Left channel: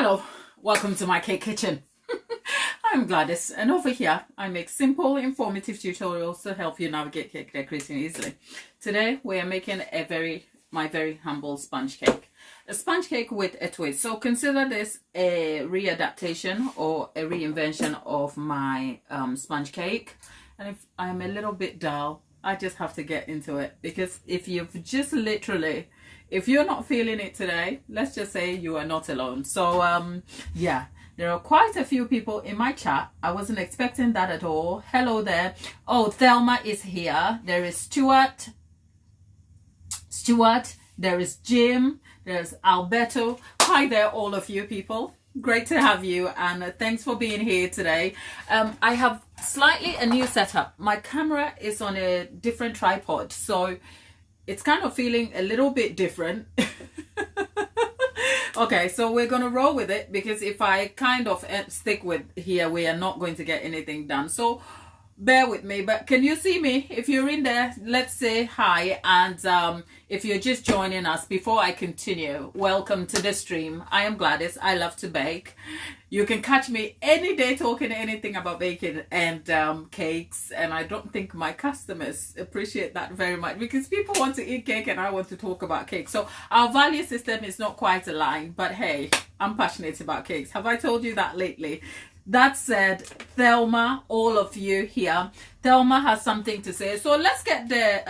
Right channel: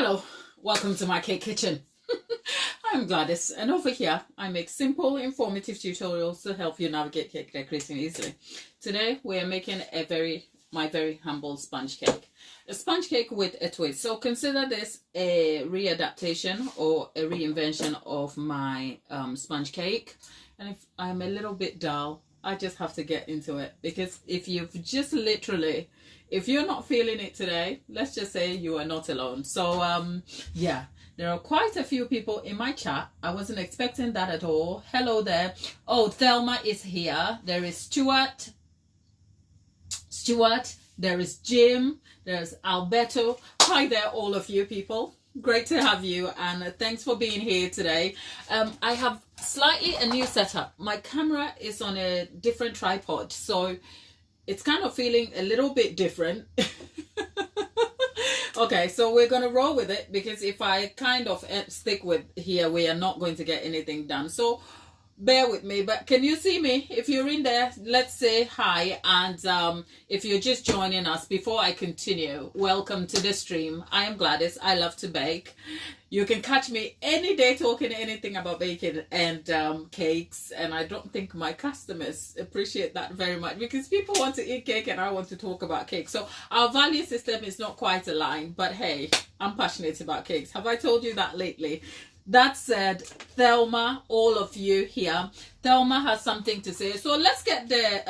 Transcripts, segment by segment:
Hello, welcome to my cake kitchen. I'm Gladys, and over here I make simple, informative tutorials to help you navigate cake decorating easily. Today we are making my very humble sponge cake. A sponge cake with a twist. So consider this a readaptation or a reinvention of my sponge cake. And if I'm a little bit dull, I just have to get into it, because if you're not feeling it today, let's just say you are not alone. So yeah, there are quite a few people in my chat. I wasn't expecting that at all. Hello there. Oh, Thelma is here. There is Stuart, there is Jim, there's Alberto. Hi there, all of you people. Great to have you, and thanks for being here today. I have slightly a new setup. My camera is on a different tripod, so it's kind of feeling a little bit different. Okay, so we're gonna roll with it, because if I kind of stick with here, we are not going to get anything done. So bear with me. But can you see me? If you're in there, let's say hi. And if you're just joining us, before I continue, welcome to the stream. I am Gladys. I love to bake. You can catch me any day talking anything about baking and cakes. And I don't think my customers appreciate that very much, because people want to eat cake and I want to talk about cake. So our value system is not quite aligned. But hey, I'm passionate about cakes. Have I told you that lately? That said, Thelma, all of you here, Thelma has something to say. So let's get the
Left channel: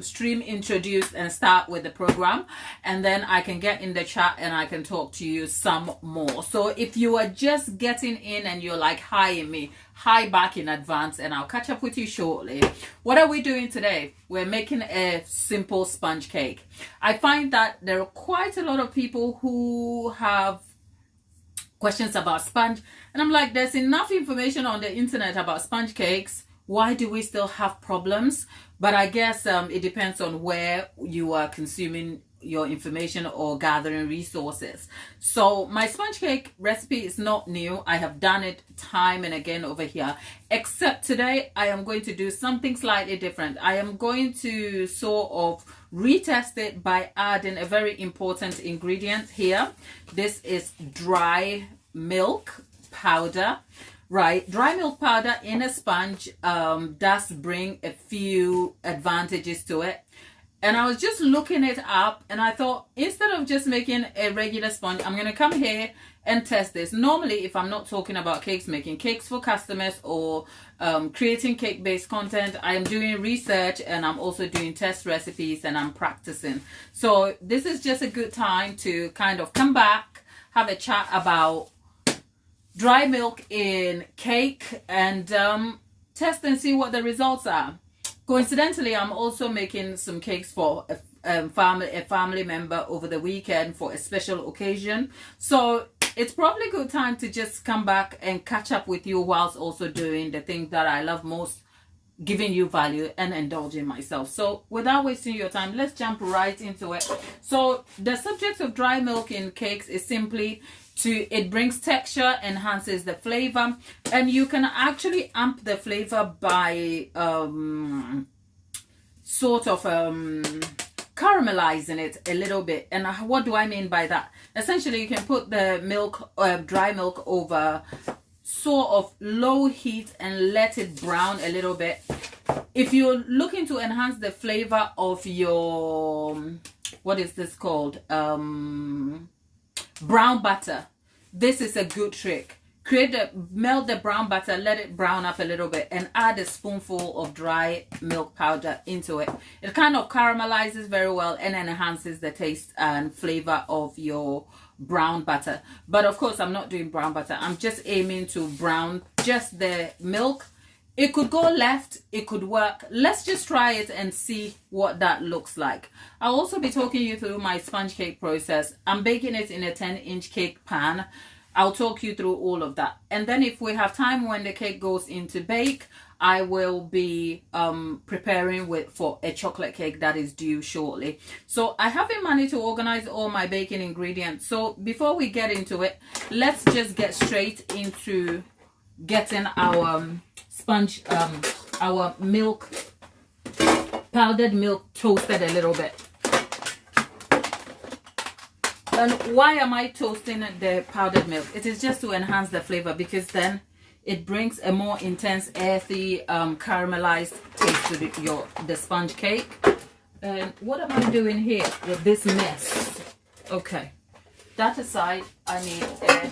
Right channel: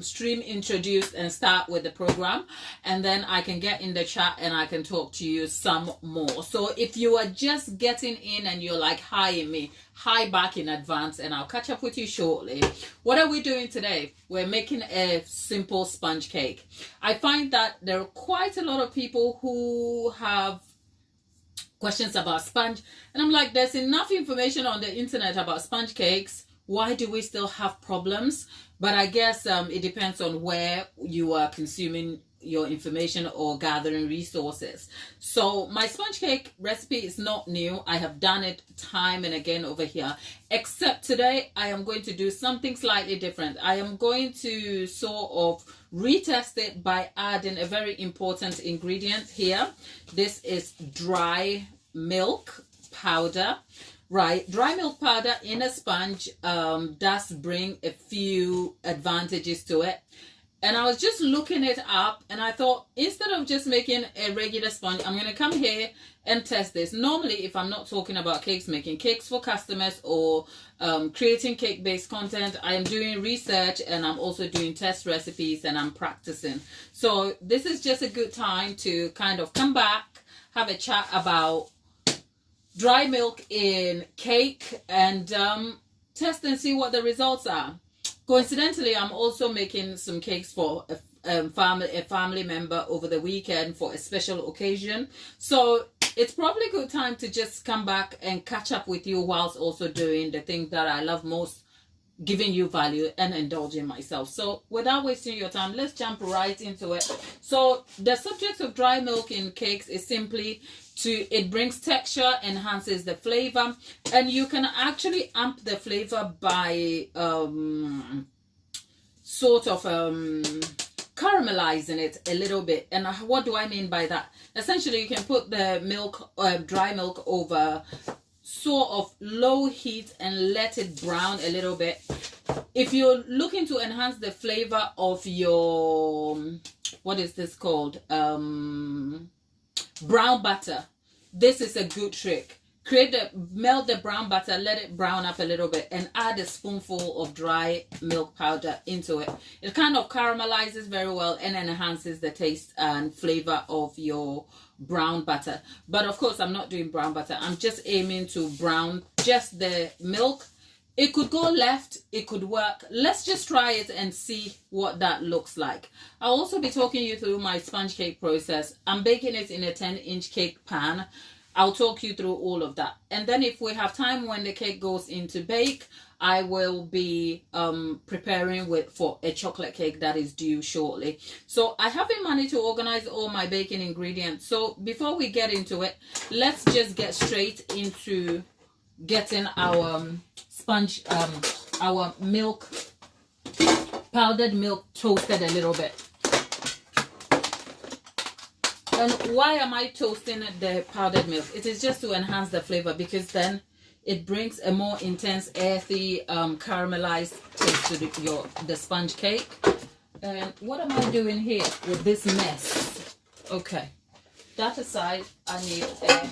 stream introduced and start with the program, and then I can get in the chat and I can talk to you some more. So if you are just getting in and you're like, hi me, hi back in advance, and I'll catch up with you shortly. What are we doing today? We're making a simple sponge cake. I find that there are quite a lot of people who have questions about sponge, and I'm like, there's enough information on the internet about sponge cakes. Why do we still have problems? But I guess it depends on where you are consuming your information or gathering resources. So my sponge cake recipe is not new. I have done it time and again over here, except today I am going to do something slightly different. I am going to sort of retest it by adding a very important ingredient here. This is dry milk powder. Right, dry milk powder in a sponge does bring a few advantages to it. And I was just looking it up, and I thought, instead of just making a regular sponge, I'm going to come here and test this. Normally, if I'm not talking about cakes, making cakes for customers or creating cake-based content, I am doing research, and I'm also doing test recipes, and I'm practicing. So this is just a good time to kind of come back, have a chat about dry milk in cake, and test and see what the results are. Coincidentally, I'm also making some cakes for a family member over the weekend for a special occasion. So it's probably a good time to just come back and catch up with you whilst also doing the thing that I love most, giving you value and indulging myself. So without wasting your time, let's jump right into it. So the subject of dry milk in cakes is simply it brings texture, enhances the flavor, and you can actually amp the flavor by sort of caramelizing it a little bit. And what do I mean by that? Essentially, you can put the milk, dry milk, over sort of low heat and let it brown a little bit. If you're looking to enhance the flavor of your, what is this called? Brown butter. This is a good trick. Melt the brown butter, let it brown up a little bit, and add a spoonful of dry milk powder into it. It kind of caramelizes very well and enhances the taste and flavor of your brown butter. But of course, I'm not doing brown butter. I'm just aiming to brown just the milk. It could go left, it could work. Let's just try it and see what that looks like. I'll also be talking you through my sponge cake process. I'm baking it in a 10-inch cake pan. I'll talk you through all of that. And then if we have time when the cake goes into bake, I will be preparing for a chocolate cake that is due shortly. So I haven't managed to organize all my baking ingredients. So before we get into it, let's just get straight into getting our sponge, our milk, powdered milk, toasted a little bit. And why am I toasting the powdered milk? It is just to enhance the flavor, because then it brings a more intense, earthy, caramelized taste to the sponge cake. And what am I doing here with this mess? Okay, that aside, I need a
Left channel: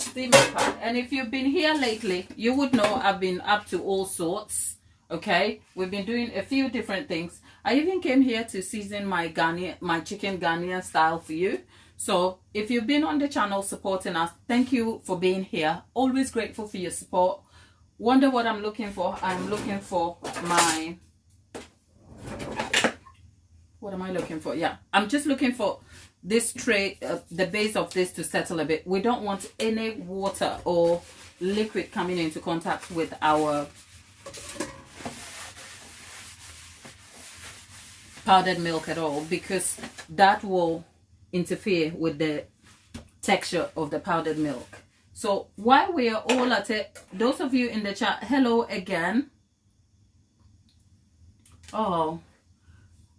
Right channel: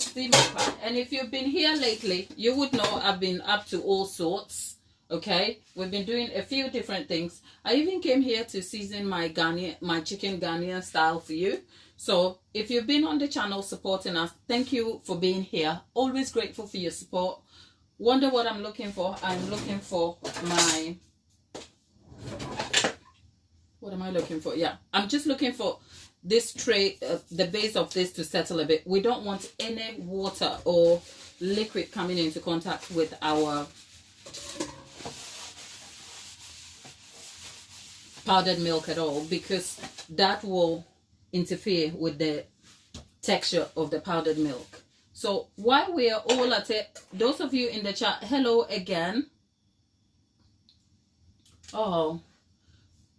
steamer pan. And if you've been here lately, you would know I've been up to all sorts. Okay, we've been doing a few different things. I even came here to season my chicken Ghanaian style for you. So if you've been on the channel supporting us, thank you for being here. Always grateful for your support. Wonder what I'm looking for? I'm looking for my, what am I looking for? Yeah, I'm just looking for this tray, the base of this to settle a bit. We don't want any water or liquid coming into contact with our powdered milk at all, because that will interfere with the texture of the powdered milk. So while we are all at it, those of you in the chat, hello again. Oh,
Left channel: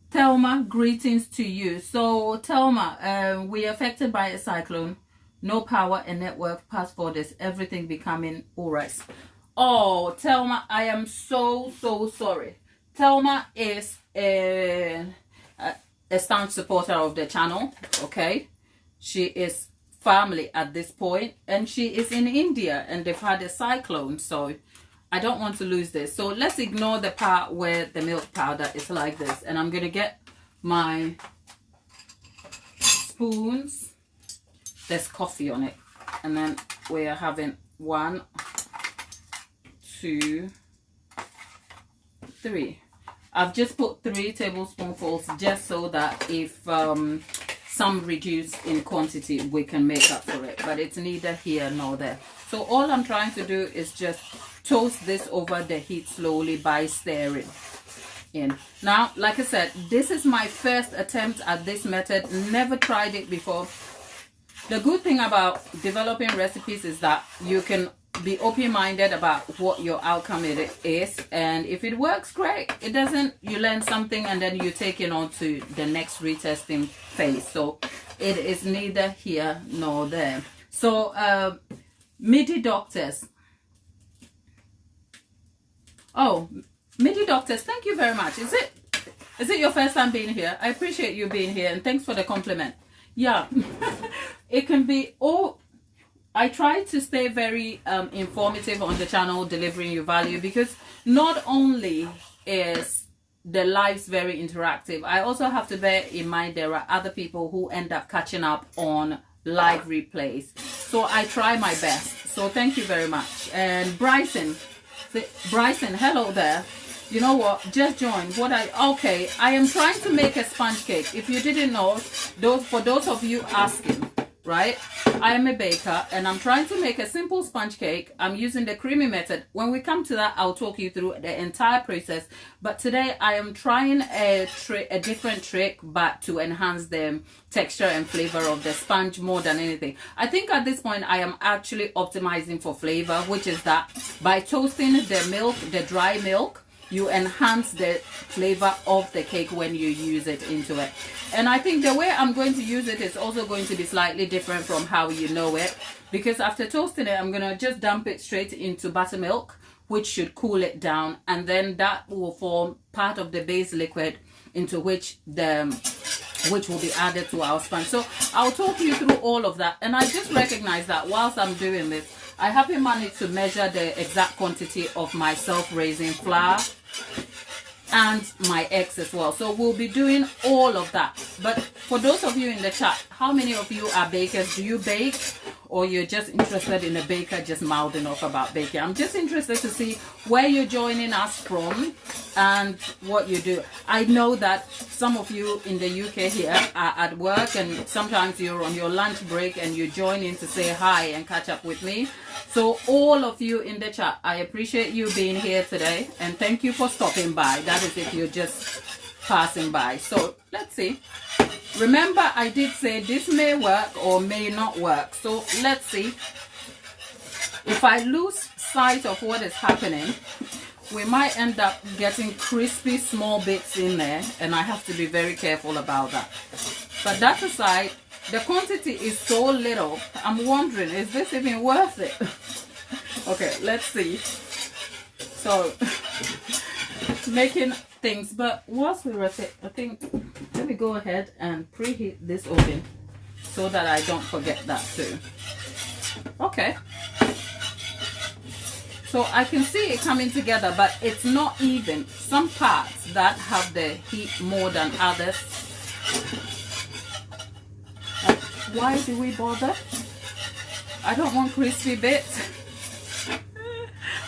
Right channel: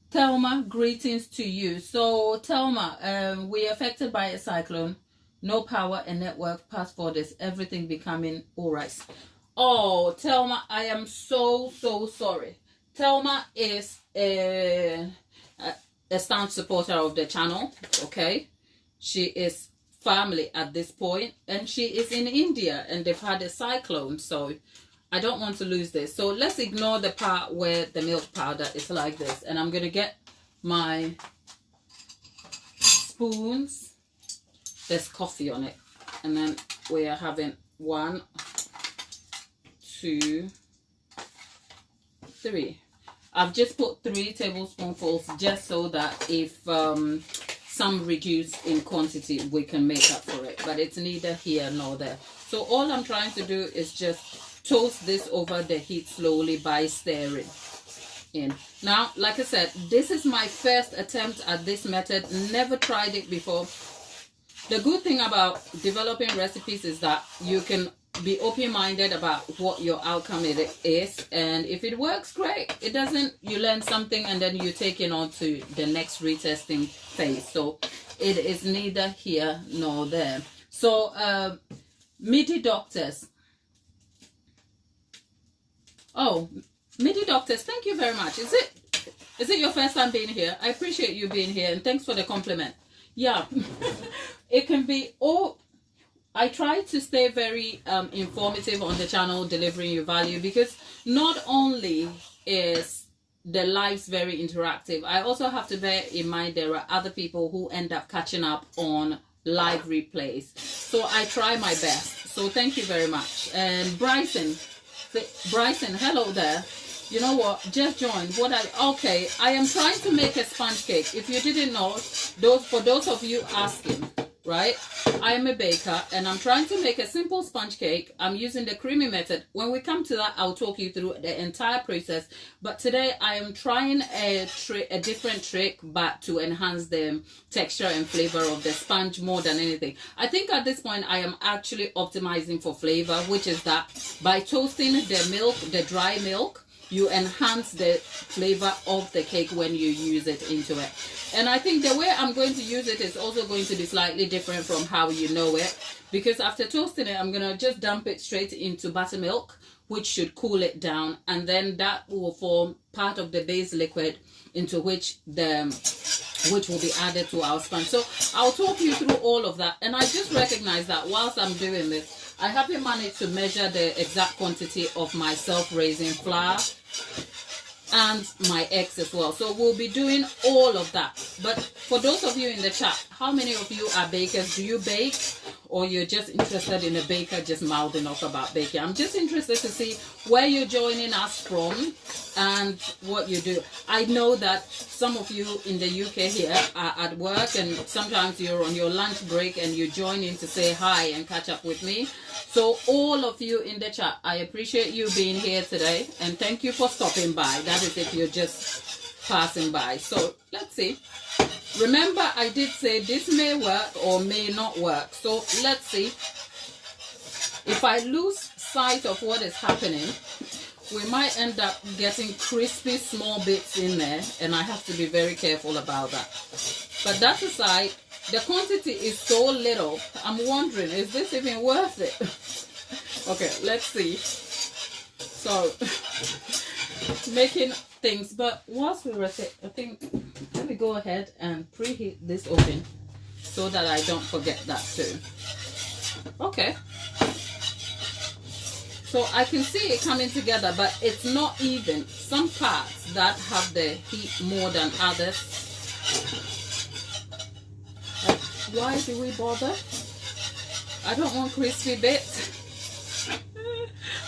Thelma, greetings to you. So Thelma, we are affected by a cyclone, no power and network, past borders, everything becoming all right. Oh, Thelma, I am so sorry. Thelma is a staunch supporter of the channel. Okay, she is family at this point, and she is in India, and they've had a cyclone, so I don't want to lose this. So let's ignore the part where the milk powder is like this, and I'm gonna get my spoons. There's coffee on it, and then we are having 1, 2, 3. I've just put 3 tablespoonfuls just so that if some reduce in quantity, we can make up for it. But it's neither here nor there. So all I'm trying to do is just toast this over the heat slowly by stirring in. Now, like I said, this is my first attempt at this method. Never tried it before. The good thing about developing recipes is that you can be open-minded about what your outcome it is, and if it works, great. It doesn't, you learn something and then you take it on to the next retesting phase. So it is neither here nor there. So MIDI doctors, oh, MIDI doctors, thank you very much. Is it your first time being here? I appreciate you being here, and thanks for the compliment. Yeah. It can be all, I try to stay very informative on the channel, delivering you value, because not only is the lives very interactive, I also have to bear in mind there are other people who end up catching up on live replays. So I try my best. So thank you very much. And Bryson, hello there. You know what? Just joined. Okay, I am trying to make a sponge cake. If you didn't know, for those of you asking, right? I am a baker, and I'm trying to make a simple sponge cake. I'm using the creamy method. When we come to that, I'll talk you through the entire process. But today I am trying a different trick, but to enhance the texture and flavor of the sponge more than anything. I think at this point I am actually optimizing for flavor, which is that by toasting the milk, the dry milk, you enhance the flavor of the cake when you use it into it. And I think the way I'm going to use it is also going to be slightly different from how you know it, because after toasting it, I'm going to just dump it straight into buttermilk, which should cool it down, and then that will form part of the base liquid into which will be added to our sponge. So I'll talk you through all of that. And I just recognize that whilst I'm doing this, I haven't managed to measure the exact quantity of my self-raising flour and my eggs as well. So we'll be doing all of that. But for those of you in the chat, how many of you are bakers? Do you bake, or you're just interested in a baker just mouthing off about baking? I'm just interested to see where you're joining us from and what you do. I know that some of you in the UK here are at work, and sometimes you're on your lunch break and you join in to say hi and catch up with me. So all of you in the chat, I appreciate you being here today, and thank you for stopping by. That is if you're just passing by. So let's see. Remember, I did say this may work or may not work. So let's see. If I lose sight of what is happening, we might end up getting crispy small bits in there, and I have to be very careful about that. But that aside, the quantity is so little. I'm wondering, is this even worth it? Okay, let's see. So, making things, but whilst we were at it, I think, let me go ahead and preheat this oven so that I don't forget that too. Okay. So I can see it coming together, but it's not even. Some parts that have the heat more than others. Why do we bother? I don't want crispy bits.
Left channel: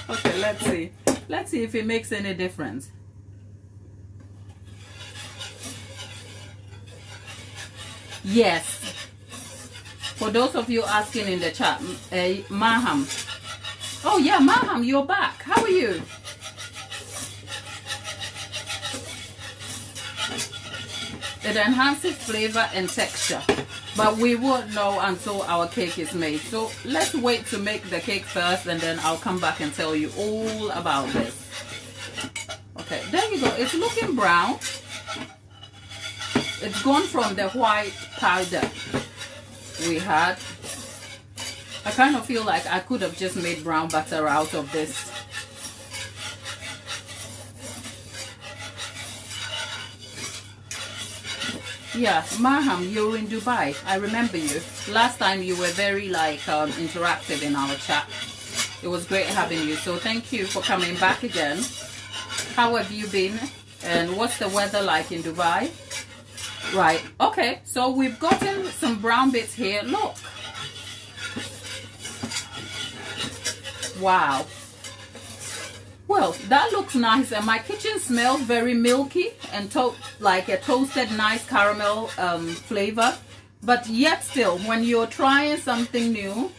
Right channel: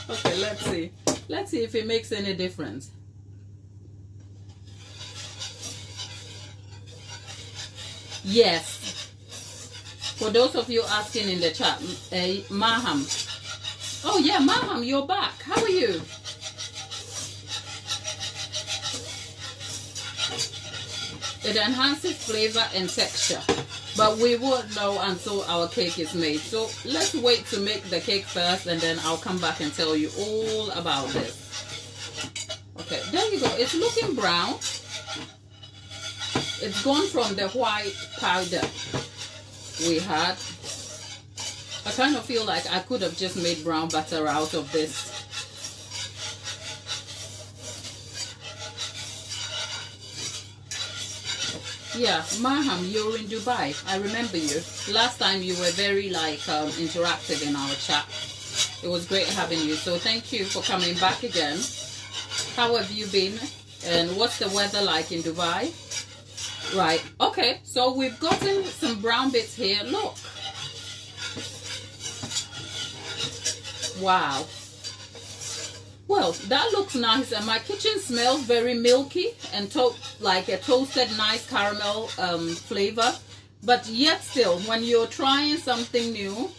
Okay, let's see. Let's see if it makes any difference. Yes. For those of you asking in the chat, Maham. Oh yeah, Maham, you're back. How are you? It enhances flavor and texture, but we won't know until our cake is made. So let's wait to make the cake first, and then I'll come back and tell you all about this. Okay, there you go. It's looking brown. It's gone from the white powder we had. I kind of feel like I could have just made brown butter out of this. Yeah, Maham, you're in Dubai. I remember you. Last time you were very interactive in our chat. It was great having you. So thank you for coming back again. How have you been? And what's the weather like in Dubai? Right. Okay. So we've gotten some brown bits here. Look. Wow. Well, that looks nice, and my kitchen smells very milky and like a toasted nice caramel flavor. But yet still, when you're trying something new,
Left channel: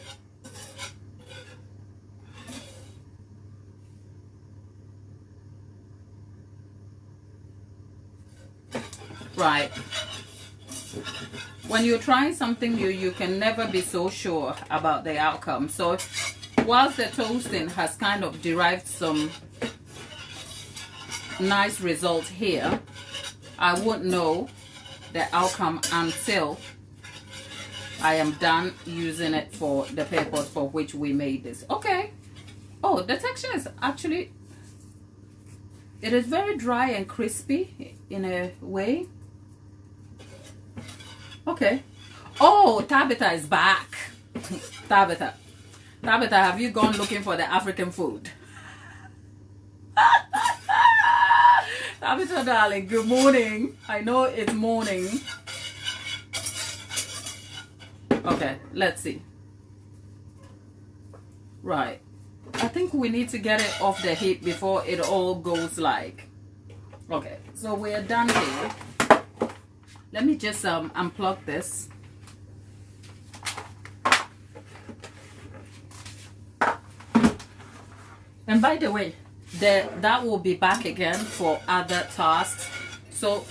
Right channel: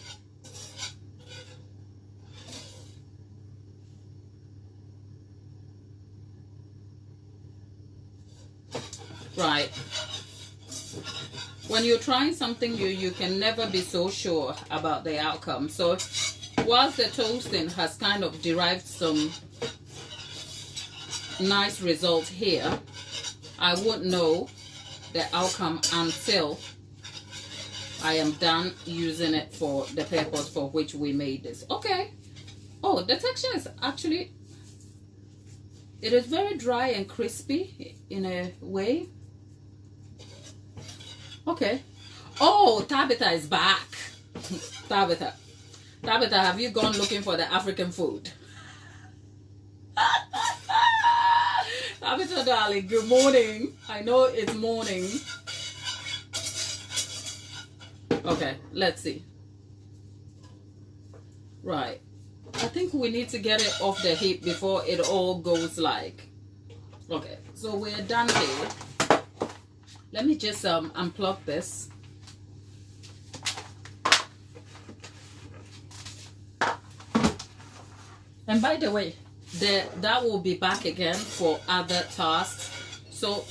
right, when you're trying something new, you can never be so sure about the outcome. So whilst the toasting has kind of derived some nice result here, I won't know the outcome until I am done using it for the purpose for which we made this. Okay. Oh, the texture is actually, it is very dry and crispy in a way. Okay. Oh, Tabitha is back. Tabitha, have you gone looking for the African food? Tabitha, darling, good morning. I know it's morning. Okay, let's see. Right. I think we need to get it off the heat before it all goes like. Okay, so we're done here. Let me just unplug this. And by the way, that will be back again for other tasks. So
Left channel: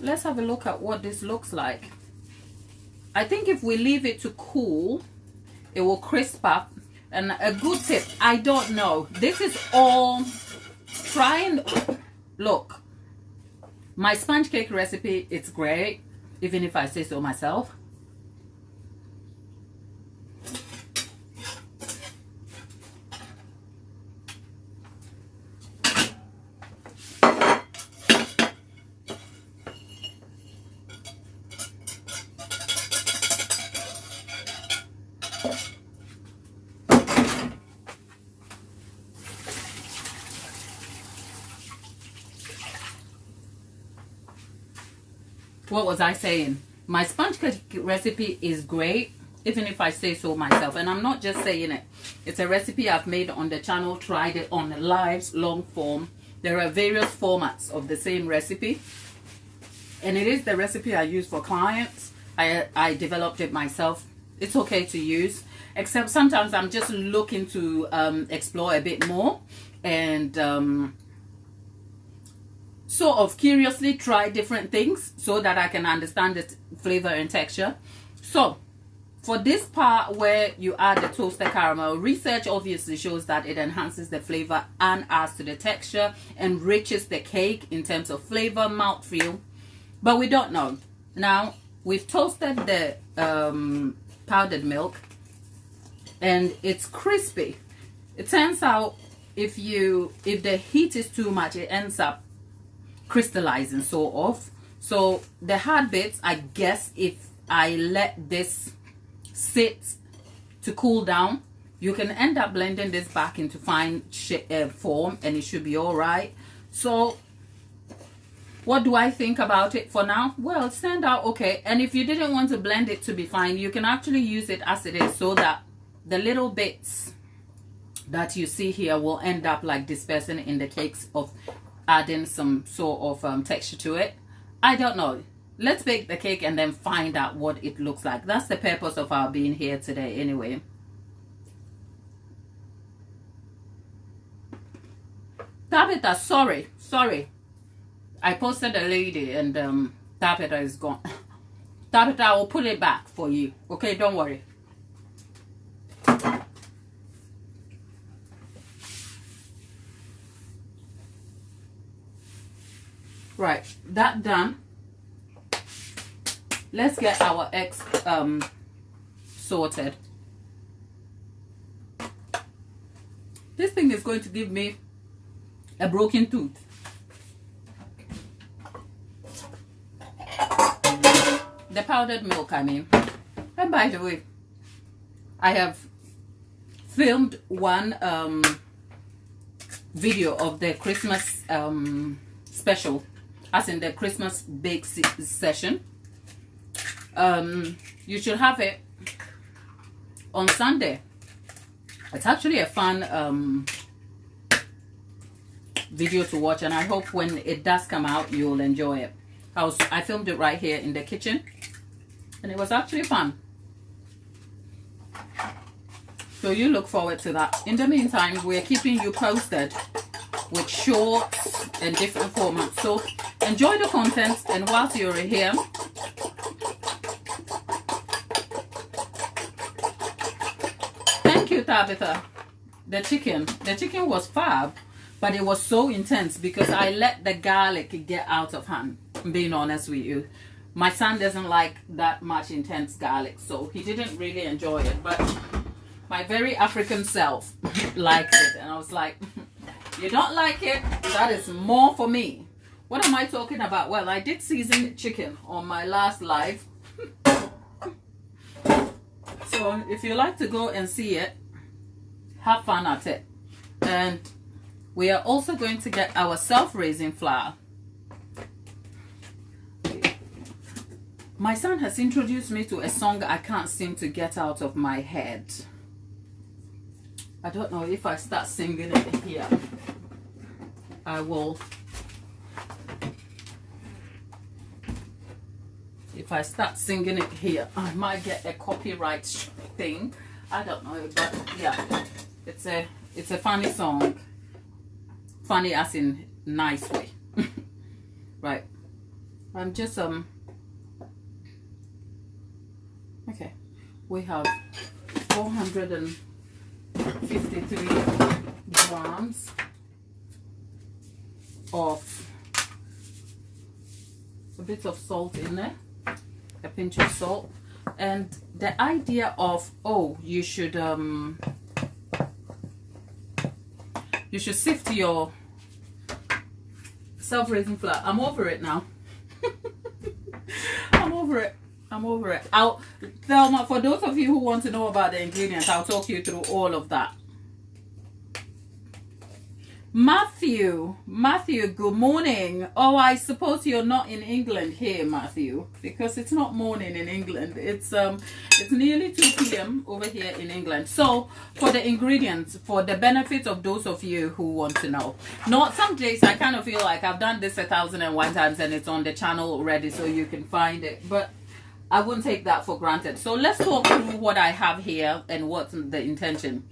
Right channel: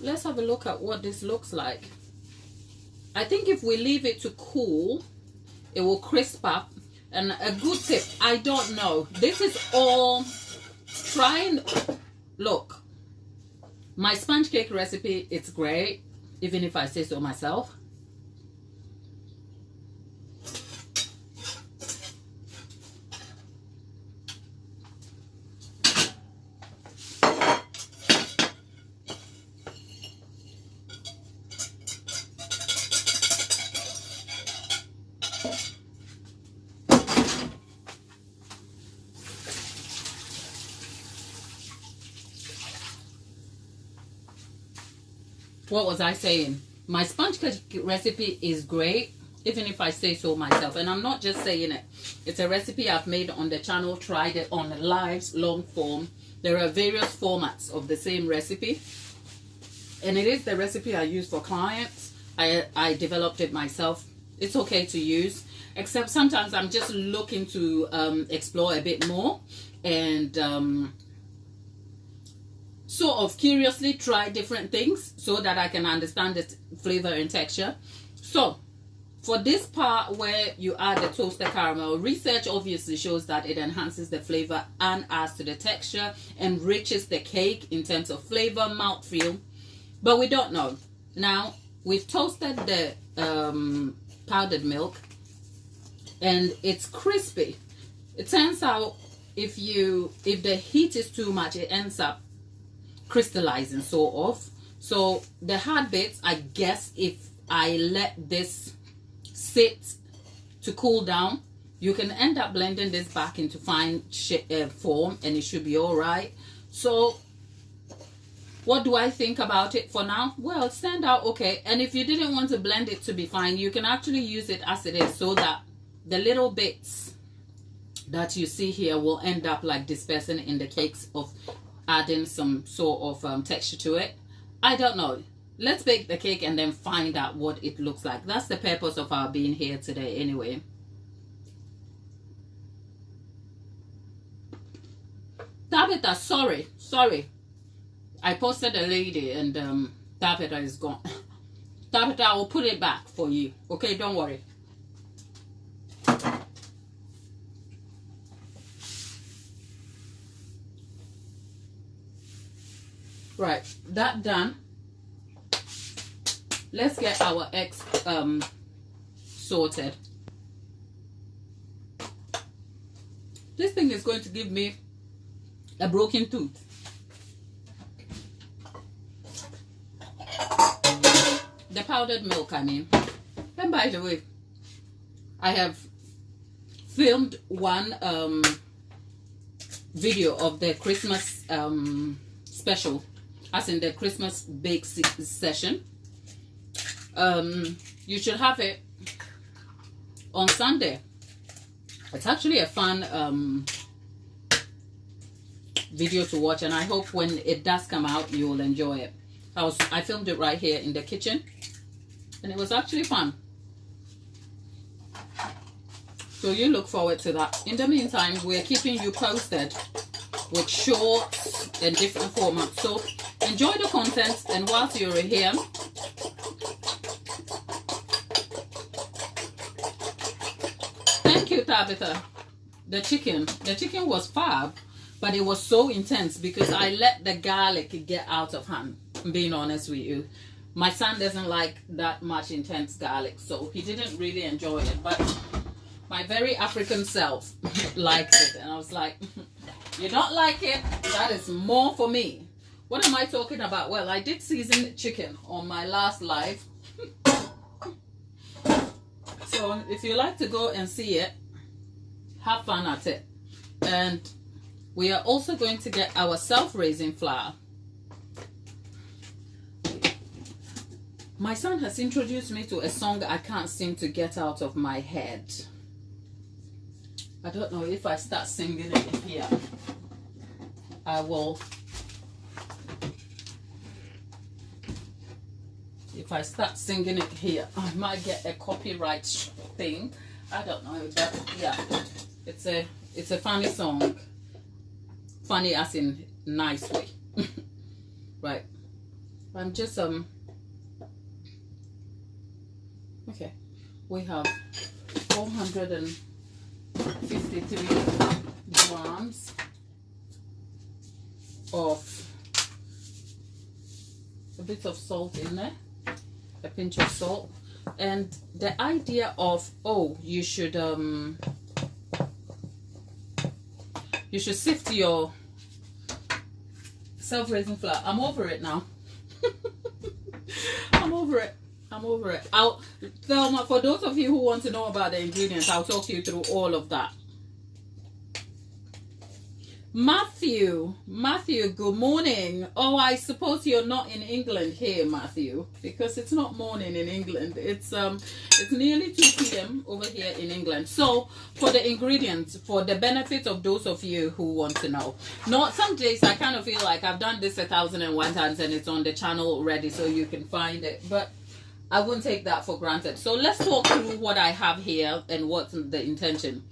let's have a look at what this looks like. I think if we leave it to cool, it will crisp up. And a good tip, I don't know, this is all trying. Look, my sponge cake recipe, it's great, even if I say so myself. What was I saying? My sponge cake recipe is great, even if I say so myself. And I'm not just saying it. It's a recipe I've made on the channel, tried it on the lives, long form. There are various formats of the same recipe. And it is the recipe I use for clients. I developed it myself. It's okay to use. Except sometimes I'm just looking to explore a bit more. And sort of curiously try different things so that I can understand the flavor and texture. So for this part where you add the toasted caramel, research obviously shows that it enhances the flavor and adds to the texture, enriches the cake in terms of flavor, mouthfeel, but we don't know. Now we've toasted the powdered milk, and it's crispy. It turns out if the heat is too much, it ends up crystallizing sort of. So the hard bits, I guess, if I let this sit to cool down, you can end up blending this back into fine form, and it should be all right. So what do I think about it for now? Well, it turned out okay. And if you didn't want to blend it to be fine, you can actually use it as it is, so that the little bits that you see here will end up like dispersing in the cakes, of adding some sort of texture to it. I don't know. Let's bake the cake and then find out what it looks like. That's the purpose of our being here today anyway. Tabitha, sorry. I posted a lady, and Tabitha is gone. Tabitha, I will put it back for you. Okay, don't worry. Right, that done. Let's get our eggs sorted. This thing is going to give me a broken tooth. The powdered milk, I mean. And by the way, I have filmed one video of the Christmas special, as in the Christmas bake session. You should have it on Sunday. It's actually a fun video to watch, and I hope when it does come out you'll enjoy it. I filmed it right here in the kitchen, and it was actually fun. So you look forward to that. In the meantime, we're keeping you posted with shorts and different formats. So enjoy the content, and whilst you're here, thank you, Tabitha. The chicken was fab, but it was so intense because I let the garlic get out of hand. I'm being honest with you. My son doesn't like that much intense garlic, so he didn't really enjoy it, but my very African self liked it, and I was like, you don't like it? That is more for me. What am I talking about? Well, I did season chicken on my last live. So if you like to go and see it, have fun at it. And we are also going to get our self-raising flour. My son has introduced me to a song I can't seem to get out of my head. I don't know if I start singing it here. I will. If I start singing it here, I might get a copyright thing. I don't know, but yeah, it's a funny song. Funny as in nice way. Right. I'm just okay. We have 453 grams of a bit of salt in there, a pinch of salt. And the idea of, oh, you should sift your self-raising flour. I'm over it now. I'm over it. I'll Thelma, for those of you who want to know about the ingredients, I'll talk you through all of that. Matthew, good morning. Oh, I suppose you're not in England here, Matthew, because it's not morning in England. It's nearly 2 p.m. over here in England. So for the ingredients, for the benefit of those of you who want to know, some days I kind of feel like I've done this 1,001 times and it's on the channel already, so you can find it, but I wouldn't take that for granted. So let's talk through what I have here and what's the intention.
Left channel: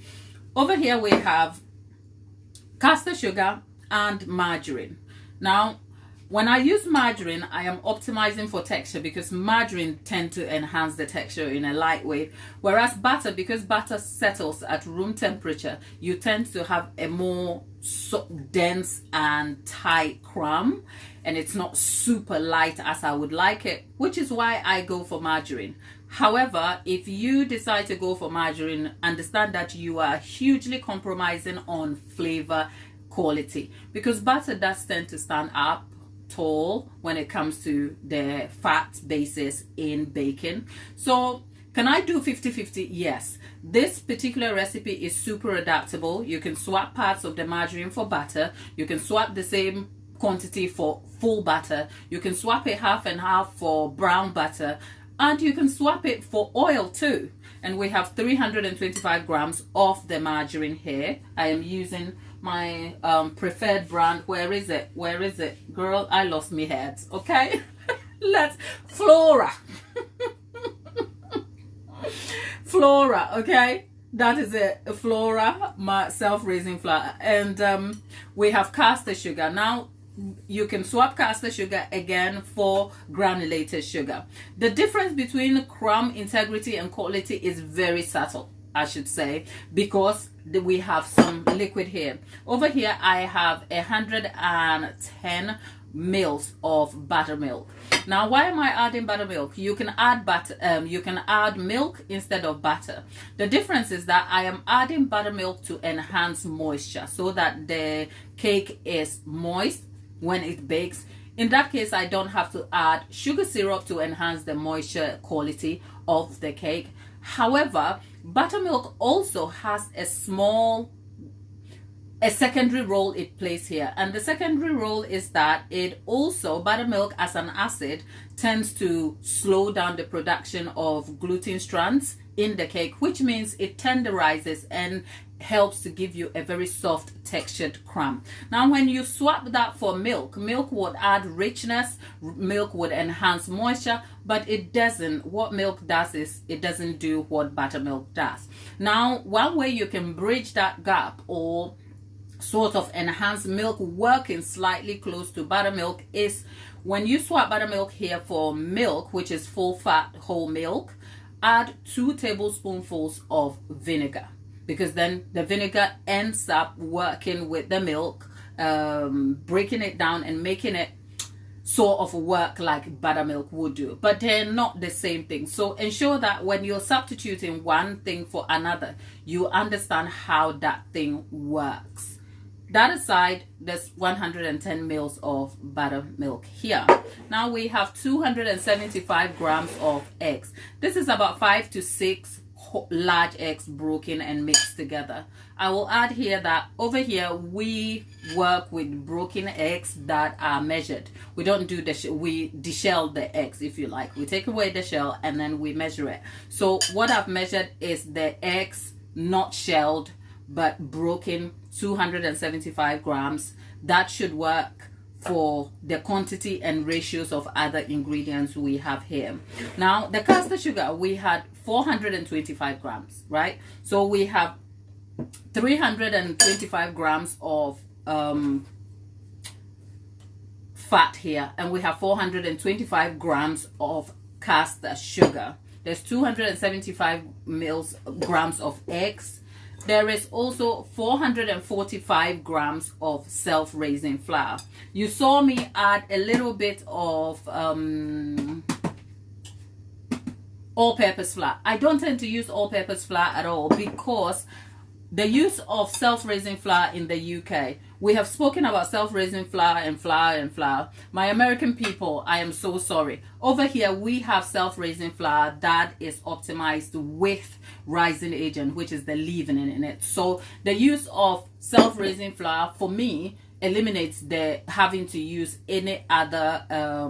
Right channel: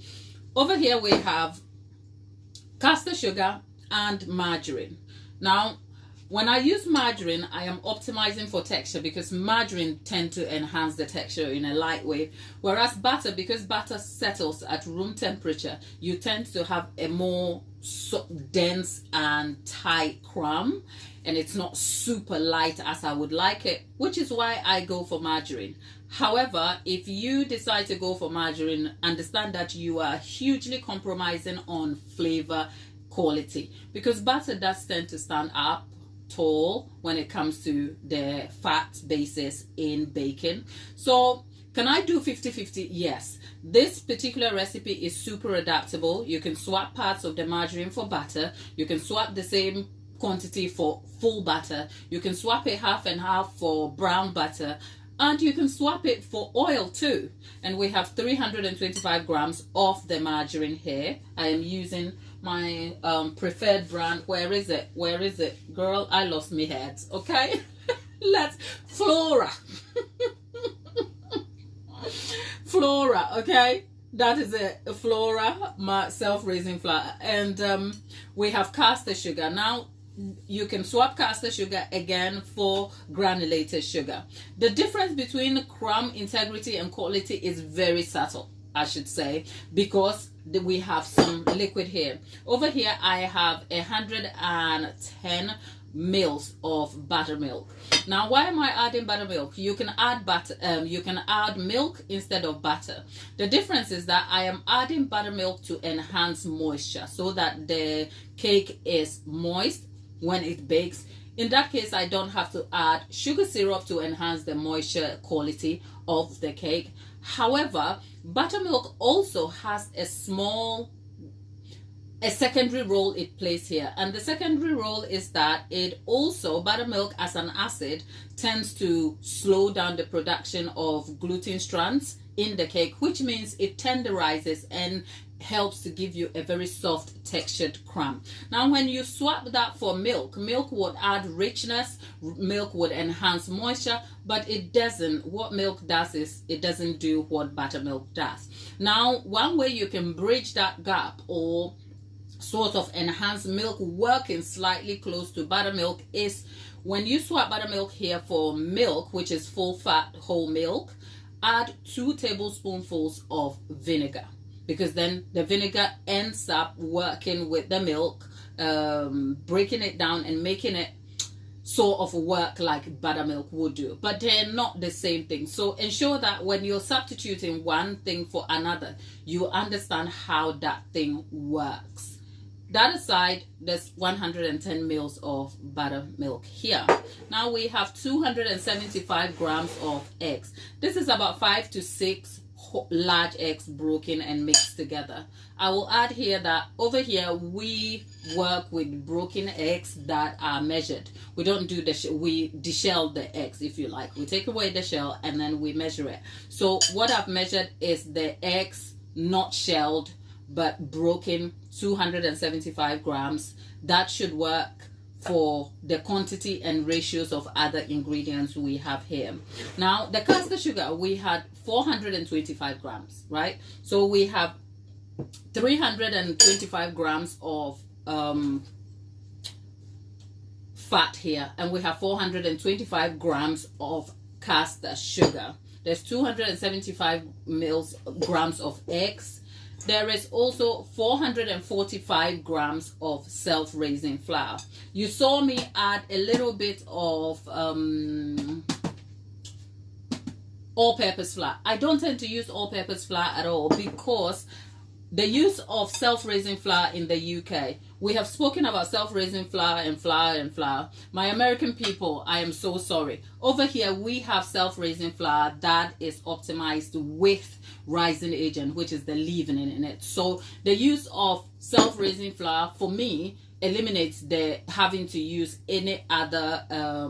Over here we have caster sugar and margarine. Now, When I use margarine, I am optimizing for texture because margarine tend to enhance the texture in a light way. Whereas butter, because butter settles at room temperature, you tend to have a more dense and tight crumb, and it's not super light as I would like it, which is why I go for margarine. However, if you decide to go for margarine, understand that you are hugely compromising on flavor quality, because butter does tend to stand up tall when it comes to the fat basis in bacon. So can I do 50-50? Yes. This particular recipe is super adaptable. You can swap parts of the margarine for butter. You can swap the same quantity for full butter. You can swap it half and half for brown butter. And you can swap it for oil too. And we have 325 grams of the margarine here. I am using my preferred brand. Where is it? Where is it? Girl, I lost my head. Okay. Let's Flora. Flora, okay? That is it. Flora, my self-raising flour. And we have caster sugar. Now, you can swap caster sugar again for granulated sugar. The difference between crumb integrity and quality is very subtle, I should say, because we have some liquid here. Over here, I have 110 mils of buttermilk. Now, why am I adding buttermilk? You can add butter. You can add milk instead of butter. The difference is that I am adding buttermilk to enhance moisture, so that the cake is moist when it bakes. In that case, I don't have to add sugar syrup to enhance the moisture quality of the cake. However, buttermilk also has a secondary role it plays here, and the secondary role is that it also, buttermilk as an acid, tends to slow down the production of gluten strands in the cake, which means it tenderizes and helps to give you a very soft textured crumb. Now, when you swap that for milk, milk would add richness, milk would enhance moisture, but it doesn't. What milk does is it doesn't do what buttermilk does. Now, one way you can bridge that gap or sort of enhance milk working slightly close to buttermilk is when you swap buttermilk here for milk, which is full fat whole milk, add 2 tablespoonfuls of vinegar, because then the vinegar ends up working with the milk, breaking it down and making it sort of work like buttermilk would do, but they're not the same thing. So ensure that when you're substituting one thing for another, you understand how that thing works. That aside, there's 110 mils of buttermilk here. Now we have 275 grams of eggs. This is about 5 to 6 large eggs broken and mixed together. I will add here that over here we work with broken eggs that are measured. We don't do we deshell the eggs, if you like. We take away the shell and then we measure it. So what I've measured is the eggs not shelled but broken, 275 grams. That should work for the quantity and ratios of other ingredients we have here. Now, the caster sugar, we had 425 grams, right? So we have 325 grams of fat here, and we have 425 grams of caster sugar. There's 275 grams of eggs. There is also 445 grams of self-raising flour. You saw me add a little bit of all-purpose flour. I don't tend to use all-purpose flour at all because the use of self-raising flour in the UK, we have spoken about self-raising flour and flour and flour. My American people, I am so sorry. Over here, we have self-raising flour that is optimized with rising agent, which is the leavening in it. So the use of self-raising flour, for me, eliminates the having to use any other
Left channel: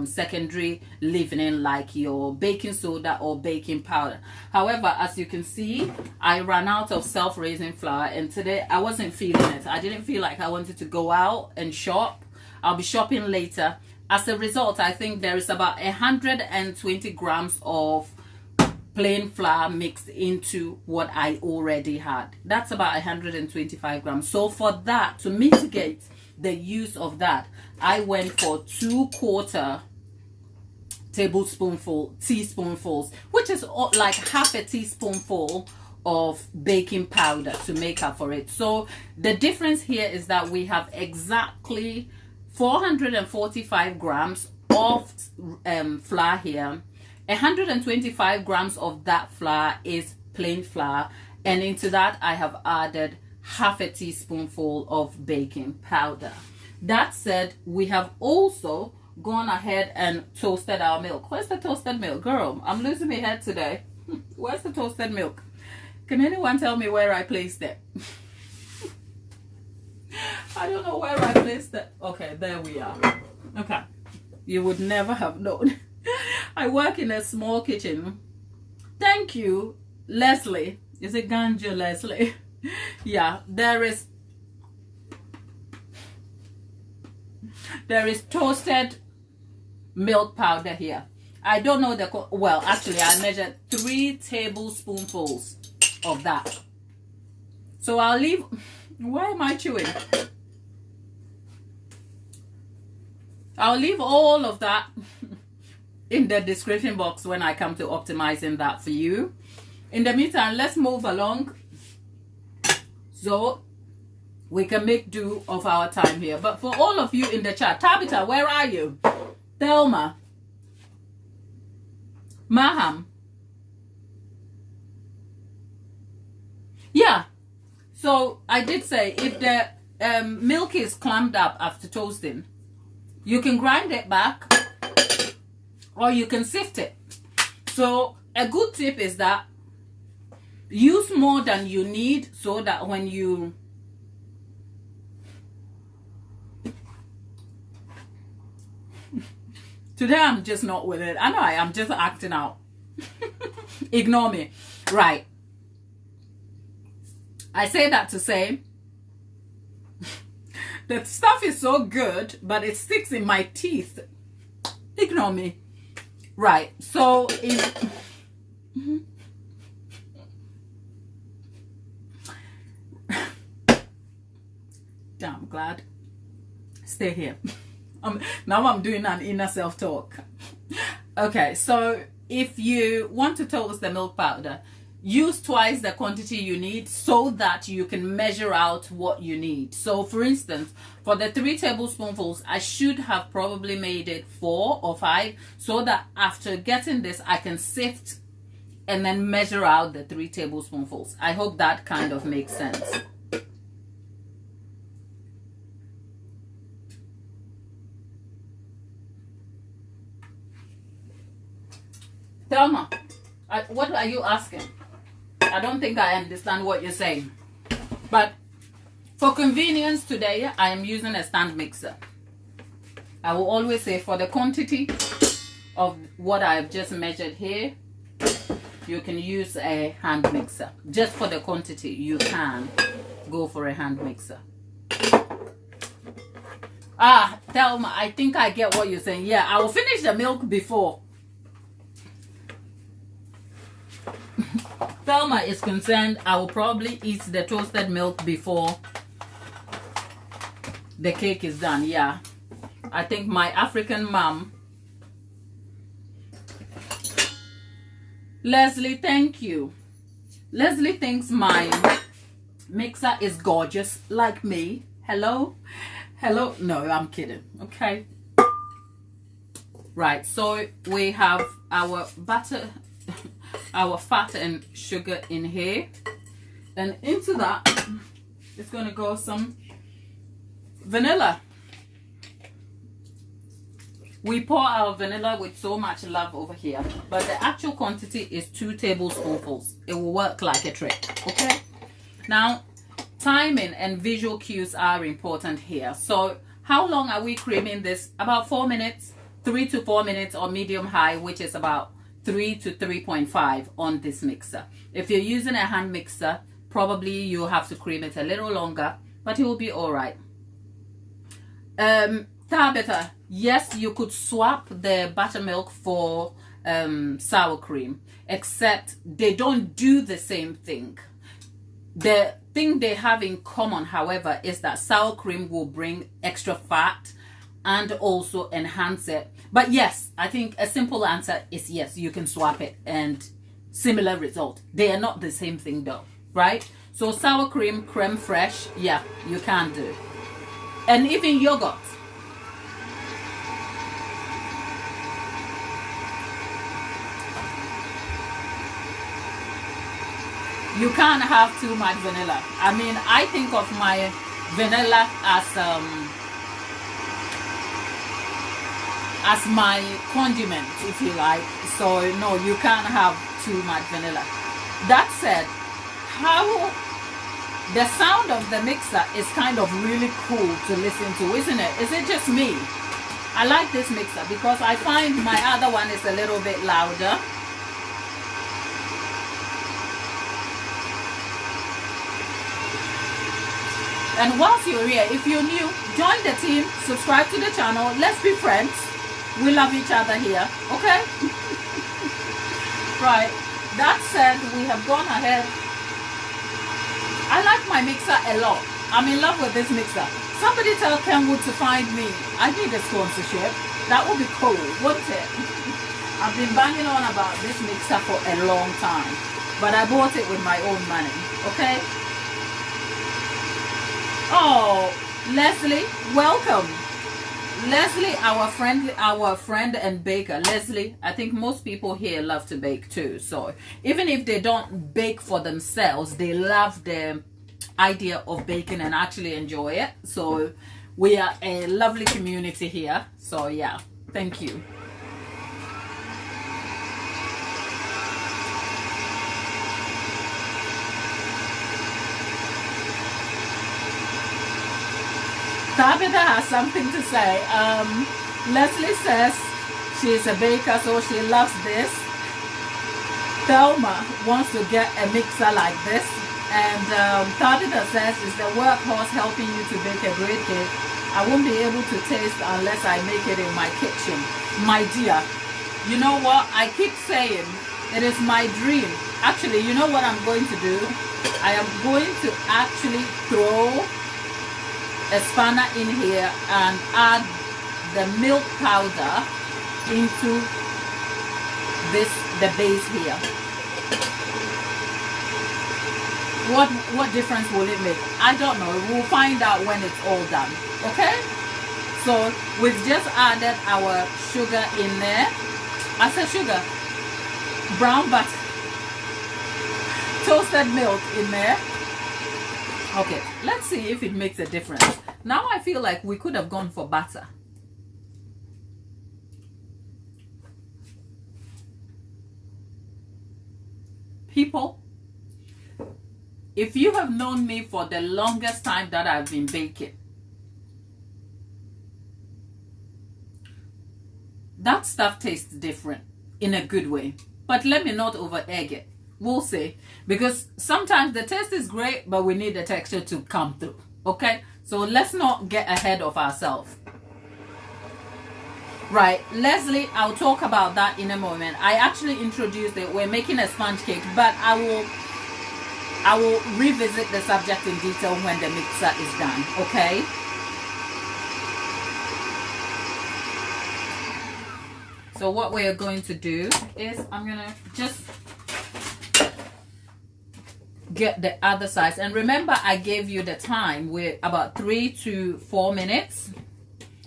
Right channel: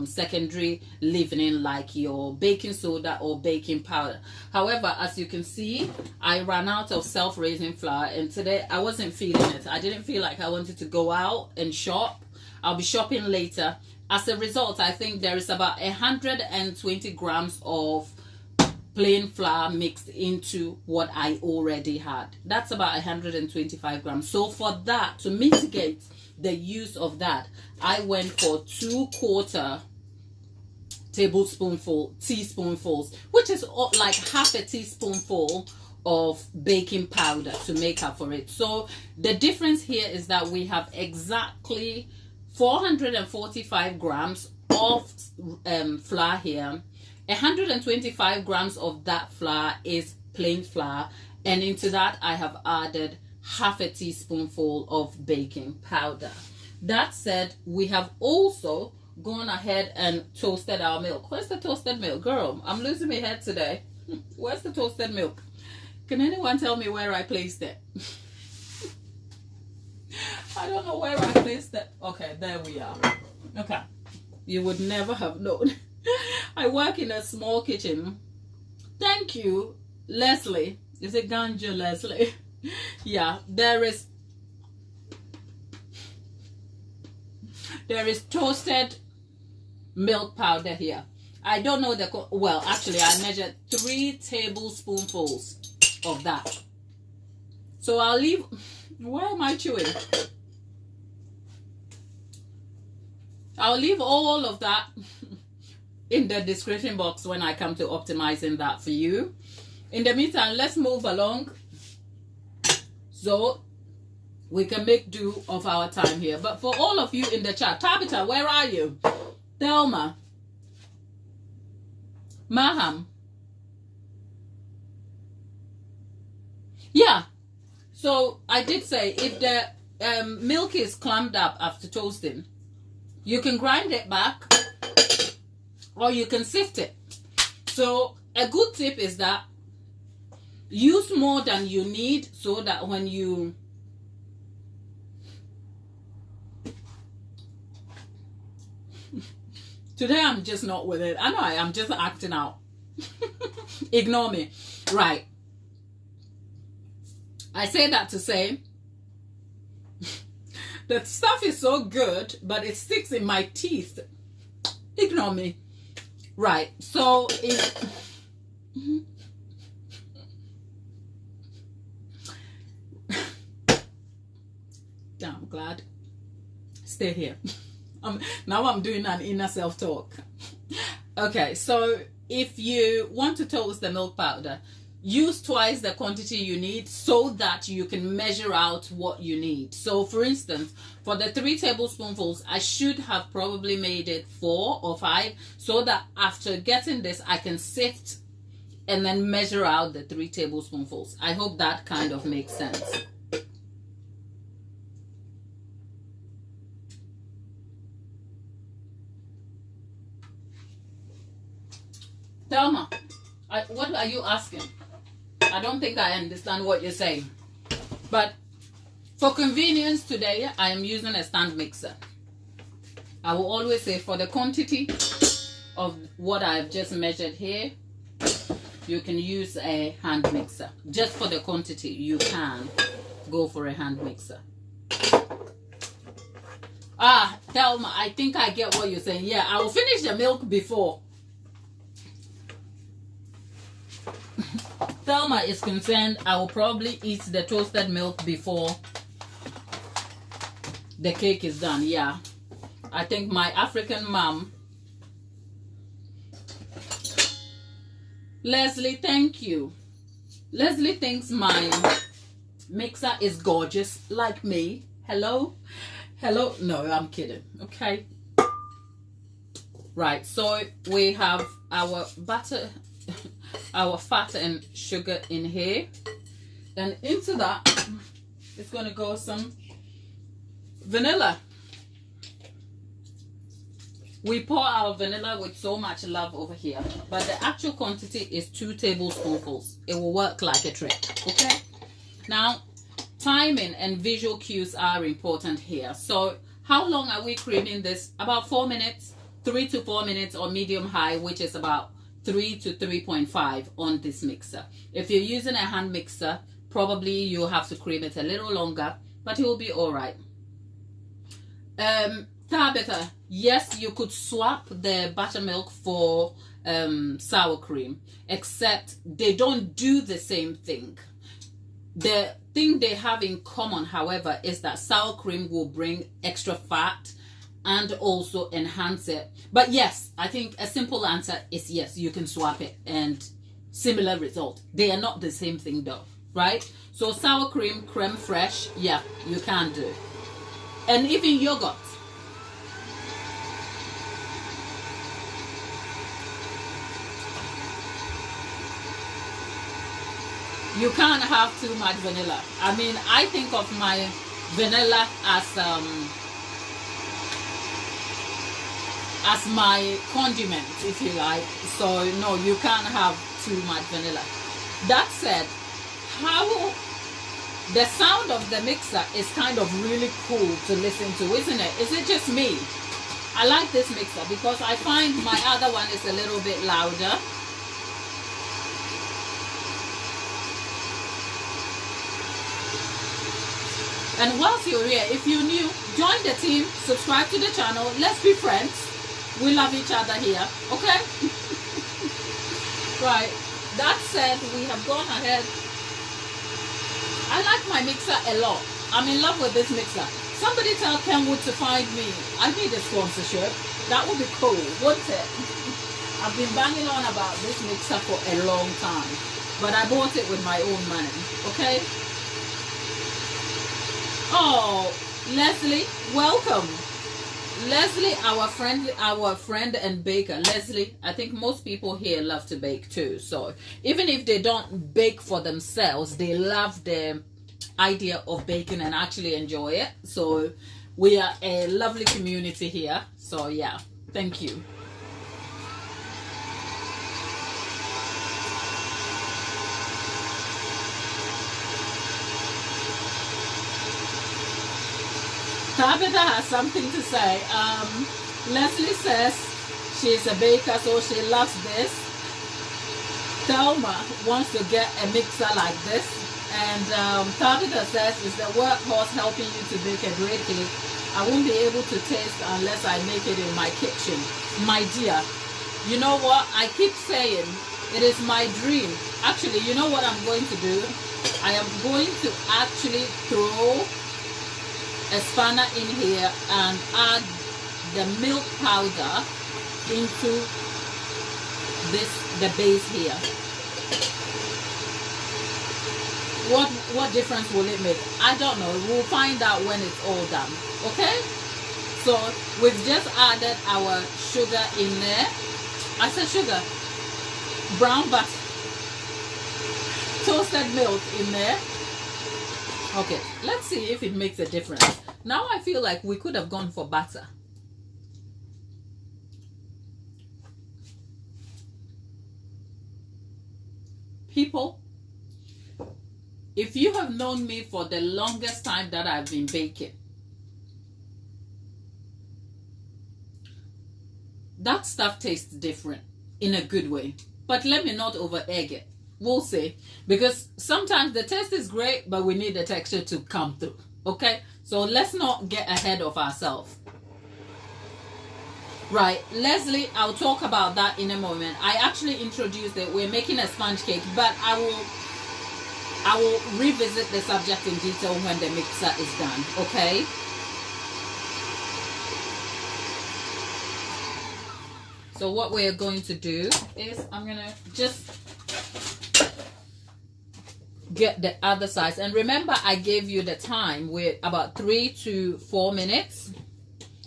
secondary leavening like your baking soda or baking powder. However, as you can see, I ran out of self-raising flour, and today I wasn't feeling it. I didn't feel like I wanted to go out and shop. I'll be shopping later. As a result, I think there is about 120 grams of plain flour mixed into what I already had. That's about 125 grams. So for that, to mitigate the use of that, I went for 2/4 teaspoonfuls, which is like half a teaspoonful of baking powder to make up for it. So the difference here is that we have exactly 445 grams of flour here. 125 grams of that flour is plain flour, and into that I have added half a teaspoonful of baking powder. That said, we have also gone ahead and toasted our milk. Where's the toasted milk? Girl, I'm losing my head today. Where's the toasted milk? Can anyone tell me where I placed it? I don't know where I placed it. Okay, there we are. Okay, you would never have known. I work in a small kitchen. Thank you, Leslie. Is it Ganja Leslie? Yeah, there is toasted milk powder here. I don't know well, actually I measured 3 tablespoonfuls of that. So I'll leave, why am I chewing? I'll leave all of that in the description box when I come to optimizing that for you. In the meantime, let's move along so we can make do of our time here. But for all of you in the chat, Tabitha, where are you? Thelma, Maham. Yeah, so I did say if the milk is clammed up after toasting, you can grind it back or you can sift it. So a good tip is that use more than you need, so that when you today I'm just not with it. I know I am just acting out. Ignore me. Right. I say that to say the stuff is so good, but it sticks in my teeth. Ignore me. Right. So if damn, I'm glad. Stay here. Now I'm doing an inner self-talk. Okay, so if you want to toast the milk powder, use twice the quantity you need so that you can measure out what you need. So for instance, for the 3 tablespoonfuls, I should have probably made it 4 or 5, so that after getting this, I can sift and then measure out the 3 tablespoonfuls. I hope that kind of makes sense. Thelma, what are you asking? I don't think I understand what you're saying. But for convenience today, I am using a stand mixer. I will always say for the quantity of what I've just measured here, you can use a hand mixer. Just for the quantity, you can go for a hand mixer. Ah, Thelma, I think I get what you're saying. Yeah, I will finish the milk before Thelma is concerned. I will probably eat the toasted milk before the cake is done. Yeah, I think my African mom. Leslie, thank you. Leslie thinks my mixer is gorgeous like me. Hello? Hello? No, I'm kidding. Okay. Right, so we have our butter, our fat and sugar in here, and into that it's going to go some vanilla. We pour our vanilla with so much love over here, but the actual quantity is 2 tablespoonfuls. It will work like a trick. Okay, now timing and visual cues are important here. So how long are we creaming this? About 4 minutes, 3 to 4 minutes on medium high, which is about 3 to 3.5 on this mixer. If you're using a hand mixer, probably you'll have to cream it a little longer, but it will be all right. Tabitha, yes, you could swap the buttermilk for sour cream, except they don't do the same thing. The thing they have in common, however, is that sour cream will bring extra fat and also enhance it. But yes, I think a simple answer is yes, you can swap it and similar result. They are not the same thing though, right? So sour cream, creme fraiche, yeah, you can do. And even yogurt. You can't have too much vanilla. I mean, I think of my vanilla as my condiment, if you like. So no, you can't have too much vanilla. That said, how the sound of the mixer is kind of really cool to listen to, isn't it? Is it just me? I like this mixer because I find my other one is a little bit louder. And whilst you're here, if you're new, join the team, subscribe to the channel, let's be friends. We love each other here, okay? Right, that said, we have gone ahead. I like my mixer a lot. I'm in love with this mixer. Somebody tell Kenwood to find me. I need a sponsorship. That would be cool, wouldn't it? I've been banging on about this mixer for a long time, but I bought it with my own money, okay? Oh, Leslie, welcome. Leslie, our friend and baker. Leslie, I think most people here love to bake too. So even if they don't bake for themselves, they love the idea of baking and actually enjoy it. So we are a lovely community here. So yeah, thank you. Tabitha has something to say. Leslie says she's a baker, so she loves this. Thelma wants to get a mixer like this. And Tabitha says, is the workhorse helping you to bake a great cake? I won't be able to taste unless I make it in my kitchen. My dear, you know what? I keep saying it is my dream. Actually, you know what I'm going to do? I am going to actually throw a spanner in here and add the milk powder into the base here. What difference will it make? I don't know. We'll find out when it's all done. Okay, so we've just added our sugar in there. I said sugar, brown butter, toasted milk in there. Okay, let's see if it makes a difference. Now I feel like we could have gone for butter. People, if you have known me for the longest time that I've been baking, that stuff tastes different in a good way. But let me not over egg it. We'll see, because sometimes the taste is great, but we need the texture to come through. Okay, so let's not get ahead of ourselves. Right, Leslie, I'll talk about that in a moment. I actually introduced it. We're making a sponge cake, but I will revisit the subject in detail when the mixer is done. Okay. So what we're going to do is I'm gonna just get the other size, and remember I gave you the time with about 3 to 4 minutes,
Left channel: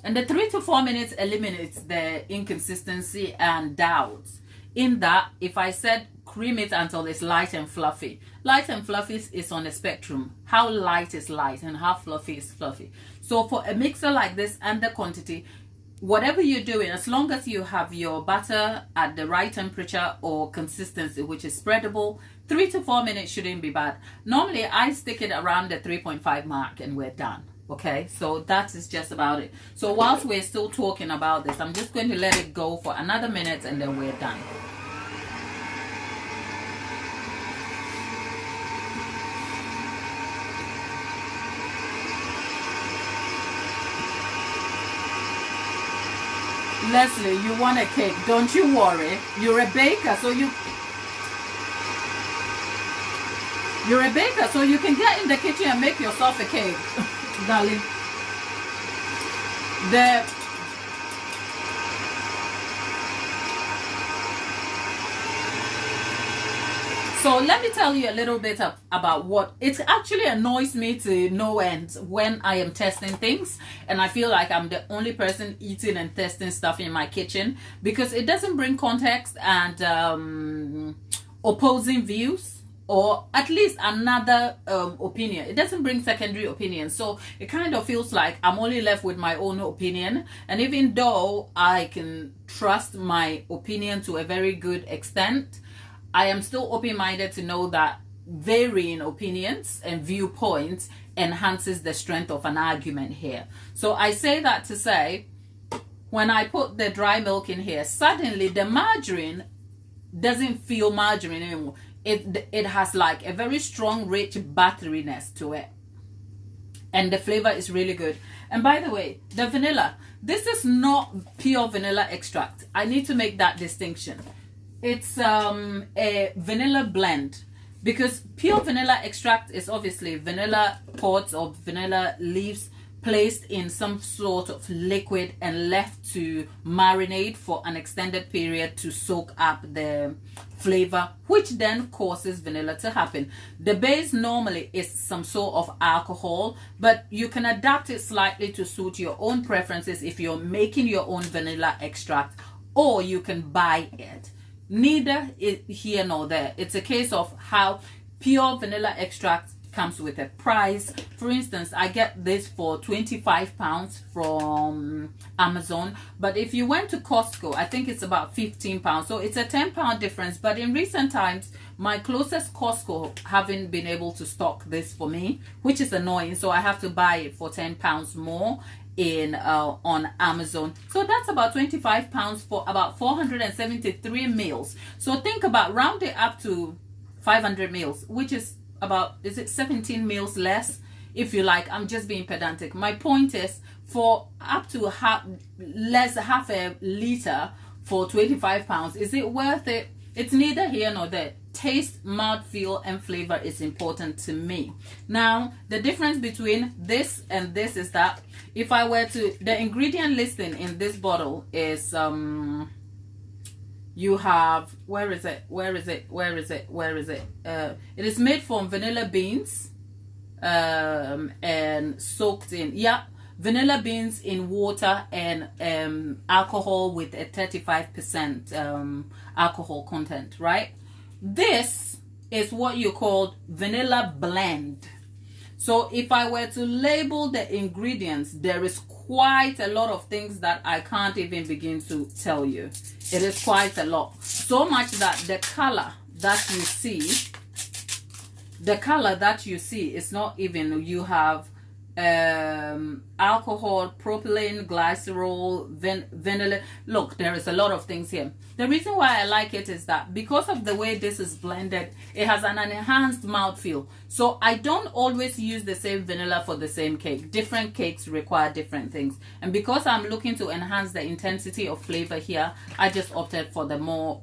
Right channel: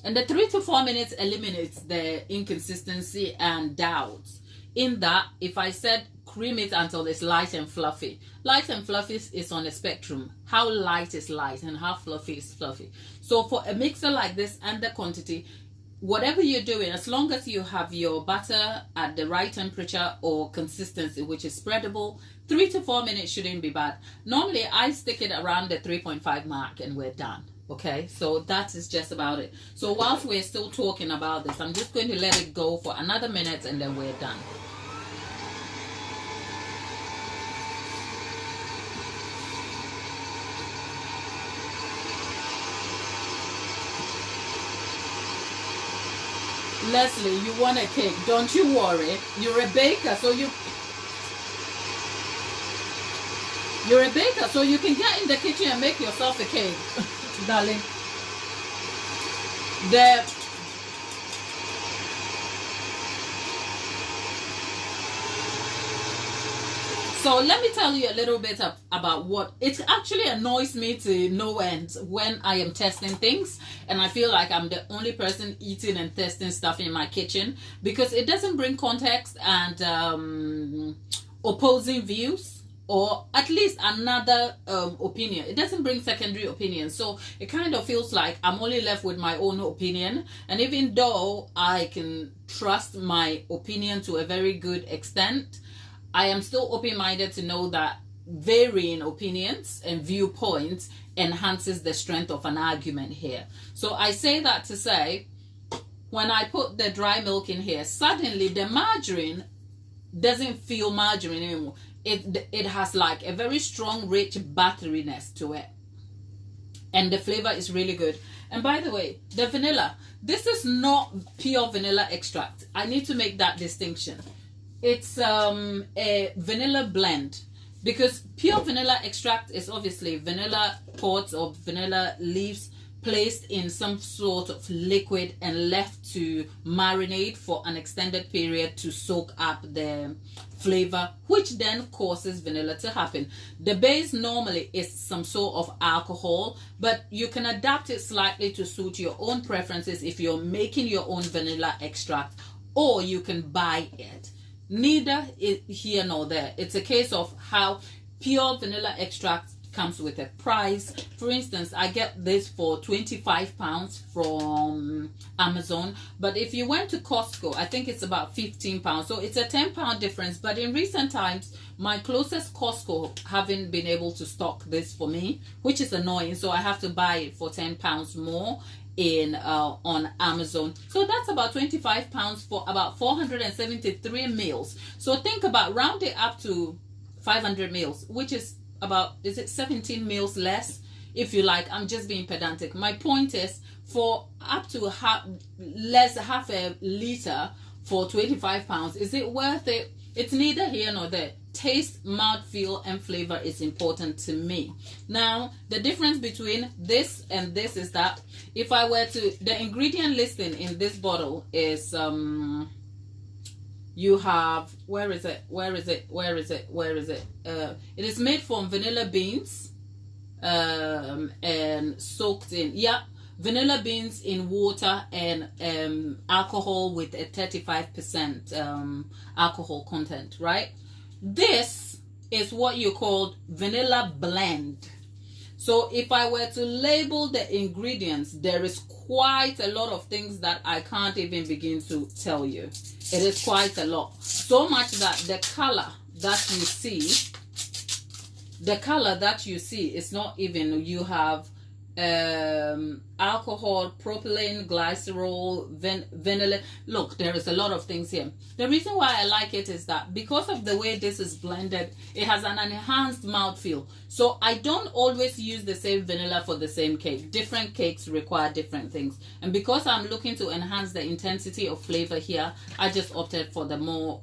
and the 3 to 4 minutes eliminates the inconsistency and doubts. In that, if I said cream it until it's light and fluffy is on a spectrum. How light is light and how fluffy is fluffy. So for a mixer like this and the quantity, whatever you're doing, as long as you have your butter at the right temperature or consistency, which is spreadable, 3 to 4 minutes shouldn't be bad. Normally I stick it around the 3.5 mark and we're done. Okay, so that is just about it. So whilst we're still talking about this, I'm just going to let it go for another minute and then we're done. Leslie, you want a cake? Don't you worry. You're a baker, so You're a baker, so you can get in the kitchen and make yourself a cake, darling. So let me tell you a little bit about what it actually annoys me to no end when I am testing things, and I feel like I'm the only person eating and testing stuff in my kitchen, because it doesn't bring context and opposing views, or at least another opinion. It doesn't bring secondary opinions, so it kind of feels like I'm only left with my own opinion. And even though I can trust my opinion to a very good extent, I am still open-minded to know that varying opinions and viewpoints enhances the strength of an argument here. So I say that to say, when I put the dry milk in here, suddenly the margarine doesn't feel margarine anymore. It has like a very strong, rich butteriness to it. And the flavor is really good. And by the way, the vanilla, this is not pure vanilla extract. I need to make that distinction. It's a vanilla blend, because pure vanilla extract is obviously vanilla pods or vanilla leaves placed in some sort of liquid and left to marinate for an extended period to soak up the flavor, which then causes vanilla to happen. The base normally is some sort of alcohol, but you can adapt it slightly to suit your own preferences if you're making your own vanilla extract, or you can buy it. Neither here nor there. It's a case of how pure vanilla extract comes with a price. For instance, I get this for £25 from Amazon, but if you went to Costco, I think it's about £15. So it's a £10 difference. But in recent times, my closest Costco haven't been able to stock this for me, which is annoying. So I have to buy it for £10 more in on Amazon. So that's about £25 for about 473 meals. So think about round it up to 500 meals, which is about, is it 17 meals less, if you like. I'm just being pedantic. My point is, for up to half a liter for £25, is it worth it? It's neither here nor there. Taste, mouthfeel, and flavor is important to me. Now, the difference between this and this is that if I were to, the ingredient listing in this bottle is you have, where is it? It is made from vanilla beans and soaked in, vanilla beans in water and alcohol with a 35% alcohol content, right? This is what you call vanilla blend. So if I were to label the ingredients, there is quite a lot of things that I can't even begin to tell you. It is quite a lot. So much that the color that you see is not even, you have alcohol, propylene, glycerol, vanilla. Look, there is a lot of things here. The reason why I like it is that because of the way this is blended, it has an enhanced mouthfeel. So I don't always use the same vanilla for the same cake. Different cakes require different things, and because I'm looking to enhance the intensity of flavor here, I just opted for the more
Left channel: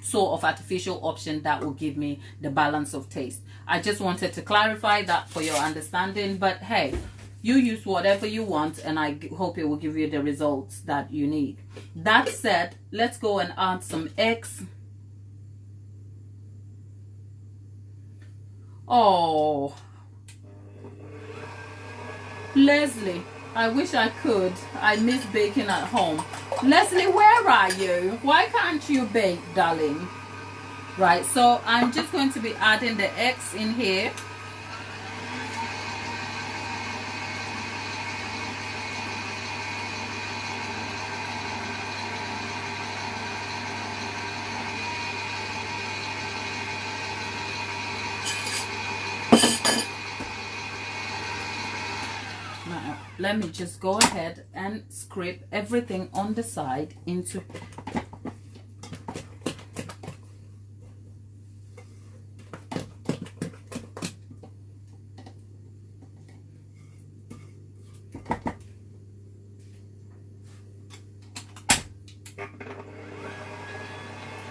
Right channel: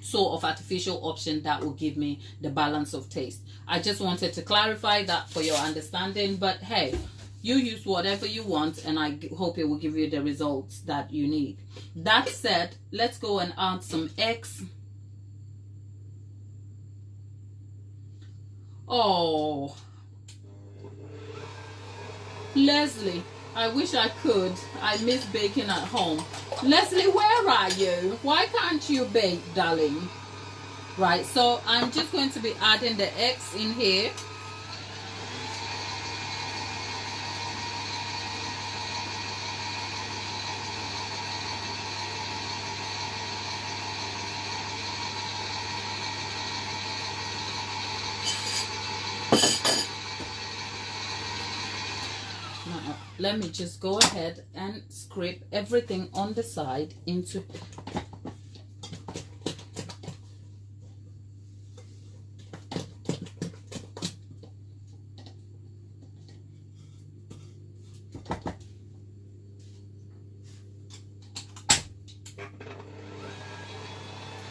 sort of artificial option that will give me the balance of taste. I just wanted to clarify that for your understanding, but hey, you use whatever you want, and I hope it will give you the results that you need. That said, let's go and add some eggs. Oh, Leslie, I wish I could. I miss baking at home. Leslie, where are you? Why can't you bake, darling? Right, so I'm just going to be adding the eggs in here. Now, let me just go ahead and scrape everything on the side into.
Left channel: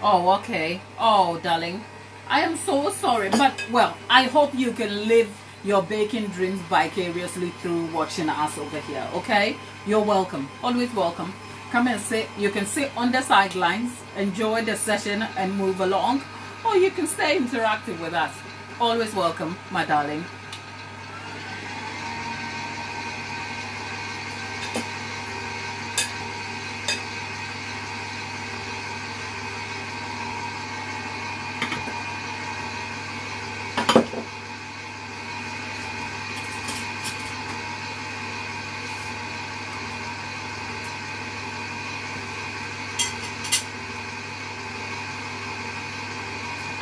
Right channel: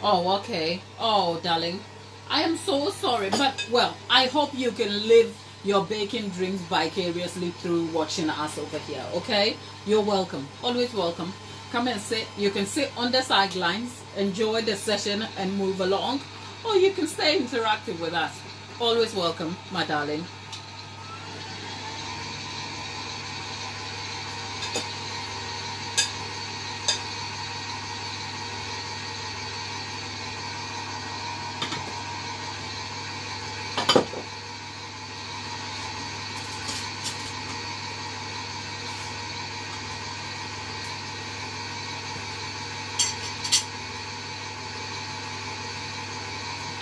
Oh, okay. Oh, darling, I am so sorry, but well, I hope you can live your baking dreams vicariously through watching us over here, okay? You're welcome, always welcome. Come and sit. You can sit on the sidelines, enjoy the session and move along, or you can stay interactive with us. Always welcome, my darling.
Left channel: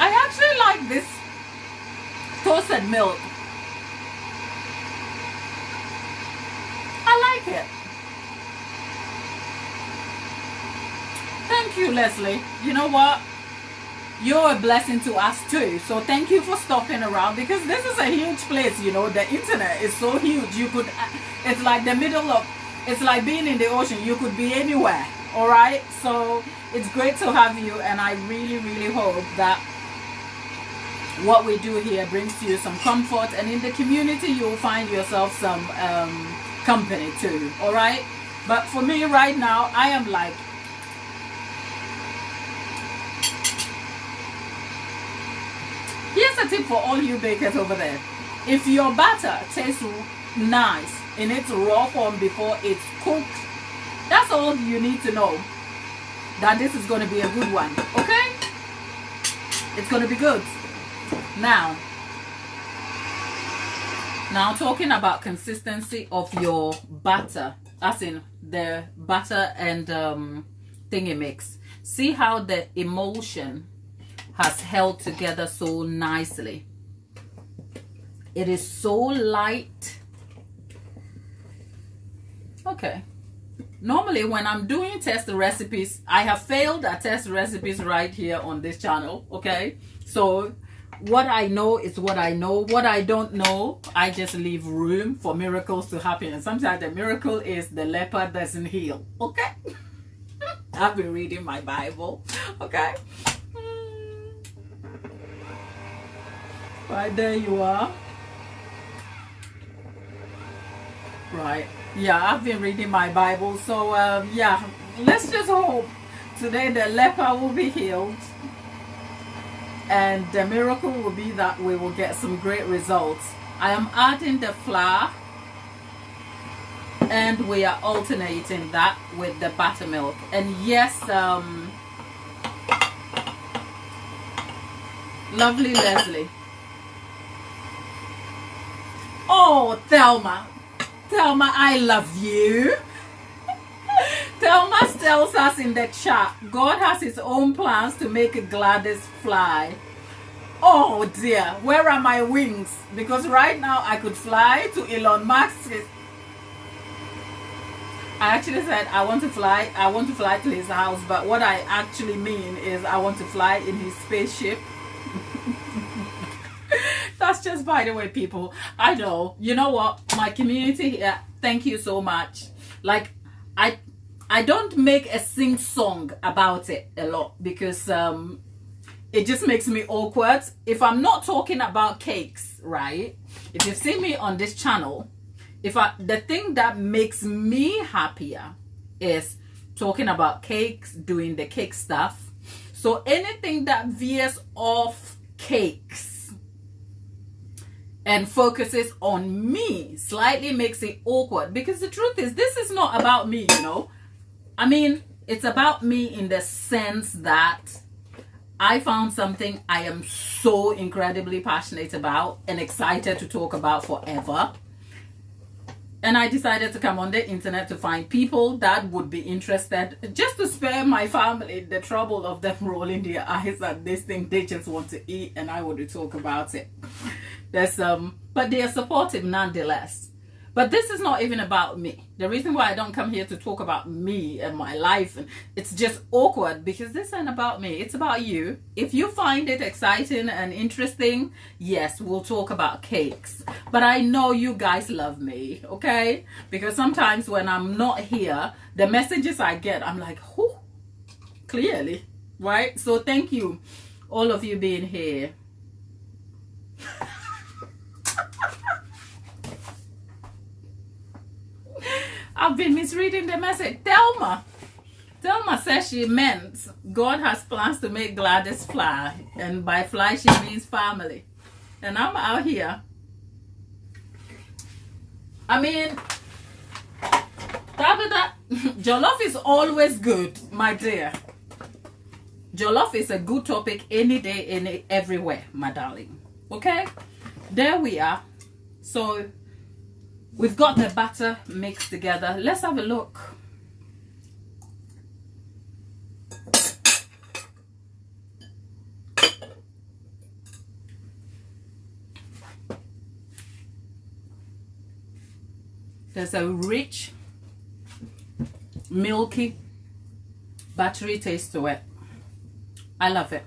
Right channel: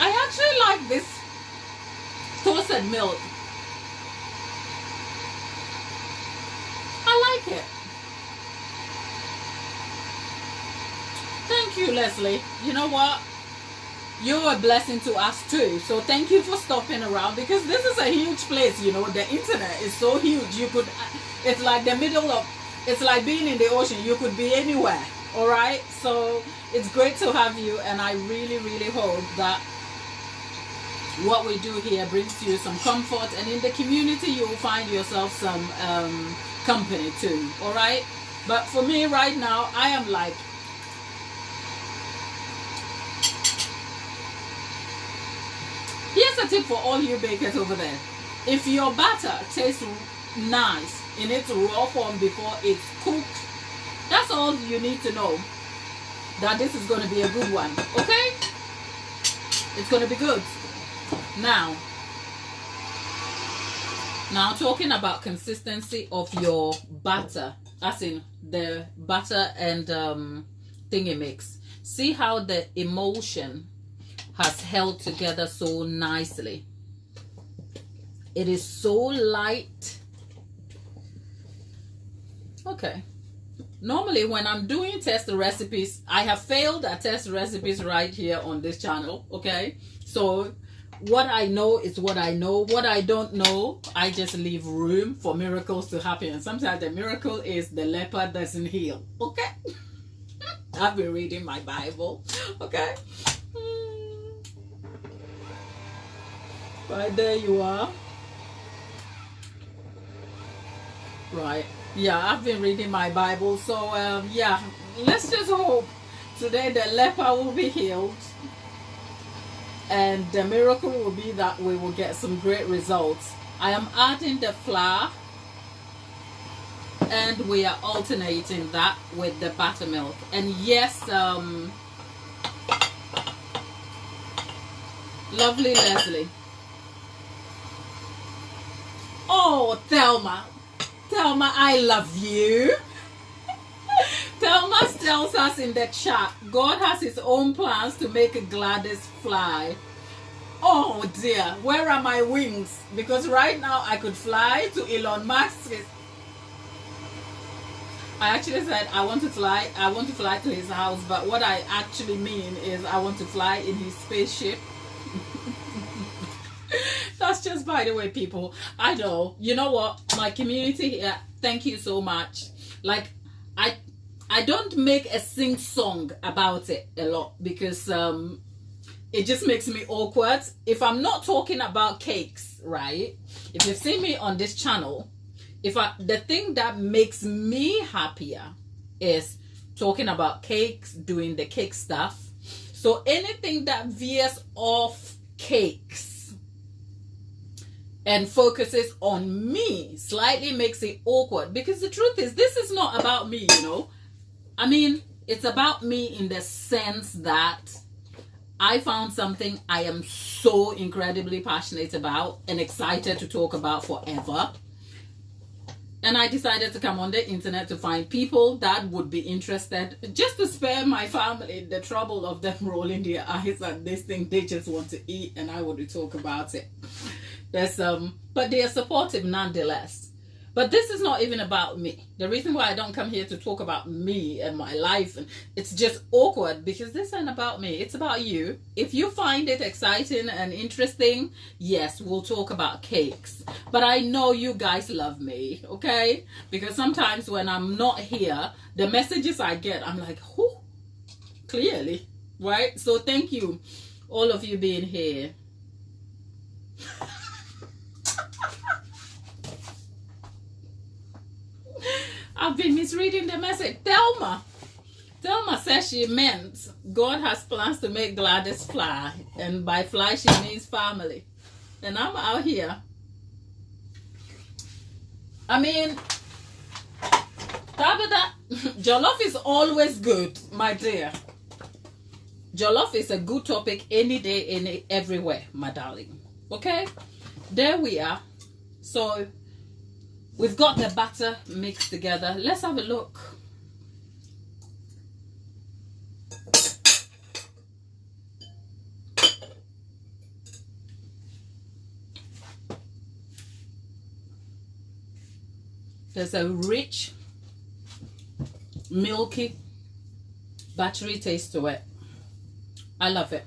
I actually like this toasted milk. I like it. Thank you, Leslie. You know what? You're a blessing to us too. So thank you for stopping around, because this is a huge place, you know. The internet is so huge. You could, it's like the middle of, it's like being in the ocean. You could be anywhere. All right. So it's great to have you. And I really, really hope that what we do here brings you some comfort, and in the community you'll find yourself some company too. All right. But for me right now, I am like, here's a tip for all you bakers over there. If your batter tastes nice in its raw form before it's cooked, that's all you need to know, that this is going to be a good one. Okay. It's going to be good. Now talking about consistency of your batter, as in the butter and thingy mix. See how the emulsion has held together so nicely. It is so light. Okay. Normally when I'm doing test recipes, I have failed at test recipes right here on this channel. Okay. So what I know is what I know. What I don't know, I just leave room for miracles to happen. And sometimes the miracle is the leper doesn't heal. Okay. I've been reading my Bible. Okay. Right, there you are. Right. Yeah, I've been reading my Bible. So yeah, let's just hope today the leper will be healed. And the miracle will be that we will get some great results. I am adding the flour, and we are alternating that with the buttermilk. And yes, lovely Leslie. Oh, Thelma, I love you. Thelma tells us in the chat, God has his own plans to make Gladys fly. Oh dear, where are my wings? Because right now I could fly to Elon Musk's. I actually said I want to fly to his house, but what I actually mean is I want to fly in his spaceship. That's just by the way, people. I know. You know what? My community here, thank you so much. Like, I don't make a sing song about it a lot, because it just makes me awkward. If I'm not talking about cakes, right? If you've seen me on this channel, the thing that makes me happier is talking about cakes, doing the cake stuff. So anything that veers off cakes and focuses on me slightly makes it awkward, because the truth is, this is not about me, you know. I mean, it's about me in the sense that I found something I am so incredibly passionate about and excited to talk about forever. And I decided to come on the internet to find people that would be interested, just to spare my family the trouble of them rolling their eyes at this thing they just want to eat, and I want to talk about it. But they are supportive nonetheless. But this is not even about me. The reason why I don't come here to talk about me and my life, and it's just awkward, because this isn't about me. It's about you. If you find it exciting and interesting, yes, we'll talk about cakes. But I know you guys love me, okay? Because sometimes when I'm not here, the messages I get, I'm like, whoo, clearly, right? So thank you, all of you being here. I've been misreading the message. Thelma says she meant God has plans to make Gladys fly, and by fly she means family. And I'm out here. I mean, Tabitha, jollof is always good, my dear. Jollof is a good topic any day, everywhere, my darling. Okay, there we are. So we've got the batter mixed together. Let's have a look. There's a rich, milky, buttery taste to it. I love it.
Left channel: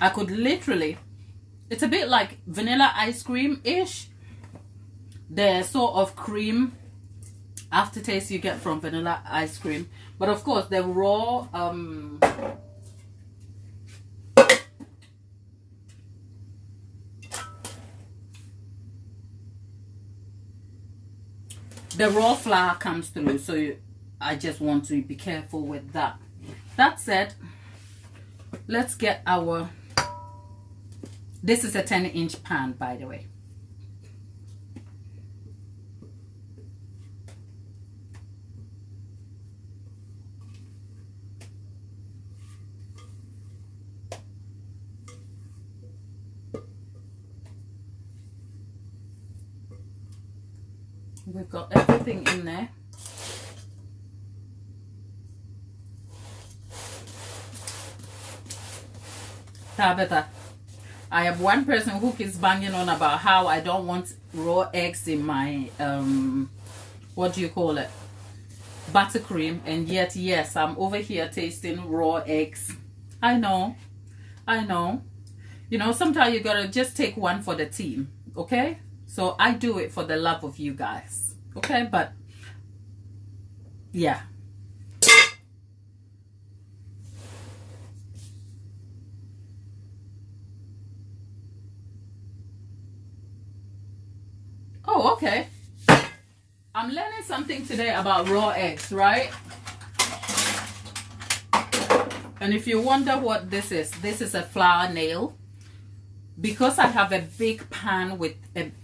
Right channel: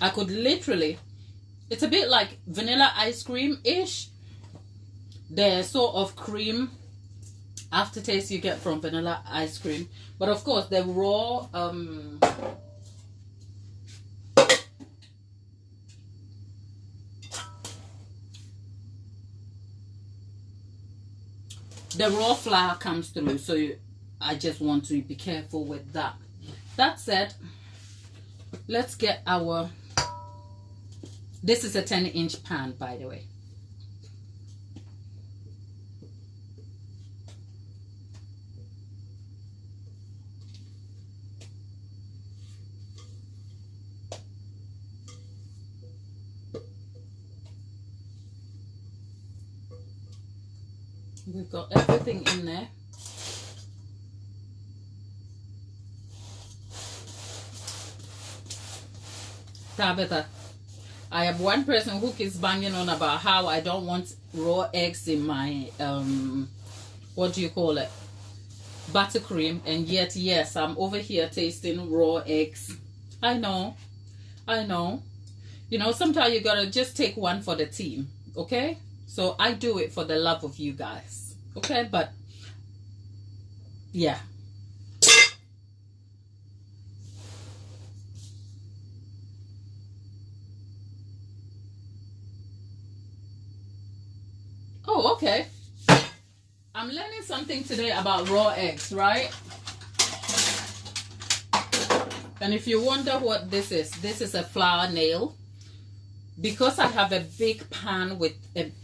I could literally, it's a bit like vanilla ice cream-ish. The sort of cream aftertaste you get from vanilla ice cream. But of course, the raw, the raw flour comes through, so I just want to be careful with that. That said, let's get our, this is a 10-inch pan, by the way. We've got everything in there. Tabitha, I have one person who keeps banging on about how I don't want raw eggs in my, what do you call it? Buttercream. And yet, yes, I'm over here tasting raw eggs. I know. You know, sometimes you gotta just take one for the team, okay? So I do it for the love of you guys, okay? But yeah. Oh, okay. I'm learning something today about raw eggs, right? And if you wonder what this is a flour nail. Because I have a big pan with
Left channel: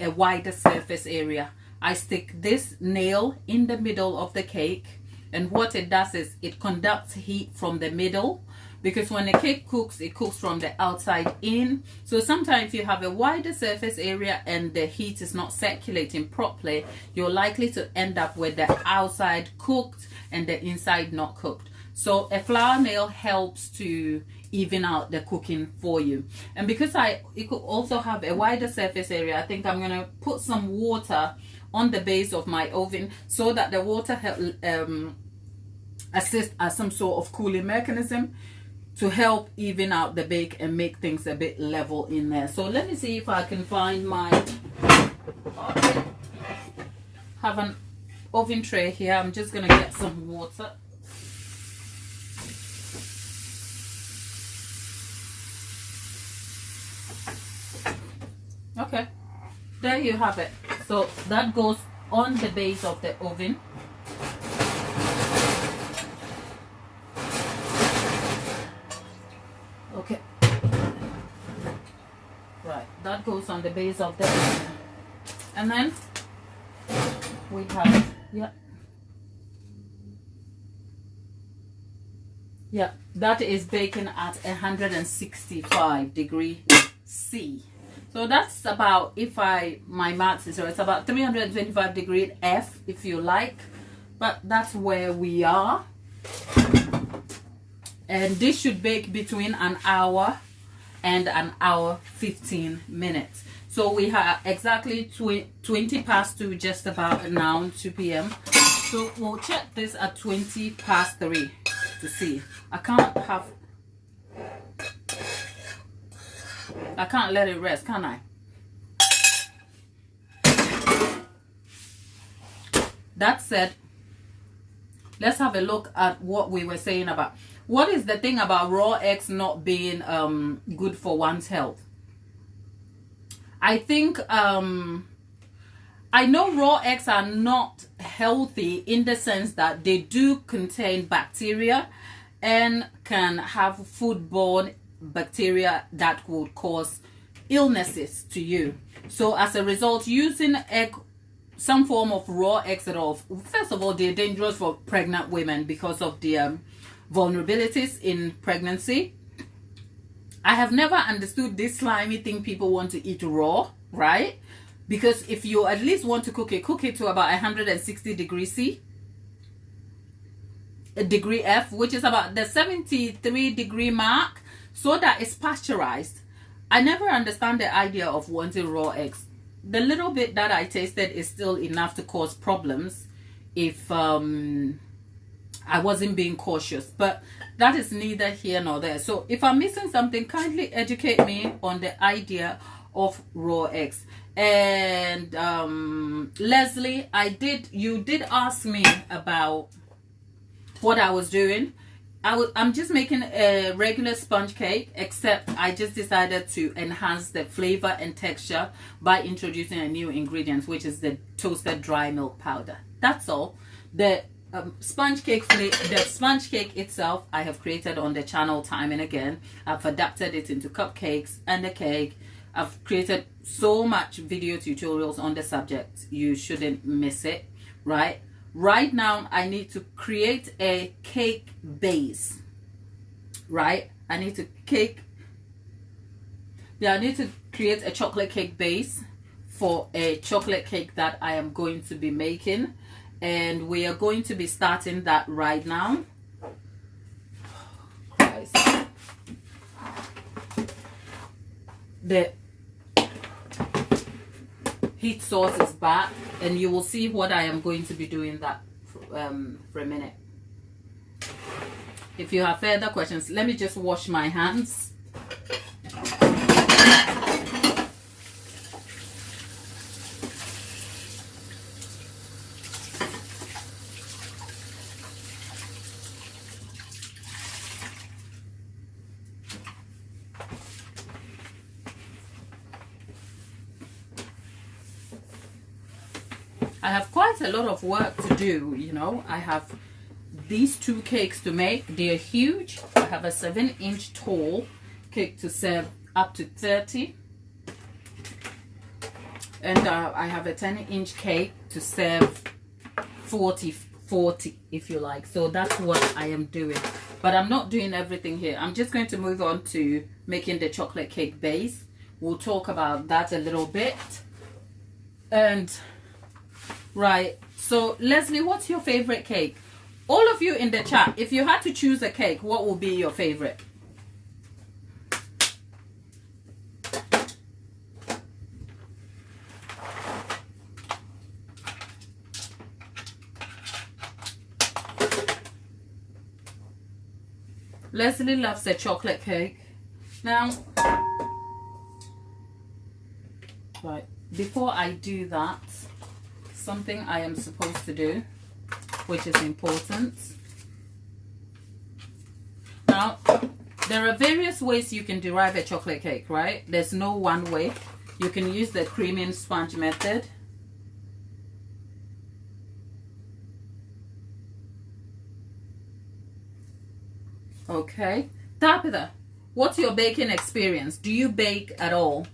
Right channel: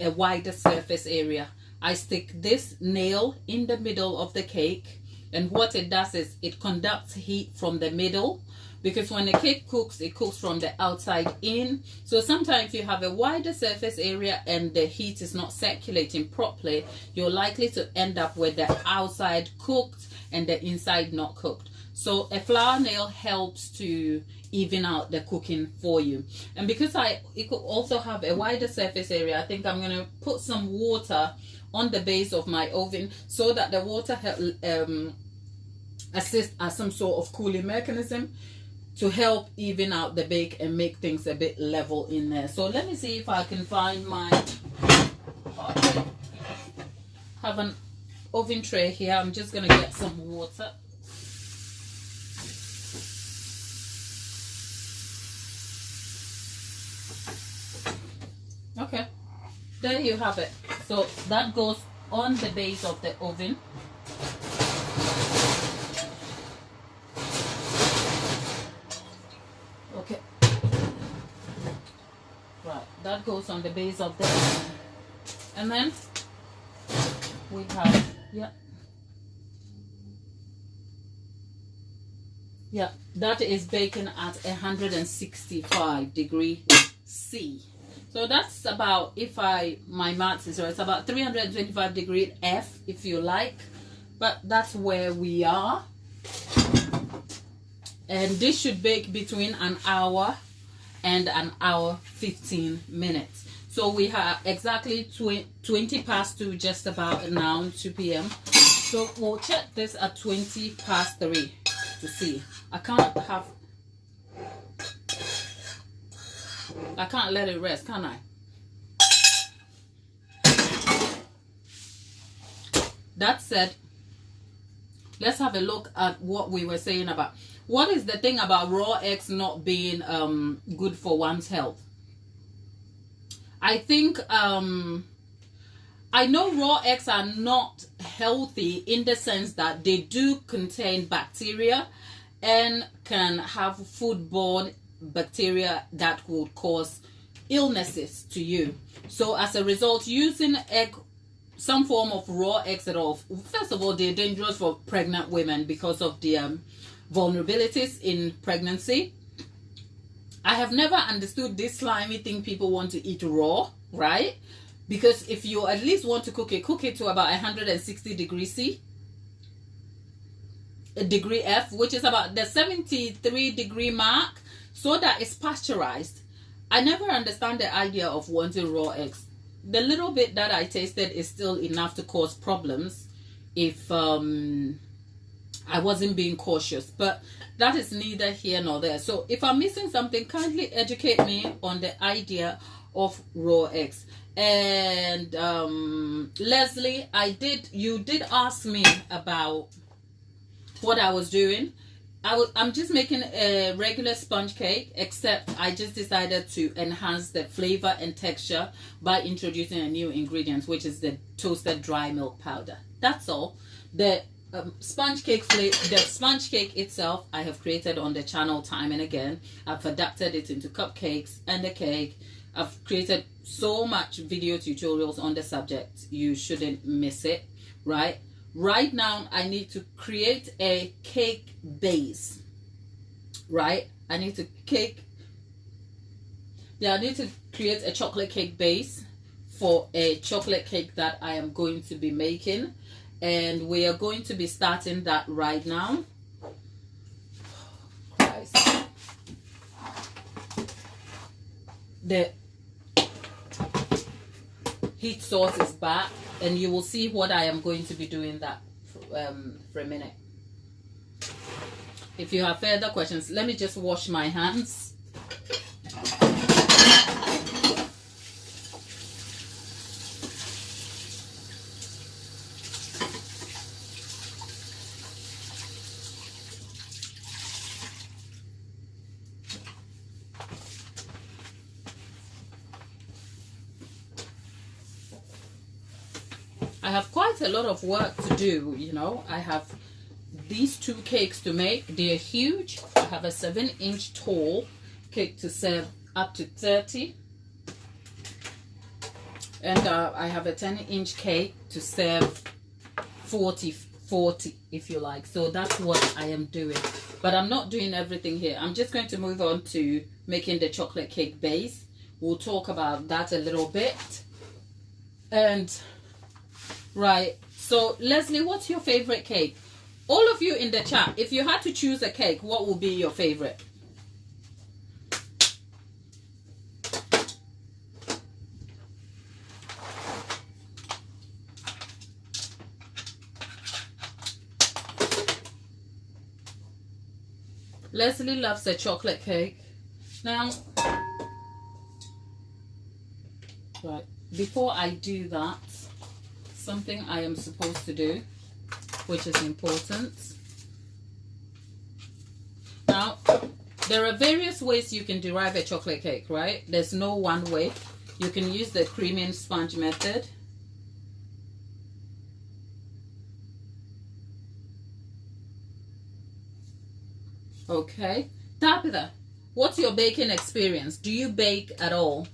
a wider surface area, I stick this nail in the middle of the cake, and what it does is it conducts heat from the middle, because when the cake cooks, it cooks from the outside in. So sometimes if you have a wider surface area and the heat is not circulating properly, you're likely to end up with the outside cooked and the inside not cooked. So a flour nail helps to even out the cooking for you. And because it could also have a wider surface area, I think I'm going to put some water on the base of my oven so that the water assists as some sort of cooling mechanism to help even out the bake and make things a bit level in there. So let me see if I can find my, have an oven tray here. I'm just going to get some water. Okay, there you have it. So that goes on the base of the oven. Okay, right, that goes on the base of the oven. And then we have, yeah, that is baking at 165 degrees C. So that's about, if my maths is right, it's about 325 degrees F, if you like. But that's where we are. And this should bake between an hour and an hour 15 minutes. So we have exactly 20 past 2, just about now, 2 p.m. So we'll check this at 20 past 3 to see. I can't let it rest, can I? That said, let's have a look at what we were saying about. What is the thing about raw eggs not being good for one's health? I think I know raw eggs are not healthy in the sense that they do contain bacteria and can have foodborne bacteria that would cause illnesses to you. So as a result, using some form of raw eggs at all, first of all, they're dangerous for pregnant women because of the vulnerabilities in pregnancy. I have never understood this slimy thing people want to eat raw, right? Because if you at least want to cook it to about 160 degrees C, a degree F, which is about the 73 degree mark, so that it's pasteurized. I never understand the idea of wanting raw eggs. The little bit that I tasted is still enough to cause problems if I wasn't being cautious, but that is neither here nor there. So if I'm missing something, kindly educate me on the idea of raw eggs. And Leslie, you did ask me about what I was doing. I'm just making a regular sponge cake, except I just decided to enhance the flavor and texture by introducing a new ingredient, which is the toasted dry milk powder. That's all. The sponge cake itself I have created on the channel time and again. I've adapted it into cupcakes and a cake. I've created so much video tutorials on the subject. You shouldn't miss it, right? Right now, I need to create a cake base, right? I need to create a chocolate cake base for a chocolate cake that I am going to be making. And we are going to be starting that right now. Christ. The heat source is back, and you will see what I am going to be doing that for a minute. If you have further questions, let me just wash my hands. I have quite a lot of work to do, you know. I have these 2 cakes to make. They're huge. I have a 7-inch tall cake to serve up to 30. And I have a 10-inch cake to serve 40, if you like. So that's what I am doing. But I'm not doing everything here. I'm just going to move on to making the chocolate cake base. We'll talk about that a little bit. And right, so Leslie, what's your favorite cake? All of you in the chat, if you had to choose a cake, what would be your favorite? Leslie loves a chocolate cake. Now, right, before I do that, something I am supposed to do, which is important. Now, there are various ways you can derive a chocolate cake, right? There's no one way. You can use the creaming sponge method. Okay. Tabitha, what's your baking experience? Do you bake at all?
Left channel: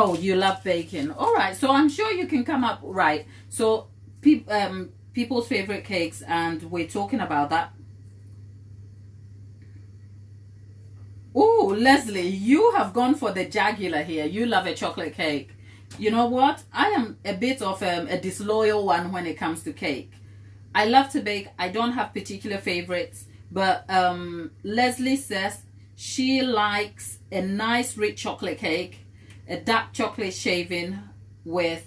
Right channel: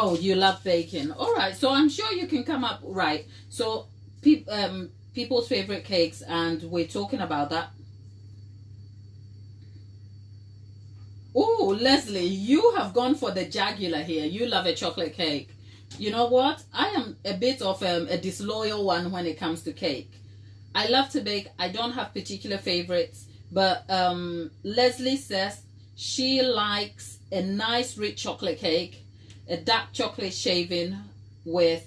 Oh, you love baking. All right, so I'm sure you can come up, right? So people's favorite cakes, and we're talking about that. Oh, Leslie, you have gone for the jugular here. You love a chocolate cake. You know what? I am a bit of a disloyal one when it comes to cake. I love to bake. I don't have particular favorites, but Leslie says she likes a nice rich chocolate cake, a dark chocolate shaving with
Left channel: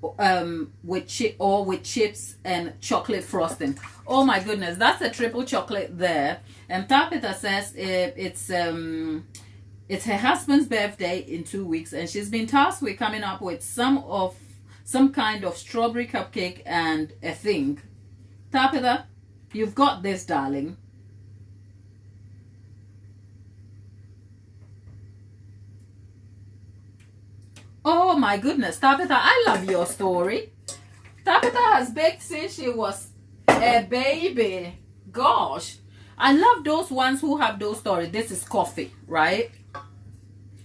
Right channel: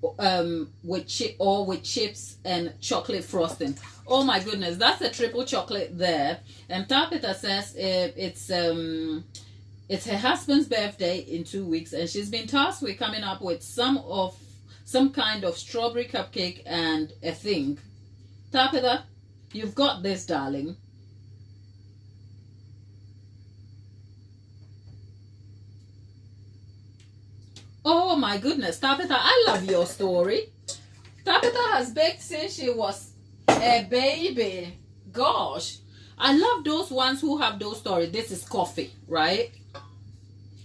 with chips and chocolate frosting. Oh my goodness, that's a triple chocolate there. And Tabitha says it's her husband's birthday in 2 weeks, and she's been tasked with coming up with some kind of strawberry cupcake and a thing. Tabitha, you've got this, darling. Oh my goodness, Tabitha, I love your story. Tabitha has baked since she was a baby. Gosh, I love those ones who have those stories. This is coffee, right?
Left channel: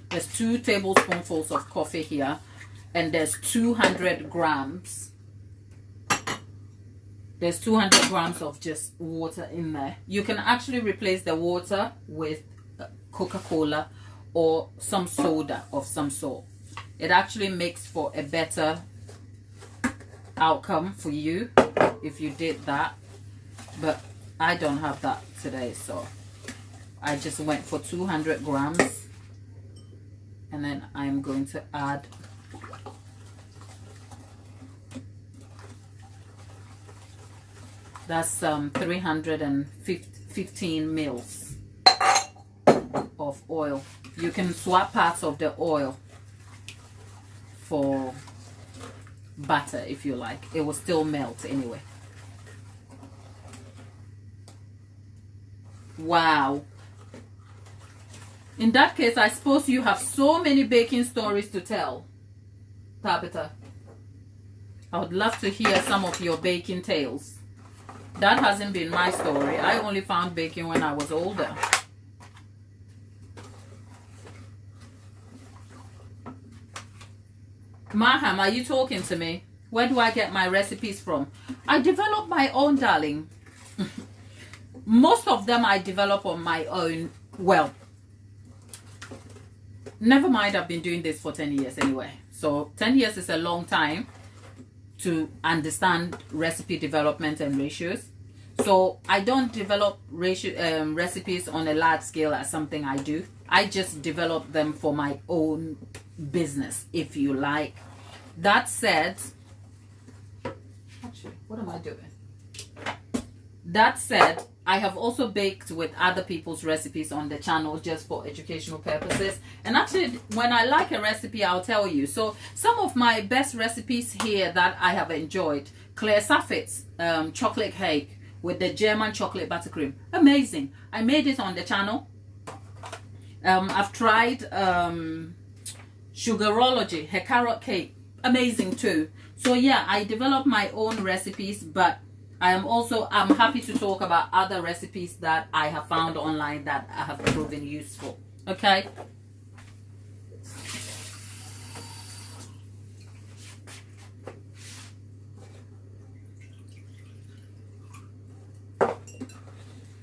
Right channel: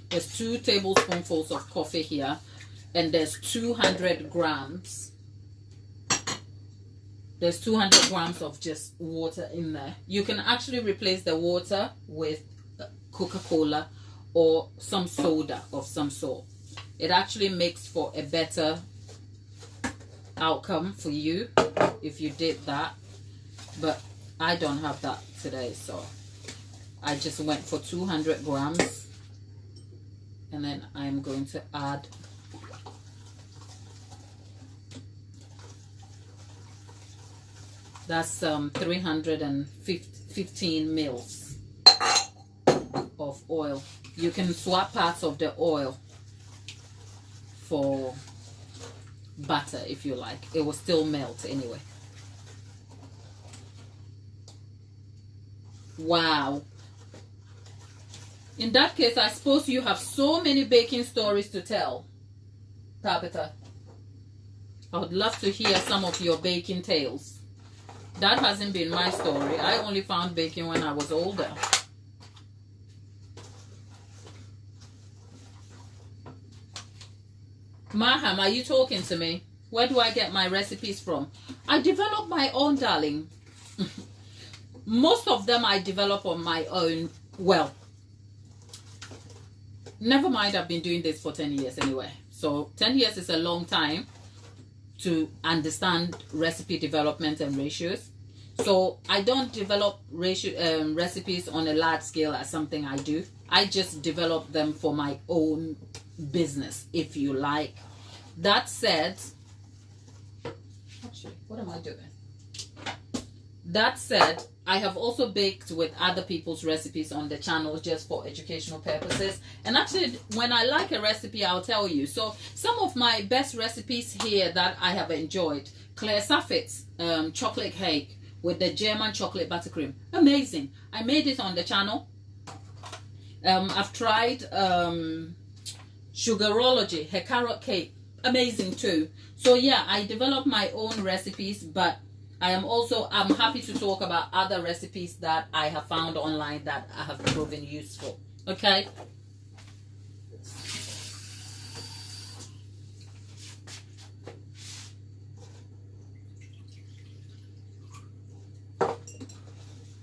There's 2 tablespoonfuls of coffee here, and there's 200 grams. There's 200 grams of just water in there. You can actually replace the water with Coca-Cola or some soda of some sort. It actually makes for a better outcome for you if you did that. But I don't have that today, so I just went for 200 grams. And then I'm going to add that's 315 mils of oil. You can swap parts of the oil for butter if you like. It will still melt anyway. Wow. In that case, I suppose you have so many baking stories to tell, Tabitha. I would love to hear some of your baking tales. That hasn't been my story. I only found baking when I was older. Maham, are you talking to me? Where do I get my recipes from? I develop my own, darling. Most of them I develop on my own. Well, never mind, I've been doing this for 10 years anyway. So 10 years is a long time to understand recipe development and ratios. So I don't develop recipes on a large scale as something I do. I just develop them for my own business, if you like. That said, actually, what am I doing? That said, I have also baked with other people's recipes on the channel just for educational purposes. And actually, when I like a recipe, I'll tell you. So some of my best recipes here that I have enjoyed: Claire Saffit's chocolate cake with the German chocolate buttercream. Amazing. I made it on the channel. I've tried Sugarology, her carrot cake. Amazing too. So yeah, I develop my own recipes, but I'm happy to talk about other recipes that I have found online that have proven useful. Okay.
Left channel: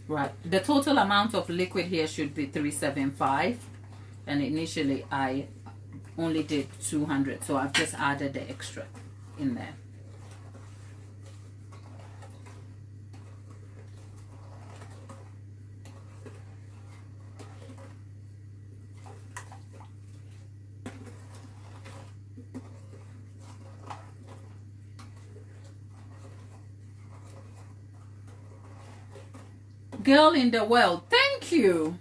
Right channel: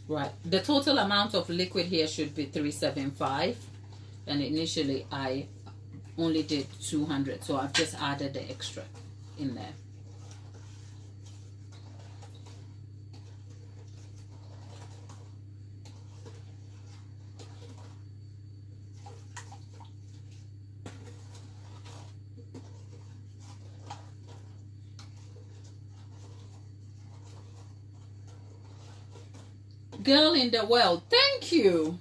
Right. The total amount of liquid here should be 375, and initially I only did 200, so I've just added the extra in there. Girl in the world, thank you.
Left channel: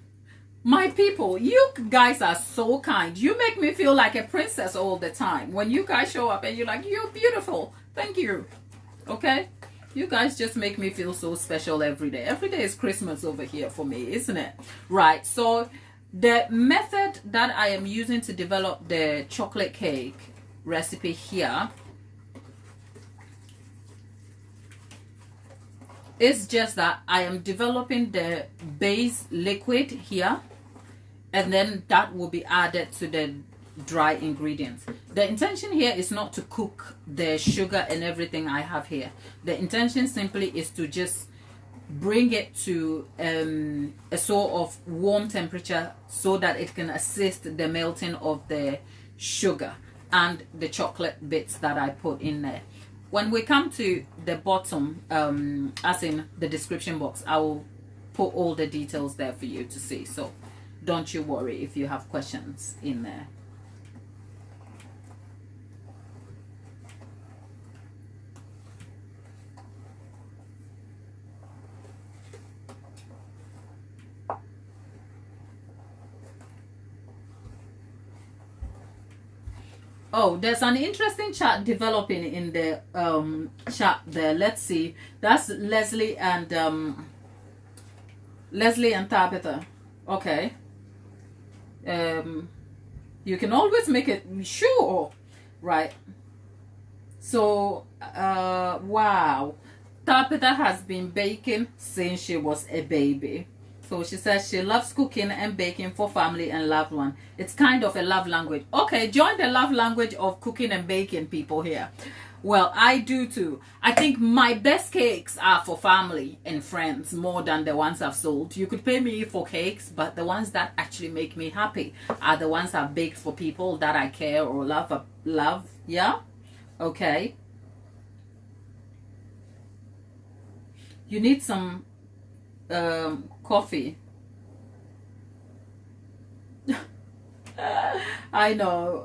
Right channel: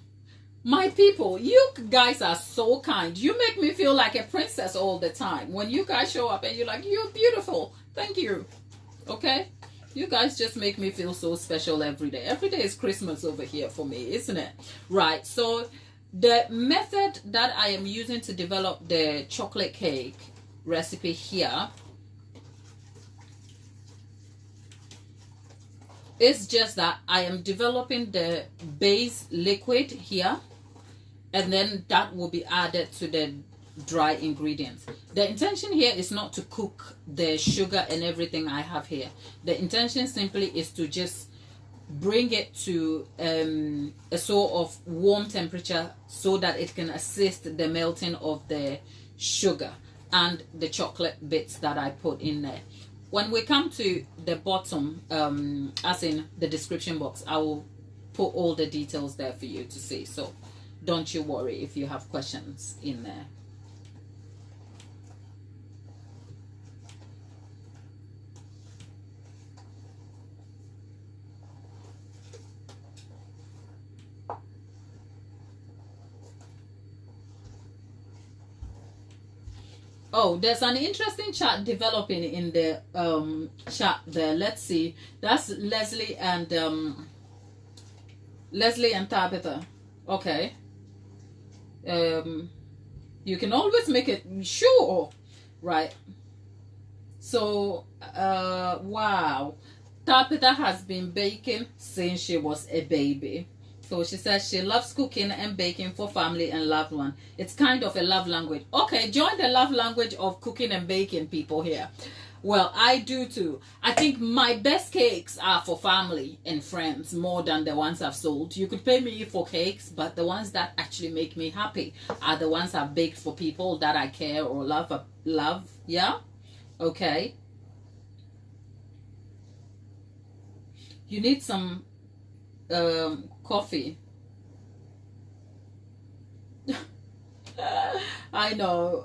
My people, you guys are so kind. You make me feel like a princess all the time. When you guys show up and you're like, you're beautiful. Thank you. Okay? You guys just make me feel so special every day. Every day is Christmas over here for me, isn't it? Right. So the method that I am using to develop the chocolate cake recipe here is just that I am developing the base liquid here, and then that will be added to the dry ingredients. The intention here is not to cook the sugar and everything I have here. The intention simply is to just bring it to a sort of warm temperature so that it can assist the melting of the sugar and the chocolate bits that I put in there. When we come to the bottom, as in the description box, I will put all the details there for you to see. So don't you worry if you have questions in there. Oh, there's an interesting chat developing in the chat there. Let's see. That's Leslie and Tabitha. Okay. You can always make it sure, right? So, wow. Tabitha has been baking since she was a baby. So she says she loves cooking and baking for family and loved one. It's kind of a love language. Okay, join the love language of cooking and baking, people here. Well, I do too. I think my best cakes are for family and friends more than the ones I've sold. You could pay me for cakes, but the ones that actually make me happy are the ones I've baked for people that I care or love. Yeah? Okay. You need some coffee. I know.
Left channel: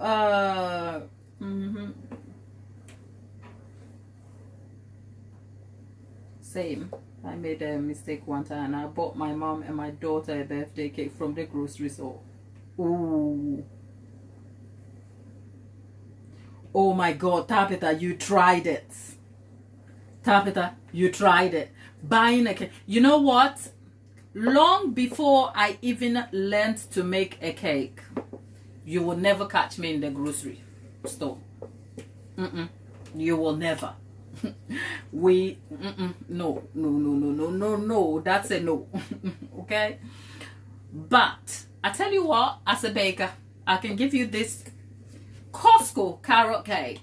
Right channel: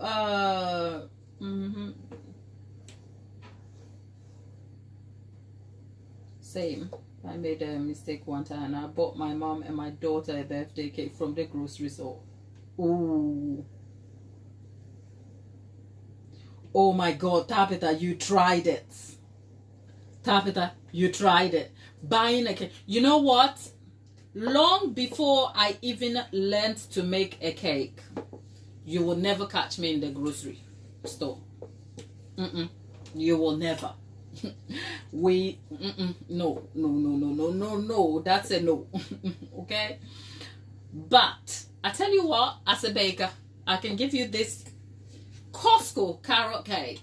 Same. I made a mistake one time and I bought my mom and my daughter a birthday cake from the grocery store. Ooh. Oh my God, Tabitha, you tried it. Tabitha, you tried it. Buying a cake. You know what? Long before I even learned to make a cake, you will never catch me in the grocery store. You will never. No. That's a no. Okay? But I tell you what, as a baker, I can give you this Costco carrot cake.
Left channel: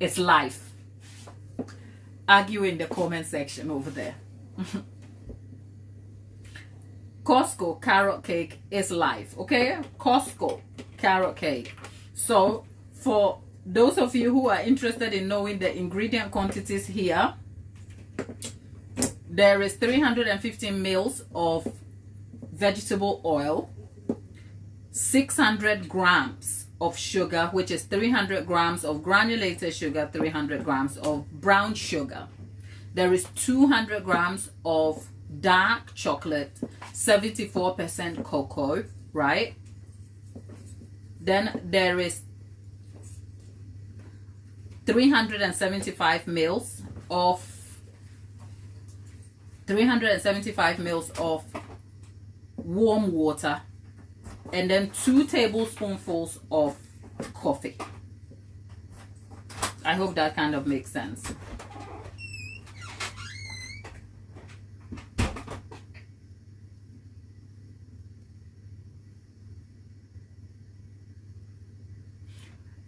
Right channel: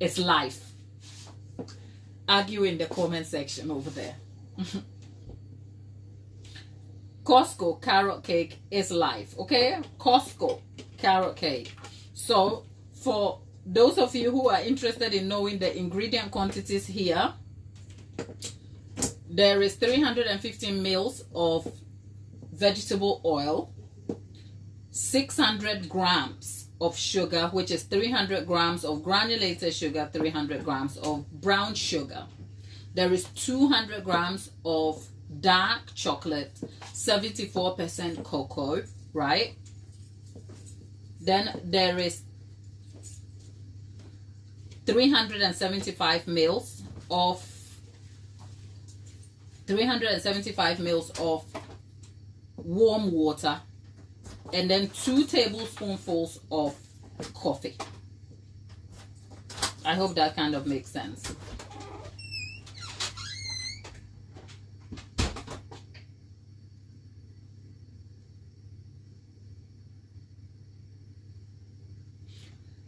It's life. Argue in the comment section over there. Costco carrot cake is life. Okay? Costco carrot cake. So for those of you who are interested in knowing the ingredient quantities here, there is 315 mils of vegetable oil, 600 grams of sugar, which is 300 grams of granulated sugar, 300 grams of brown sugar. There is 200 grams of dark chocolate, 74% cocoa, right? Then there is 375 mils of warm water, and then 2 tablespoonfuls of coffee. I hope that kind of makes sense.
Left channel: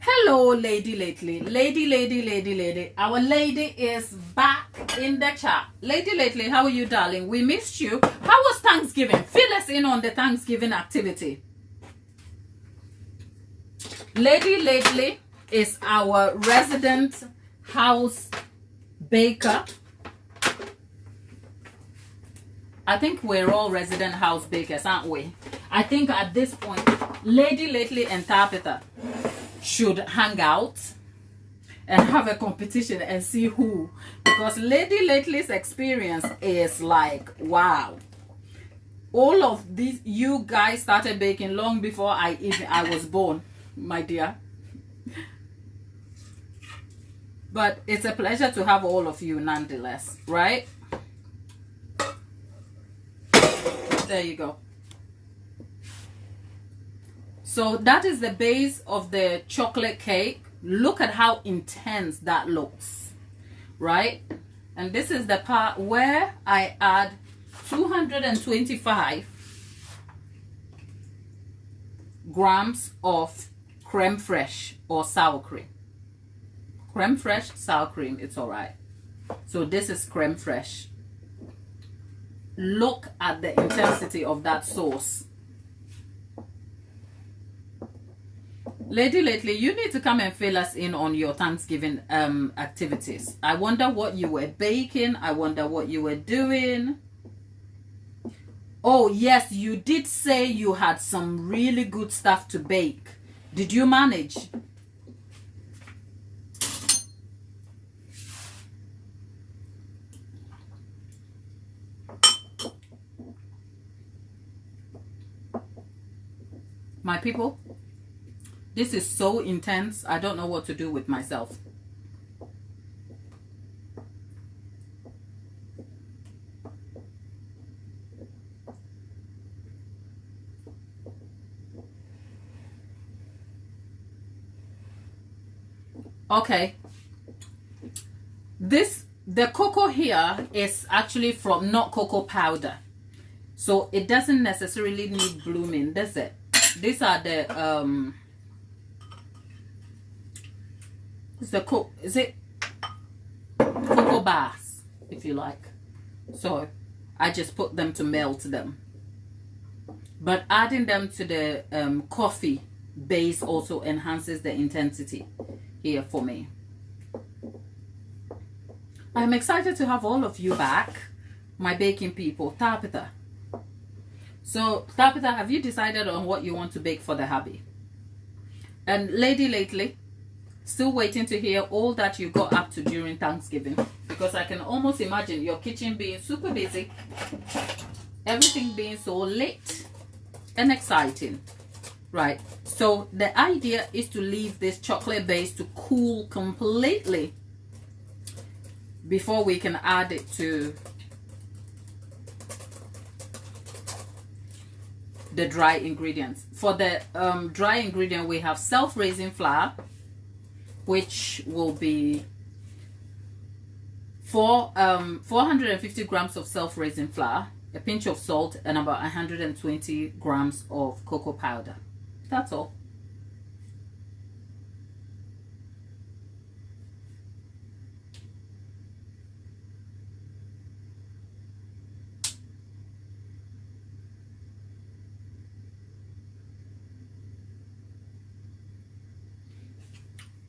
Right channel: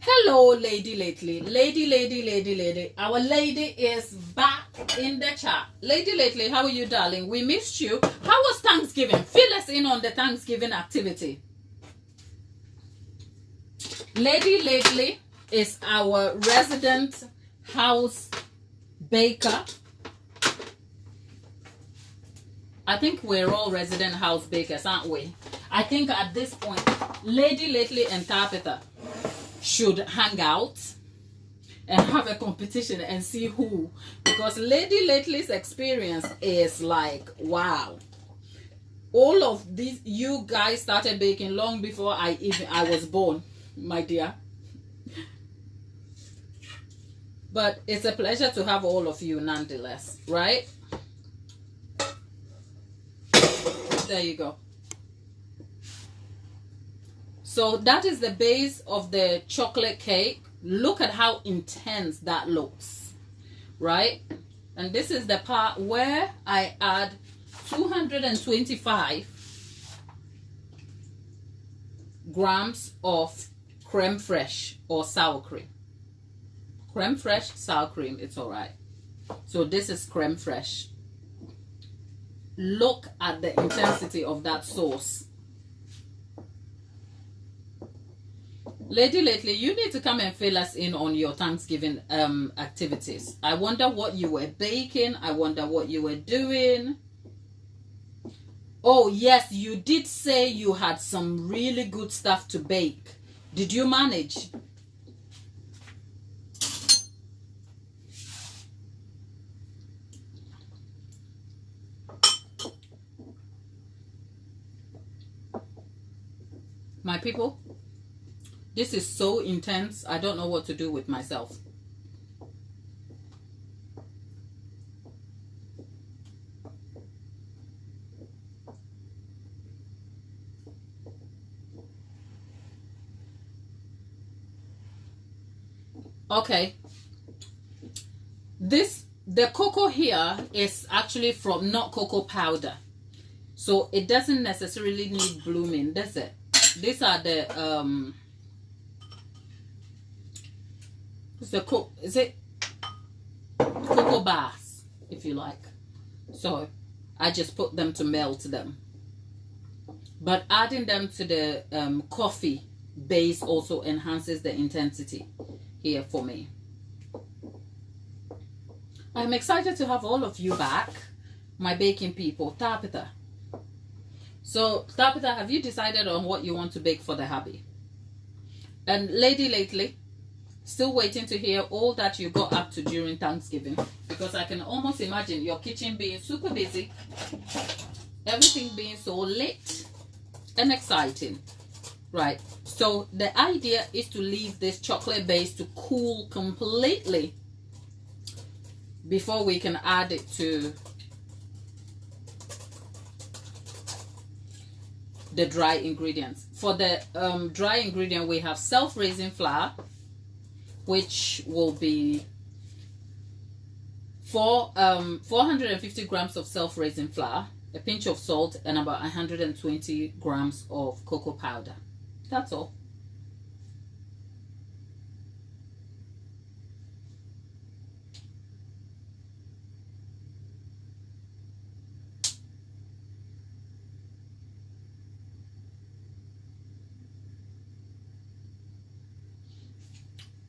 Hello, lady lately. Lady. Our lady is back in the chat. Lady lately, how are you, darling? We missed you. How was Thanksgiving? Fill us in on the Thanksgiving activity. Lady lately is our resident house baker. I think we're all resident house bakers, aren't we? I think at this point, Lady lately and Tabitha should hang out and have a competition and see who, because Lady lately's experience is like, wow. All of these, you guys started baking long before I was born, my dear. But it's a pleasure to have all of you nonetheless, right? There you go. So that is the base of the chocolate cake. Look at how intense that looks, right? And this is the part where I add 225 grams of creme fraiche or sour cream. Creme fraiche, sour cream, it's all right. So this is creme fraiche. Look at the intensity of that sauce. Lady lately, you need to come and fill us in on your Thanksgiving activities. I wonder what you were baking. I wonder what you were doing. Oh yes, you did say you had some really good stuff to bake. Did you manage? My people, this is so intense. I don't know what to do with myself. Okay, the cocoa here is actually from not cocoa powder, so it doesn't necessarily need blooming, does it? These are the is it cocoa bars, if you like. So I just put them to melt them, but adding them to the coffee base also enhances the intensity here for me. I'm excited to have all of you back, my baking people. Tabitha. So, Tabitha, have you decided on what you want to bake for the hubby? And Lady Lately, still waiting to hear all that you got up to during Thanksgiving, because I can almost imagine your kitchen being super busy, everything being so lit and exciting. Right, so the idea is to leave this chocolate base to cool completely before we can add it to the dry ingredients. For the dry ingredient, we have self-raising flour, which will be 450 grams of self-raising flour, a pinch of salt, and about 120 grams of cocoa powder. That's all.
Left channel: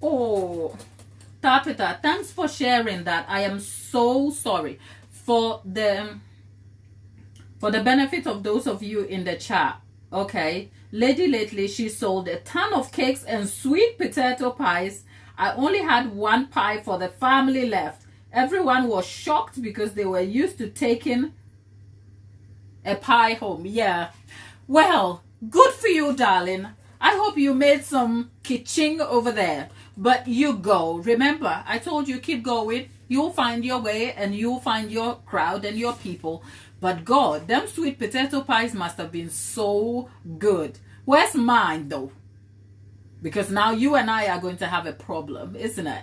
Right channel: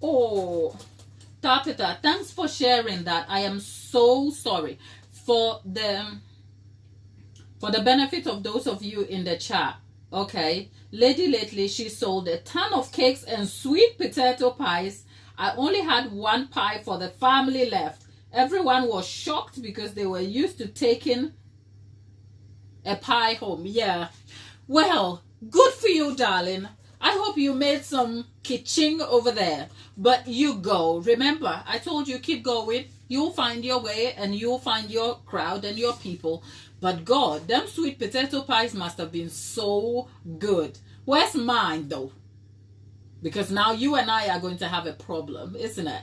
Oh, Tapita, thanks for sharing that. I am so sorry. For the benefit of those of you in the chat, okay, Lady Lately, she sold a ton of cakes and sweet potato pies. I only had one pie for the family left. Everyone was shocked because they were used to taking a pie home. Yeah. Well, good for you, darling. I hope you made some kitching over there. But you go. Remember, I told you, keep going. You'll find your way and you'll find your crowd and your people. But God, them sweet potato pies must have been so good. Where's mine though? Because now you and I are going to have a problem, isn't it?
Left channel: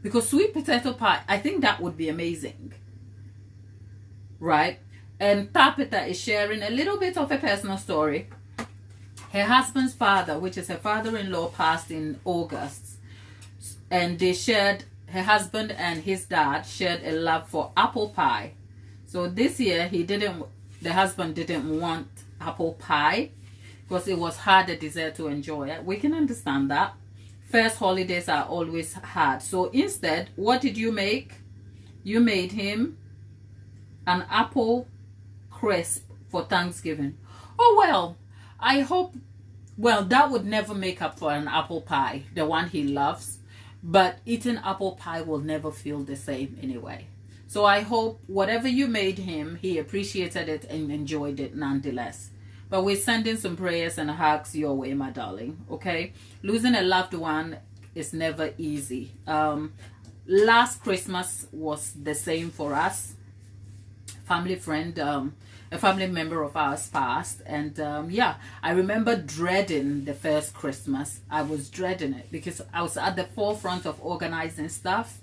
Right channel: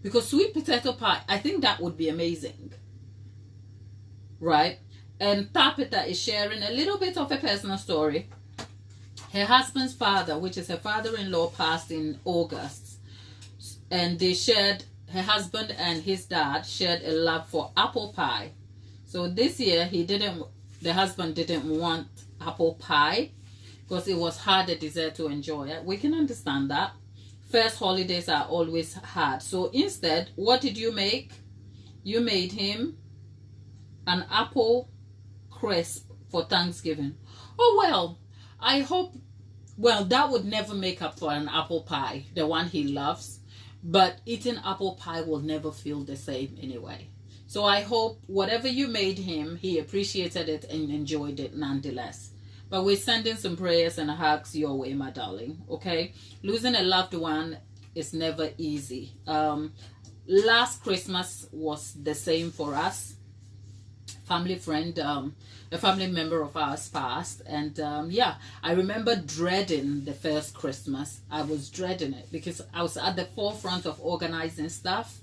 Because sweet potato pie, I think that would be amazing. Right? And Tapita is sharing a little bit of a personal story. Her husband's father, which is her father-in-law, passed in August. And they shared, her husband and his dad shared a love for apple pie. So this year, the husband didn't want apple pie because it was hard a dessert to enjoy. We can understand that. First holidays are always hard. So instead, what did you make? You made him an apple crisp for Thanksgiving. Oh, well, I hope, well, that would never make up for an apple pie, the one he loves. But eating apple pie will never feel the same anyway. So I hope whatever you made him, he appreciated it and enjoyed it nonetheless. But we're sending some prayers and hugs your way, my darling, okay? Losing a loved one is never easy. Last Christmas was the same for us. Family friend, a family member of ours passed. And yeah, I remember dreading the first Christmas. I was dreading it because I was at the forefront of organizing stuff.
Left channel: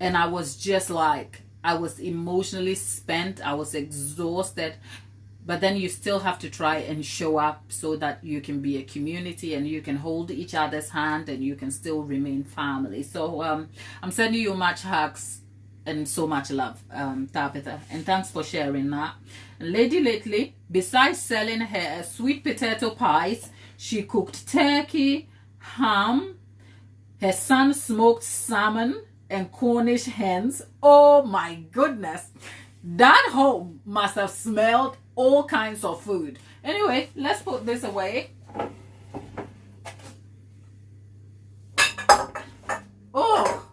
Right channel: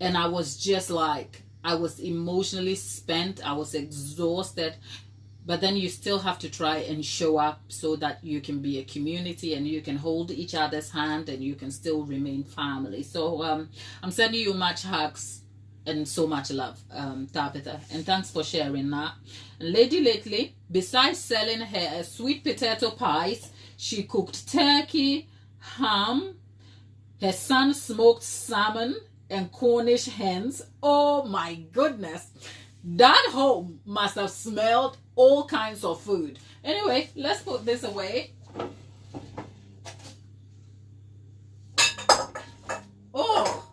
And I was just like, I was emotionally spent. I was exhausted. But then you still have to try and show up so that you can be a community and you can hold each other's hand and you can still remain family. So I'm sending you much hugs and so much love, Tabitha. And thanks for sharing that. And Lady Lately, besides selling her sweet potato pies, she cooked turkey, ham, her son smoked salmon, and Cornish hens. Oh my goodness, that home must have smelled all kinds of food. Anyway, let's put this away. Oh,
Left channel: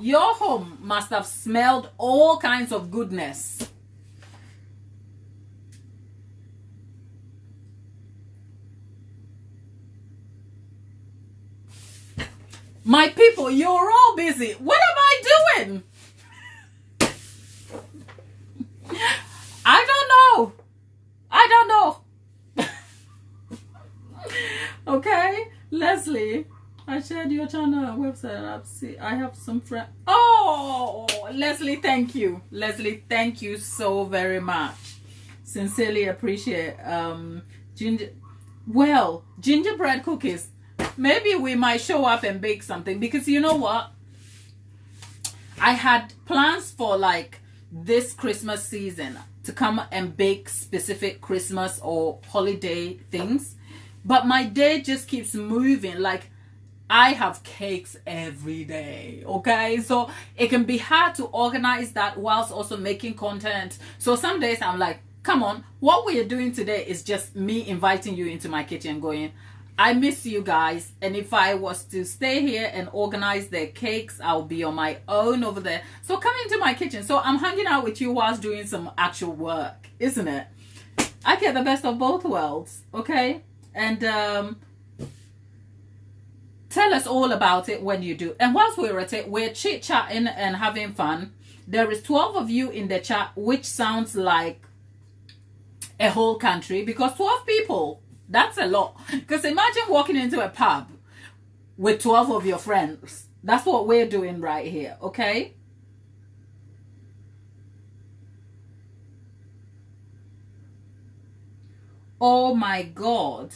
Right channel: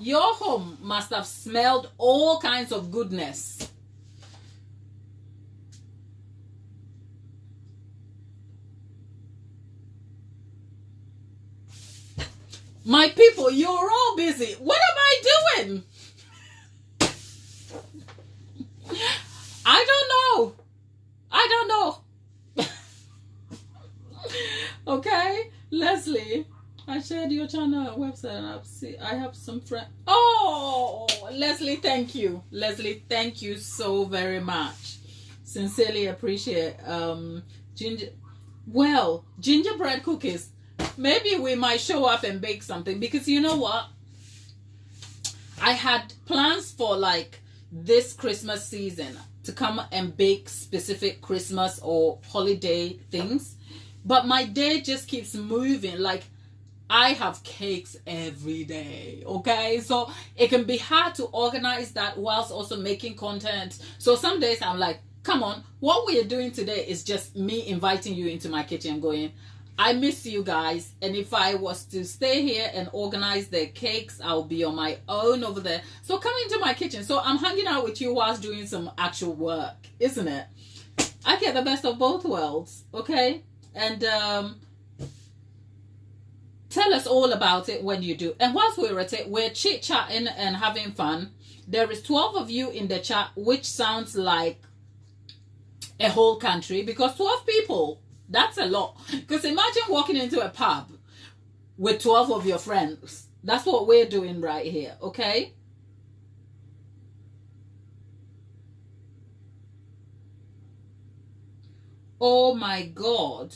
your home must have smelled all kinds of goodness. My people, you're all busy. What am I doing? I don't know. I don't know. Okay, Leslie, I shared your channel website. I have some friends. Oh, Leslie, thank you. Leslie, thank you so very much. Sincerely appreciate. Gingerbread cookies. Maybe we might show up and bake something, because you know what? I had plans for like this Christmas season to come and bake specific Christmas or holiday things, but my day just keeps moving. Like, I have cakes every day, okay? So it can be hard to organize that whilst also making content. So some days I'm like, come on, what we are doing today is just me inviting you into my kitchen going, I miss you guys, and if I was to stay here and organize their cakes, I'll be on my own over there. So come into my kitchen. So I'm hanging out with you whilst doing some actual work, isn't it? I get the best of both worlds, okay? And tell us all about it when you do. And whilst we're at it, we're chit-chatting and having fun. There is 12 of you in the chat, which sounds like a whole country, because 12 people, that's a lot. Because imagine walking into a pub with 12 of your friends. That's what we're doing right here, okay? Oh my God.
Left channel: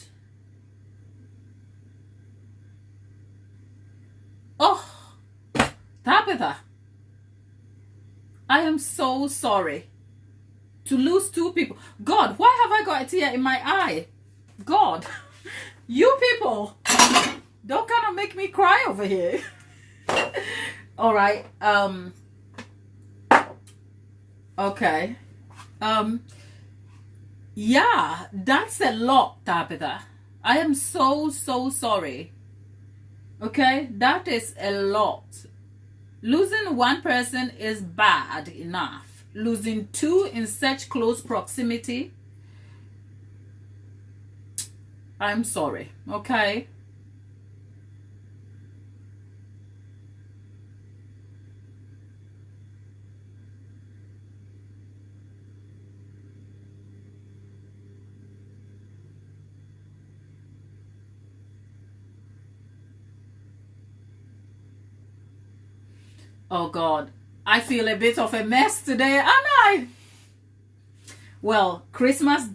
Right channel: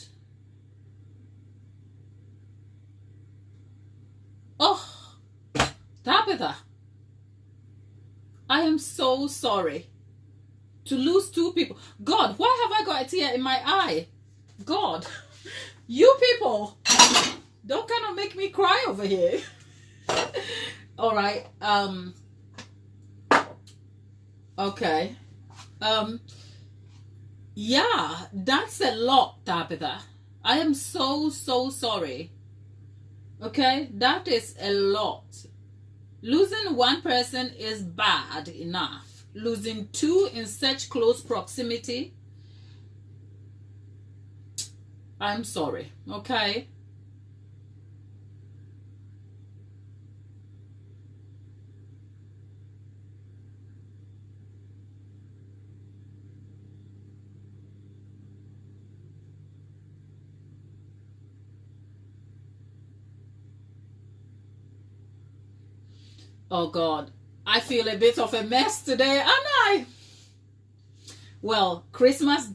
Oh, Tabitha, I am so sorry to lose 2 people. God, why have I got a tear in my eye? God, you people don't kind of make me cry over here. All right. Okay. Yeah, that's a lot, Tabitha. I am so sorry. Okay, that is a lot. Losing 1 person is bad enough. Losing 2 in such close proximity, I'm sorry, okay? Oh God, I feel a bit of a mess today, and I. Well, Christmas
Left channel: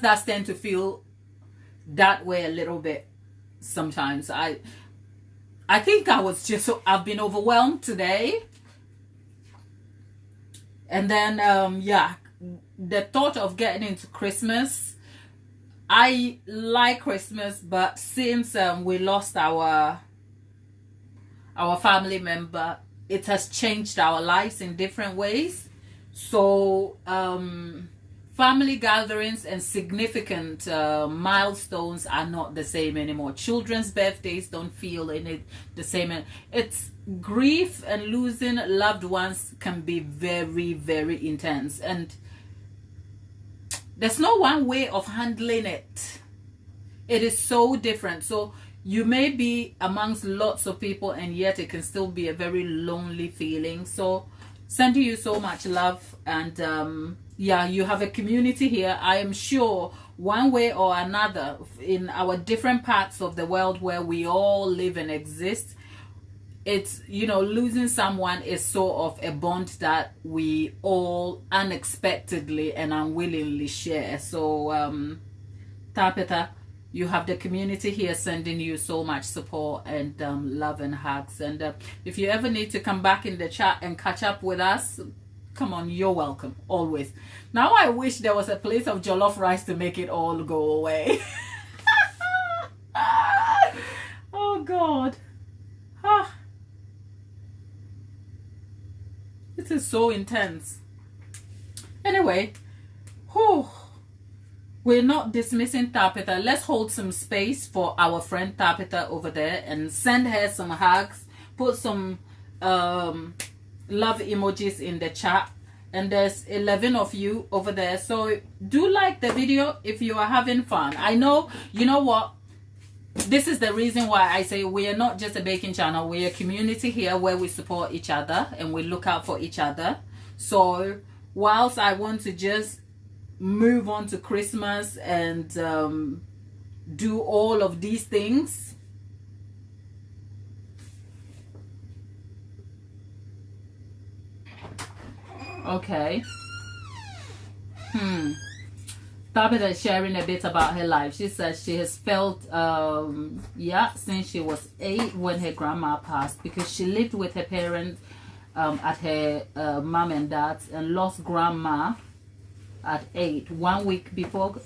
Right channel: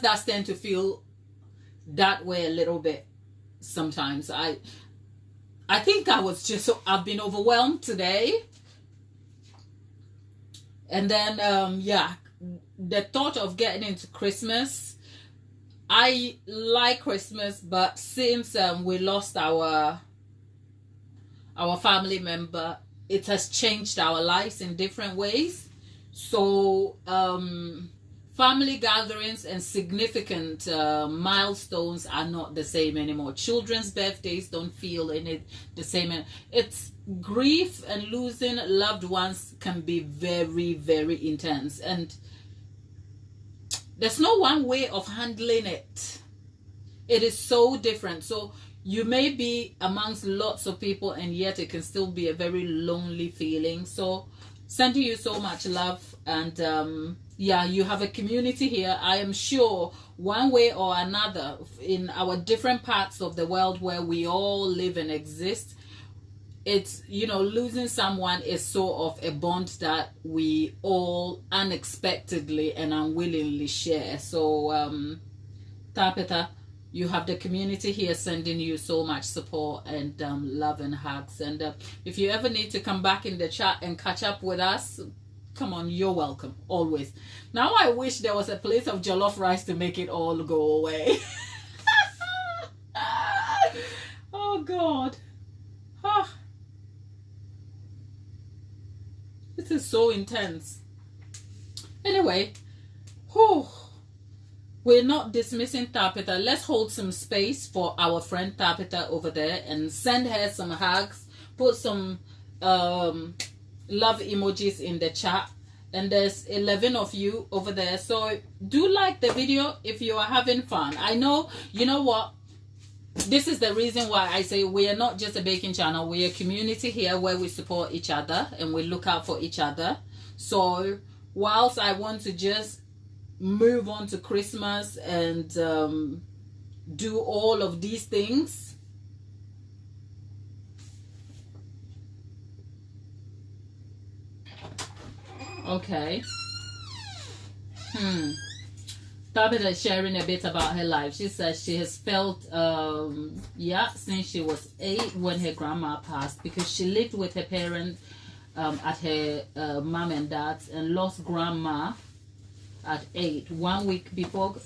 does tend to feel that way a little bit sometimes. I think I've been overwhelmed today. And then yeah, the thought of getting into Christmas, I like Christmas, but since we lost our family member, it has changed our lives in different ways. So family gatherings and significant milestones are not the same anymore. Children's birthdays don't feel in it the same. It's grief, and losing loved ones can be very, very intense, and there's no one way of handling it. It is so different. So you may be amongst lots of people, and yet it can still be a very lonely feeling. So sending you so much love, and yeah, you have a community here. I am sure one way or another, in our different parts of the world where we all live and exist, it's, you know, losing someone is sort of a bond that we all unexpectedly and unwillingly share. So Tabitha, you have the community here sending you so much support and love and hugs. And if you ever need to come back in the chat and catch up with us, come on, you're welcome, always. Now I wish there was a plate of jollof rice to make it all go away. Oh God. Ah. This is so intense. Anyway, whew. We're not dismissing Tabitha. Let's hold some space for our friend Tabitha over there and send her some hugs. Put some love emojis in the chat. And there's 11 of you over there. So do like the video if you are having fun. I know, you know what? this is the reason why I say we are not just a baking channel. We're a community here where we support each other and we look out for each other. So whilst I want to just move on to Christmas and do all of these things, okay. Tabitha is sharing a bit about her life. She says she has felt since she was 8 when her grandma passed, because she lived with her parents at her mom and dad's, and lost grandma at 8, 1 week before.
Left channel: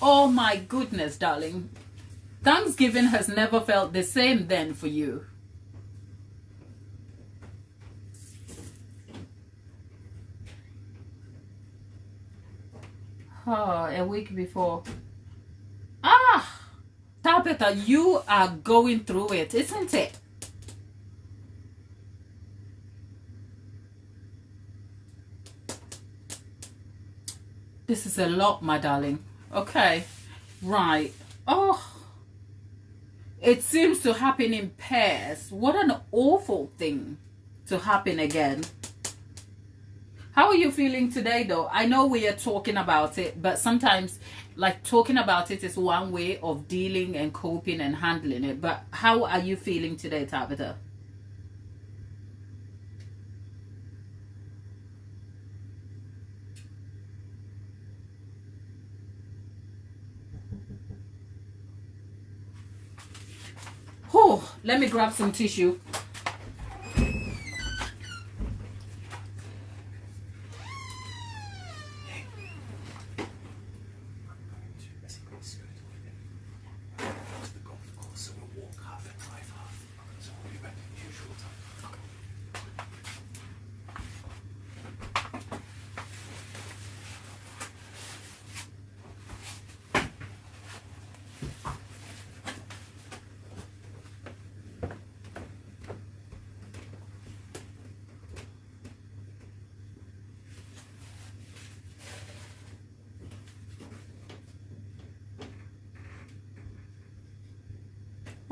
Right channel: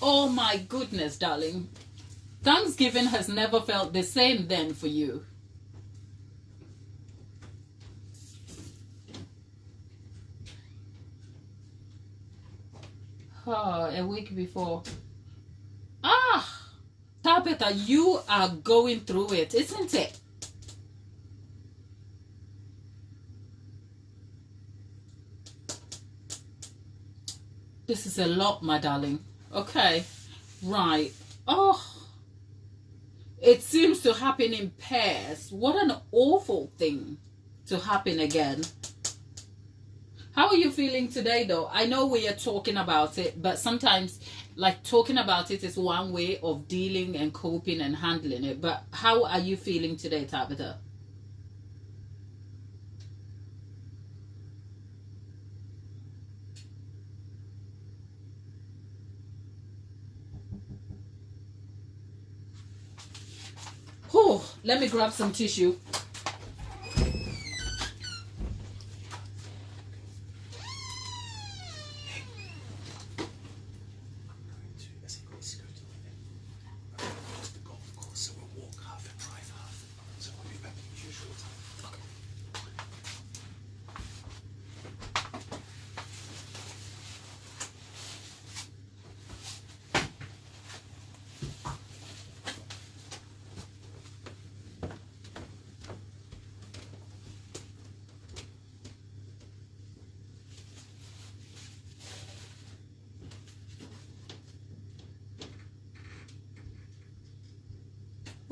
Oh my goodness, darling. Thanksgiving has never felt the same then for you. Oh, a week before. Tabitha, you are going through it, isn't it? This is a lot, my darling. Okay, right. Oh, it seems to happen in pairs. What an awful thing to happen again. How are you feeling today, though? I know we are talking about it, but sometimes, like, talking about it is one way of dealing and coping and handling it. But how are you feeling today, Tabitha? Oh, let me grab some tissue.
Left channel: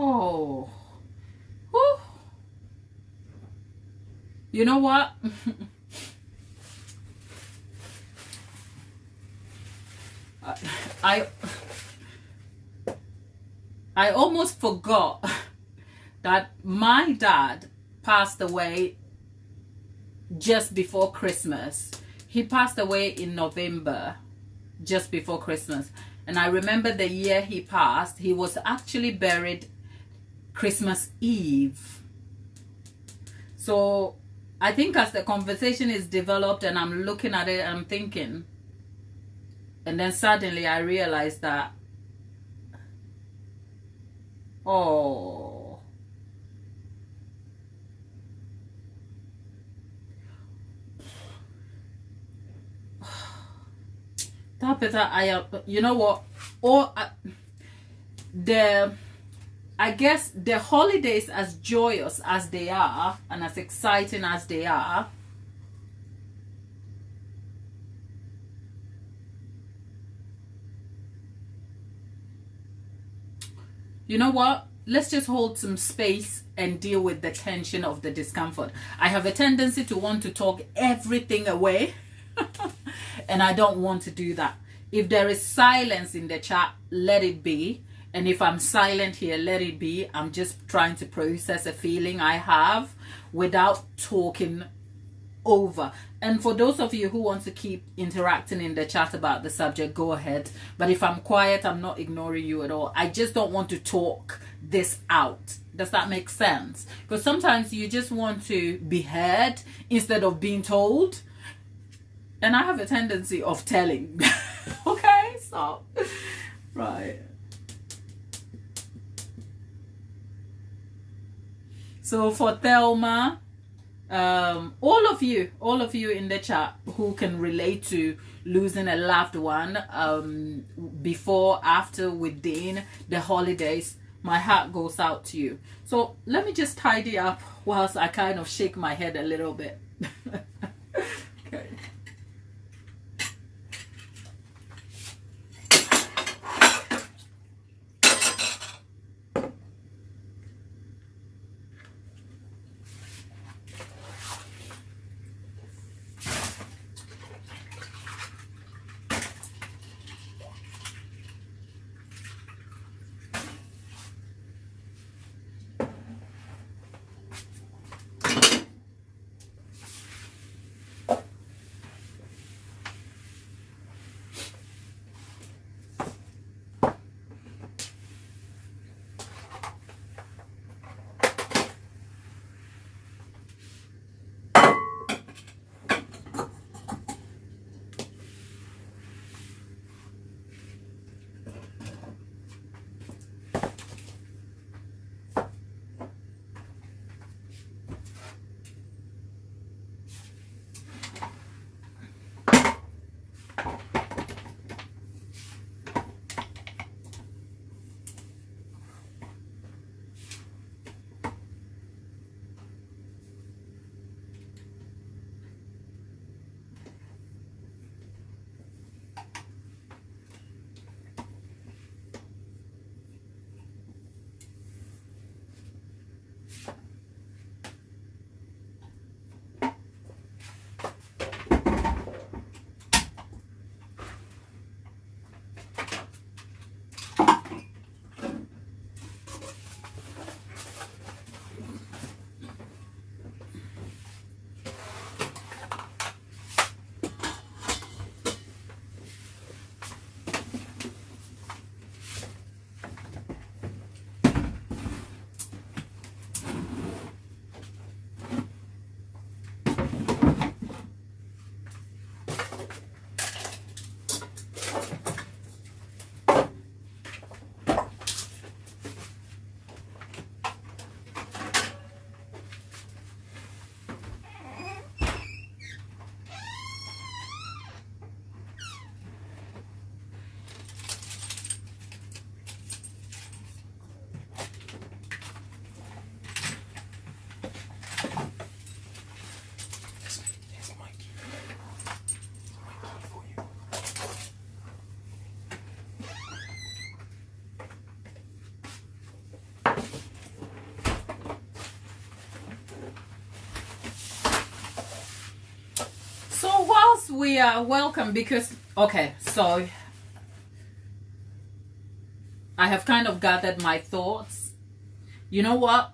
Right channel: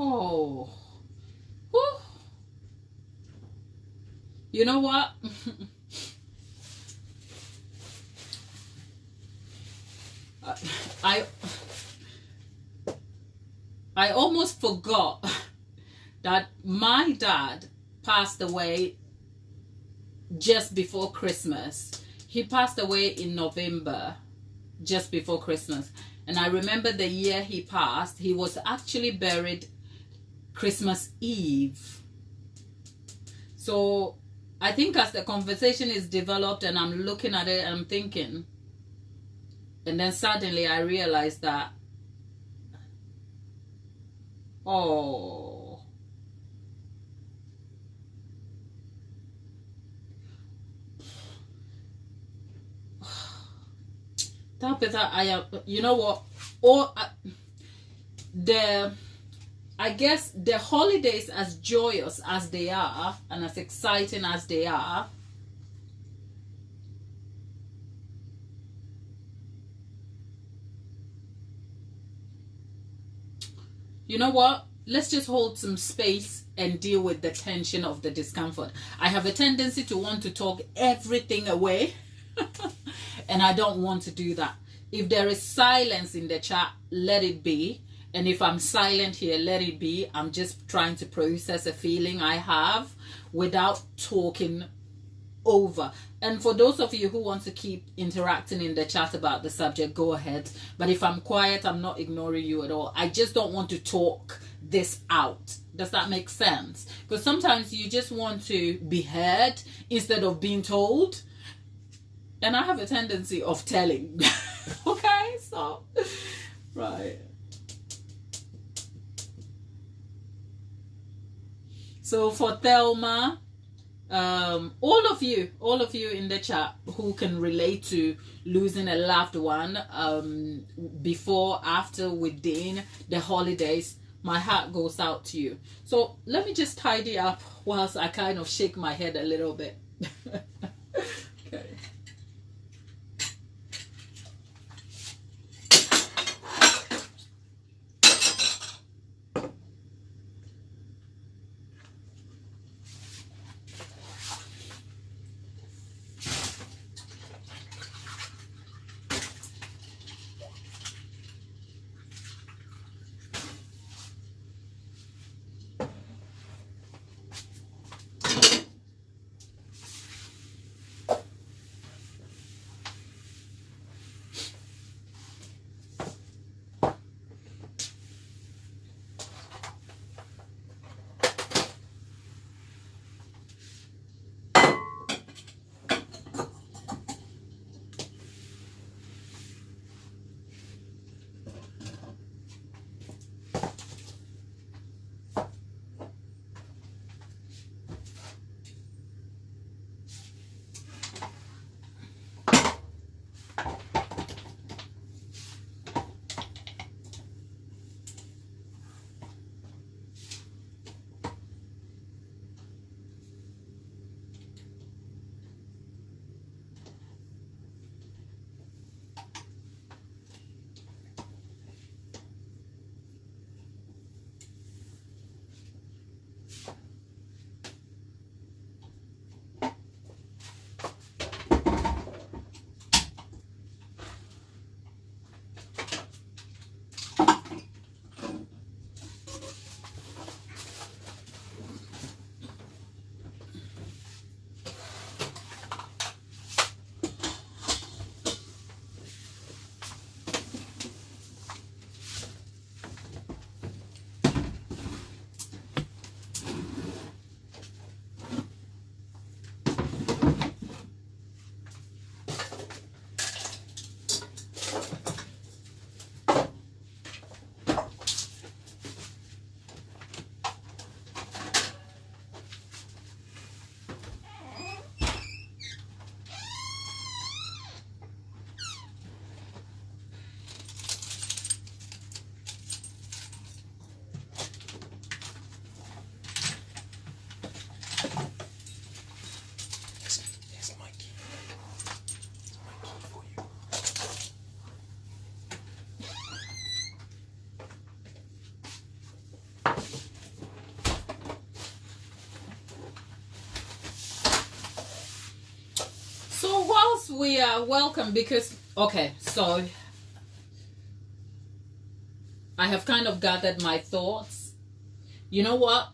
Oh, whew. You know what? I almost forgot that my dad passed away just before Christmas. He passed away in November, just before Christmas. And I remember the year he passed, he was actually buried Christmas Eve. So I think as the conversation is developed and I'm looking at it and I'm thinking, and then suddenly I realized that, oh, Tabitha, you know what? I guess the holidays, as joyous as they are and as exciting as they are, you know what? Let's just hold some space and deal with the tension of the discomfort. I have a tendency to want to talk everything away. And I don't want to do that. If there is silence in the chat, let it be. And if I'm silent here, let it be. I'm just trying to process a feeling I have without talking over. And for those of you who want to keep interacting in the chat about the subject, go ahead. But if I'm quiet, I'm not ignoring you at all. I just don't want to talk this out. Does that make sense? Because sometimes you just want to be heard instead of being told. And I have a tendency of telling. Okay, so, right. So for Thelma, all of you in the chat who can relate to losing a loved one, before, after, within the holidays, my heart goes out to you. So let me just tidy up whilst I kind of shake my head a little bit. Okay. we are welcome because, okay, so I have kind of gathered my thoughts. You know what?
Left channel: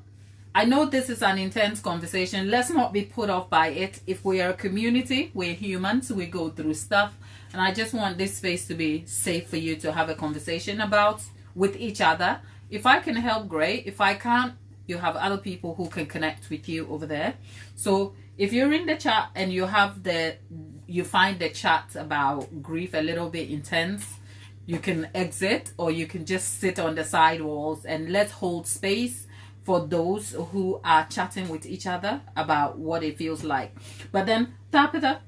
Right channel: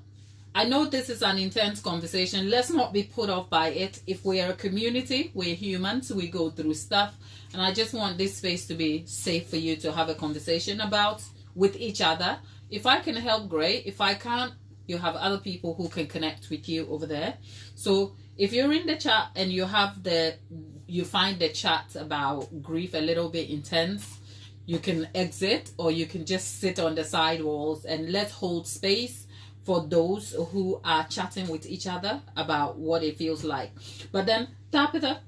I know this is an intense conversation. Let's not be put off by it. If we are a community, we're humans, we go through stuff. And I just want this space to be safe for you to have a conversation about with each other. If I can help, great. If I can't, you have other people who can connect with you over there. So if you're in the chat and you find the chat about grief a little bit intense, you can exit, or you can just sit on the side walls, and let's hold space for those who are chatting with each other about what it feels like. But then, Tapita,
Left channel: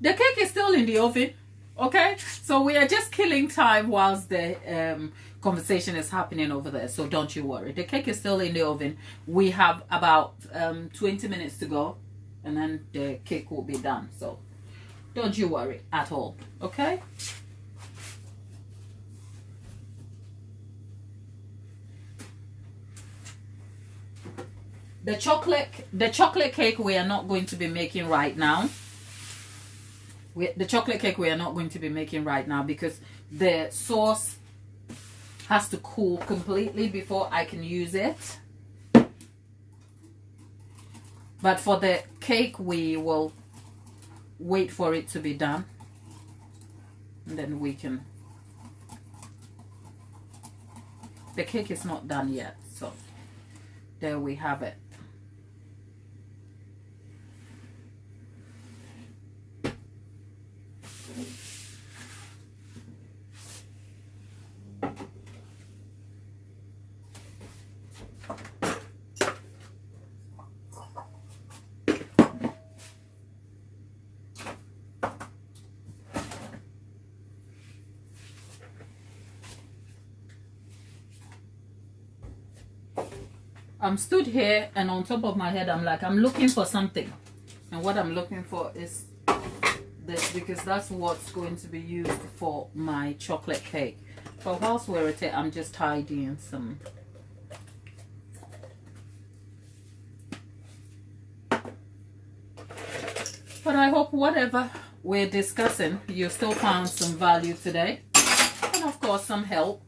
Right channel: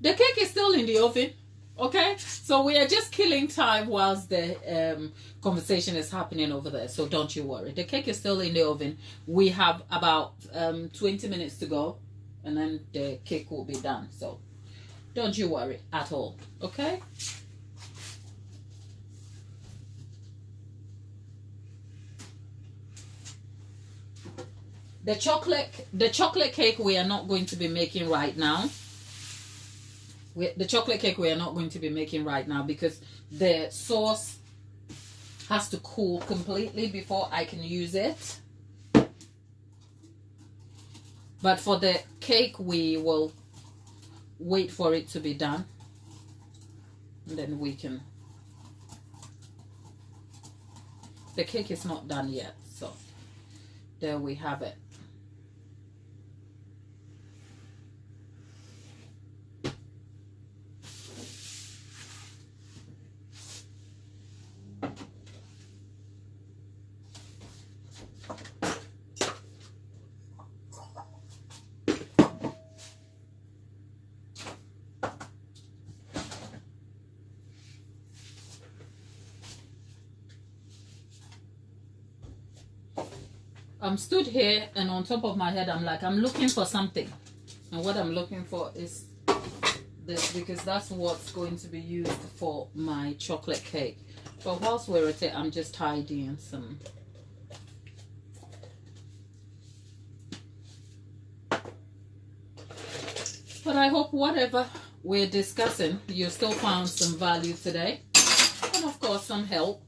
the cake is still in the oven, okay? So we are just killing time whilst the conversation is happening over there. So don't you worry. The cake is still in the oven. We have about 20 minutes to go, and then the cake will be done. So don't you worry at all, okay? The chocolate cake we are not going to be making right now. The chocolate cake we are not going to be making right now because the sauce has to cool completely before I can use it. But for the cake, we will wait for it to be done, and then we can. The cake is not done yet, so there we have it. I'm stood here, and on top of my head I'm like, I'm looking for something, and what I'm looking for is this, because that's what's going to be used for my chocolate cake. But whilst we're at it, I'm just tidying some. But I hope whatever we're discussing, you still found some value today, and of course some help,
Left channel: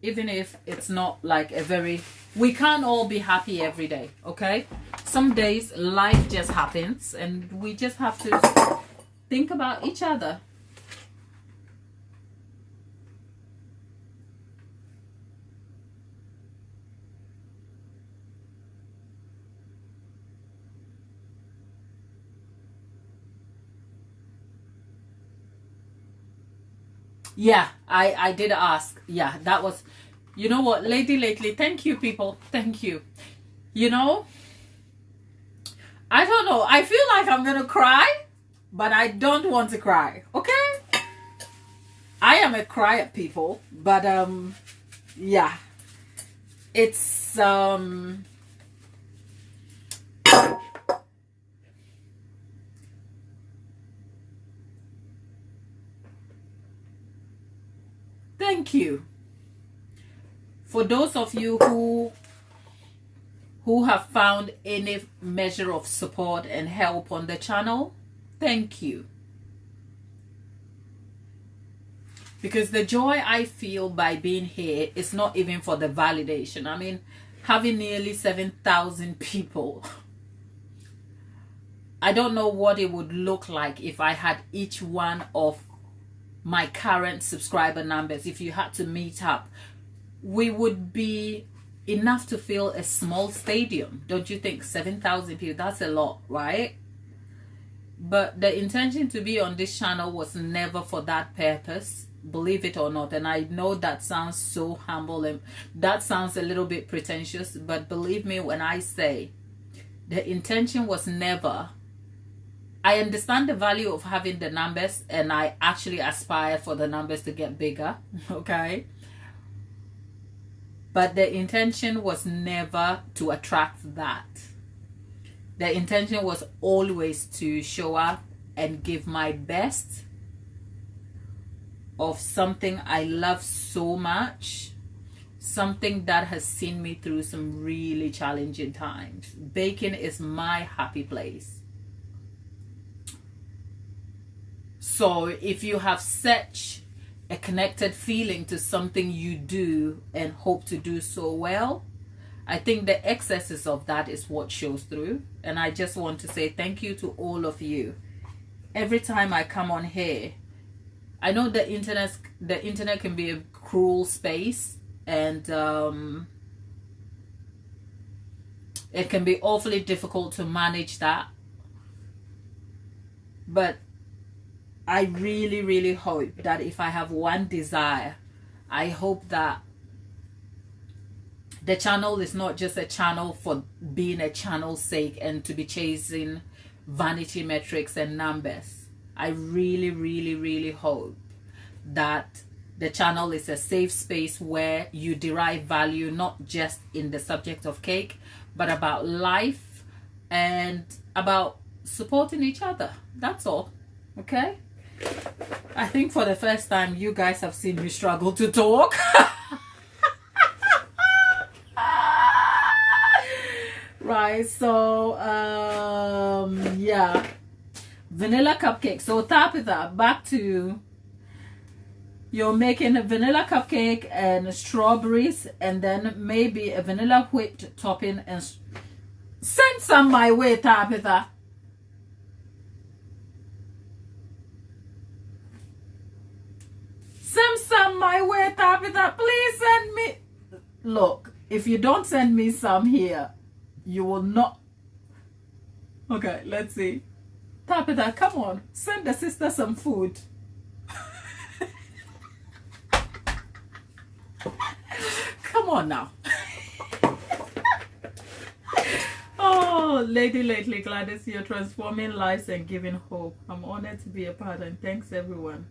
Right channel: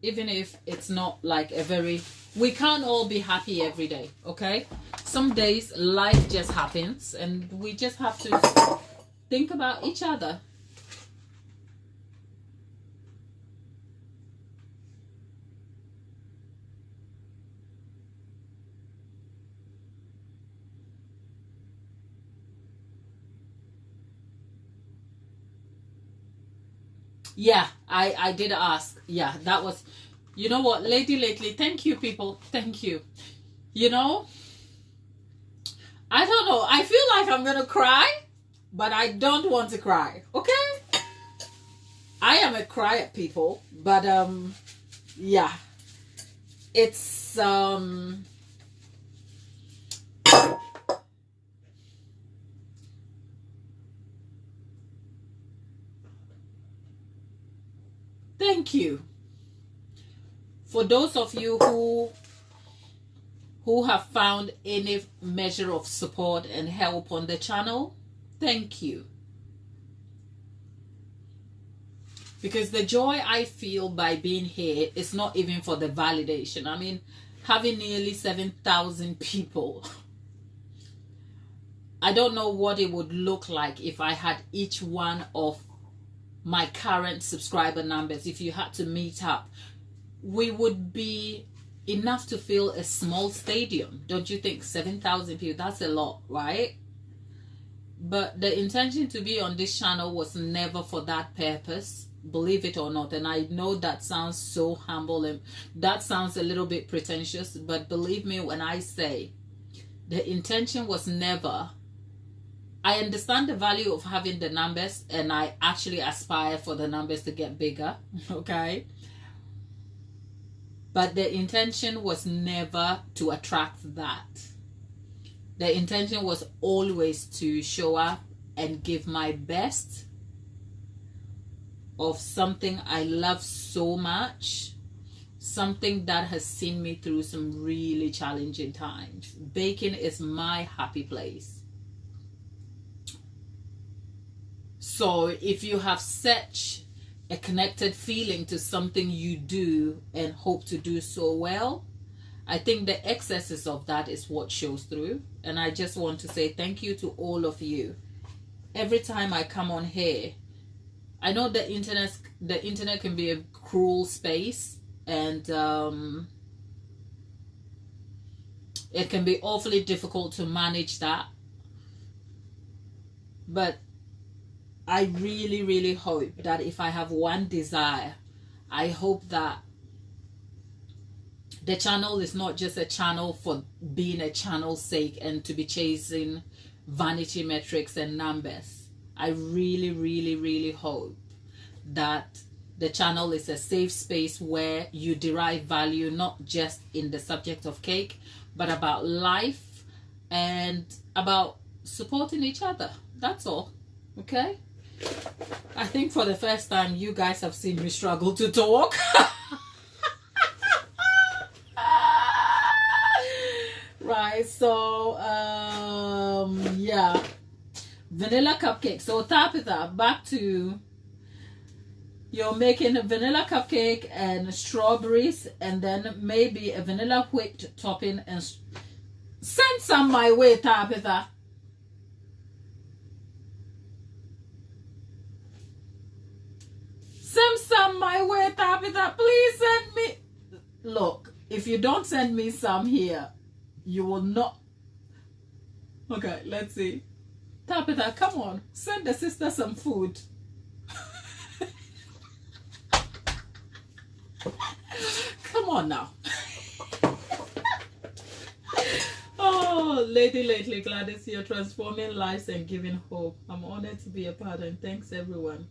even if it's not like a very, we can't all be happy every day, okay? Some days life just happens, and we just have to think about each other. Yeah, I did ask. Yeah, that was, you know what, Lady Lately, thank you, people. Thank you. You know, I don't know. I feel like I'm going to cry, but I don't want to cry. Okay? I am a crier, people. But, yeah. It's, thank you. For those of you who have found any measure of support and help on the channel, thank you. Because the joy I feel by being here is not even for the validation. I mean, having nearly 7,000 people, I don't know what it would look like if I had each one of my current subscriber numbers. If you had to meet up, we would be enough to fill a small stadium. Don't you think? 7,000 people, that's a lot, right? But the intention to be on this channel was never for that purpose, believe it or not. And I know that sounds so humble and that sounds a little bit pretentious, but believe me when I say the intention was never. I understand the value of having the numbers, and I actually aspire for the numbers to get bigger, okay? But the intention was never to attract that. The intention was always to show up and give my best of something I love so much, something that has seen me through some really challenging times. Baking is my happy place. So if you have such a connected feeling to something you do and hope to do so well, I think the excesses of that is what shows through. And I just want to say thank you to all of you. Every time I come on here, I know the internet can be a cruel space, and it can be awfully difficult to manage that. But I really, really hope that if I have one desire, I hope that the channel is not just a channel for being a channel's sake and to be chasing vanity metrics and numbers. I really, really, really hope that the channel is a safe space where you derive value, not just in the subject of cake, but about life and about supporting each other. That's all. Okay? I think for the first time, you guys have seen me struggle to talk. Right, so yeah, vanilla cupcake. So Tabitha, back to, you're making a vanilla cupcake and strawberries, and then maybe a vanilla whipped topping, and send some my way, Tabitha. Send some my way, Tabitha. Please send me. Look, if you don't send me some here, you will not. Okay, let's see. Tabitha, come on. Send the sister some food. Come on now. Oh, Lady Lately Gladys, you're transforming lives and giving hope. I'm honored to be a part, and thanks everyone.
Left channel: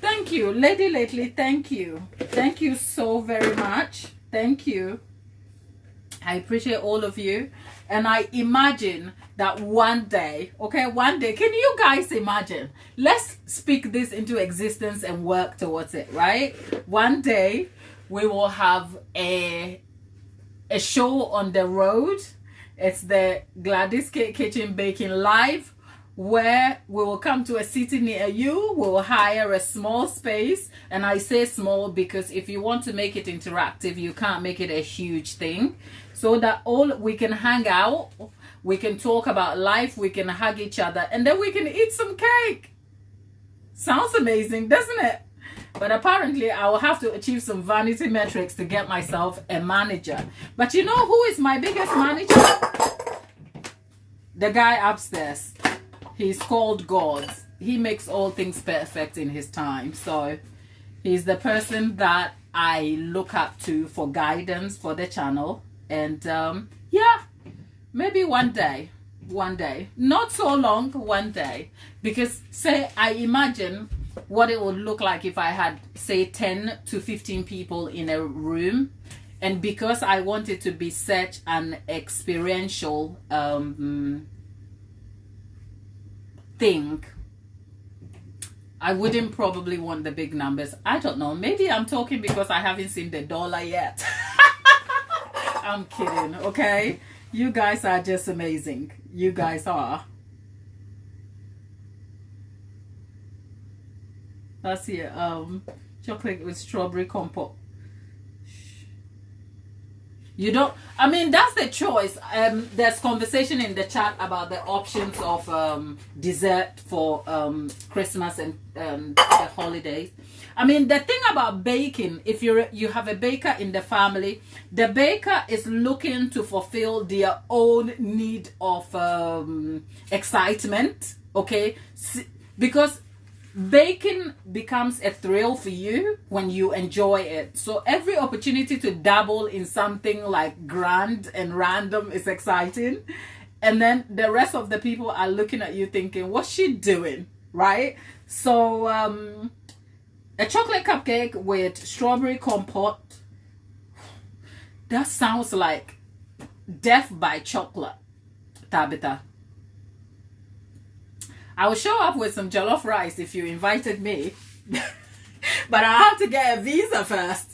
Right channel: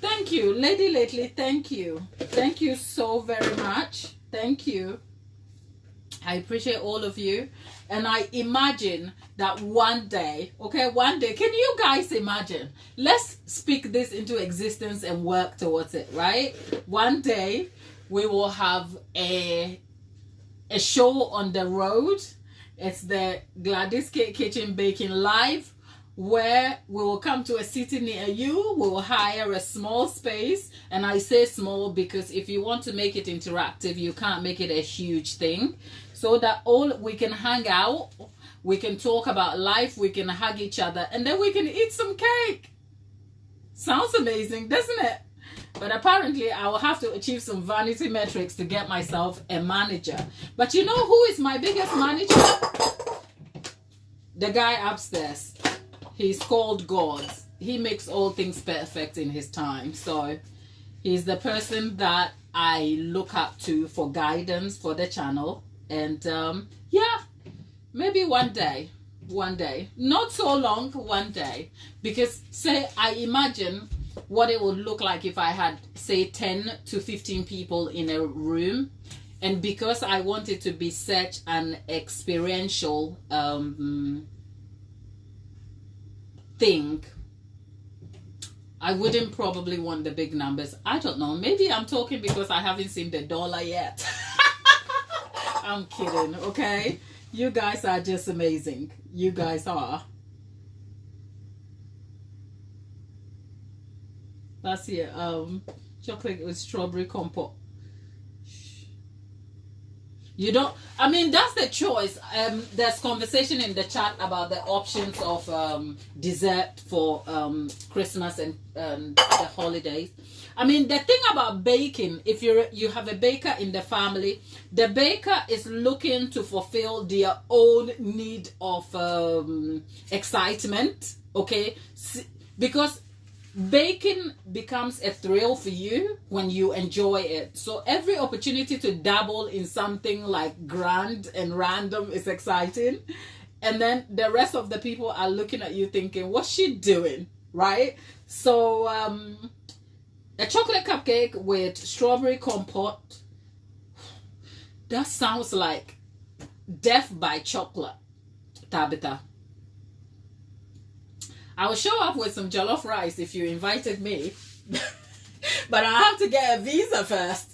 Thank you, Lady Lately. Thank you. Thank you so very much. Thank you. I appreciate all of you. And I imagine that one day, okay, one day, can you guys imagine? Let's speak this into existence and work towards it, right? One day, we will have a show on the road. It's the Gladys Cake Kitchen Baking Live, where we will come to a city near you. We will hire a small space, and I say small because if you want to make it interactive, you can't make it a huge thing, so that all we can hang out, we can talk about life, we can hug each other, and then we can eat some cake. Sounds amazing, doesn't it? But apparently I will have to achieve some vanity metrics to get myself a manager. But you know who is my biggest manager? The guy upstairs. He's called God. He makes all things perfect in his time. So he's the person that I look up to for guidance for the channel. And yeah, maybe one day, not so long, one day. Because say, I imagine what it would look like if I had, say, 10 to 15 people in a room. And because I want it to be such an experiential thing, I wouldn't probably want the big numbers. I don't know. Maybe I'm talking because I haven't seen the dollar yet. I'm kidding, okay? You guys are just amazing. You guys are. That's here. Chocolate with strawberry compote. You don't, I mean, that's the choice. There's conversation in the chat about the options of dessert for Christmas and the holidays. I mean, the thing about baking, if you have a baker in the family, the baker is looking to fulfill their own need of excitement, okay? Because baking becomes a thrill for you when you enjoy it. So every opportunity to dabble in something like grand and random is exciting. And then the rest of the people are looking at you thinking, what's she doing? Right? So a chocolate cupcake with strawberry compote, that sounds like death by chocolate, Tabitha. I will show up with some jollof rice if you invited me. But I have to get a visa first.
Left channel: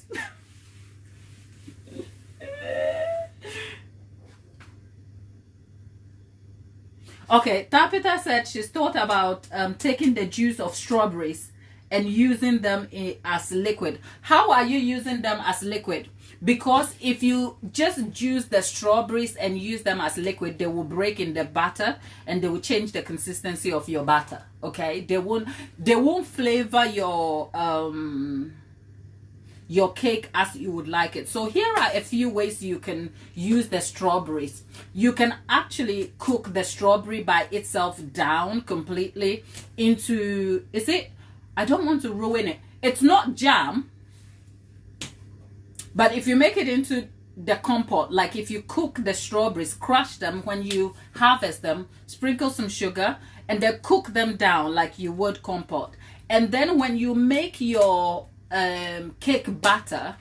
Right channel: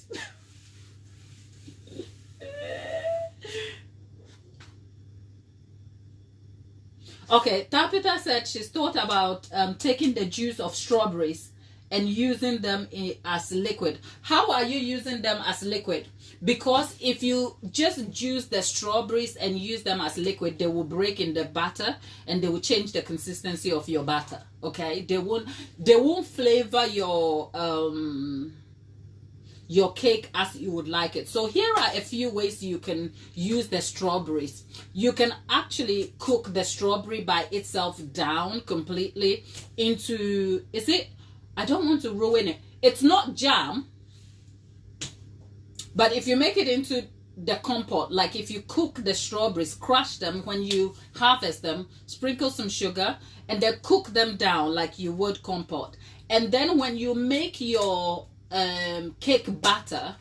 Okay, Tapita said she's thought about taking the juice of strawberries and using them as liquid. How are you using them as liquid? Because if you just juice the strawberries and use them as liquid, they will break in the batter and they will change the consistency of your batter. Okay, they won't flavor your cake as you would like it. So here are a few ways you can use the strawberries. You can actually cook the strawberry by itself down completely into, I don't want to ruin it. It's not jam, but if you make it into the compote, like if you cook the strawberries, crush them when you harvest them, sprinkle some sugar, and then cook them down like you would compote. And then when you make your cake batter,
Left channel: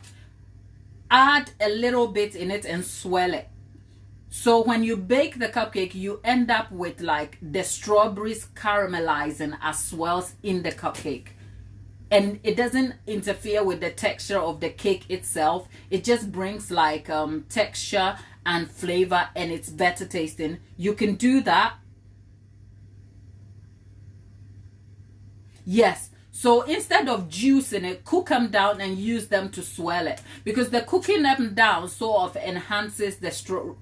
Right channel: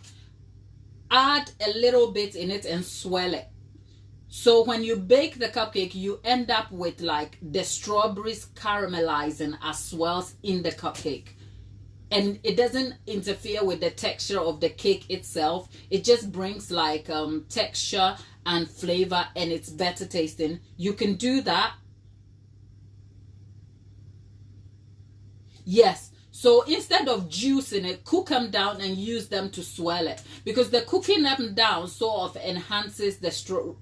add a little bit in it and swirl it. So when you bake the cupcake, you end up with like the strawberries caramelizing as well in the cupcake. And it doesn't interfere with the texture of the cake itself. It just brings like texture and flavor, and it's better tasting. You can do that. Yes. So instead of juicing it, cook them down and use them to swirl it. Because the cooking them down sort of enhances the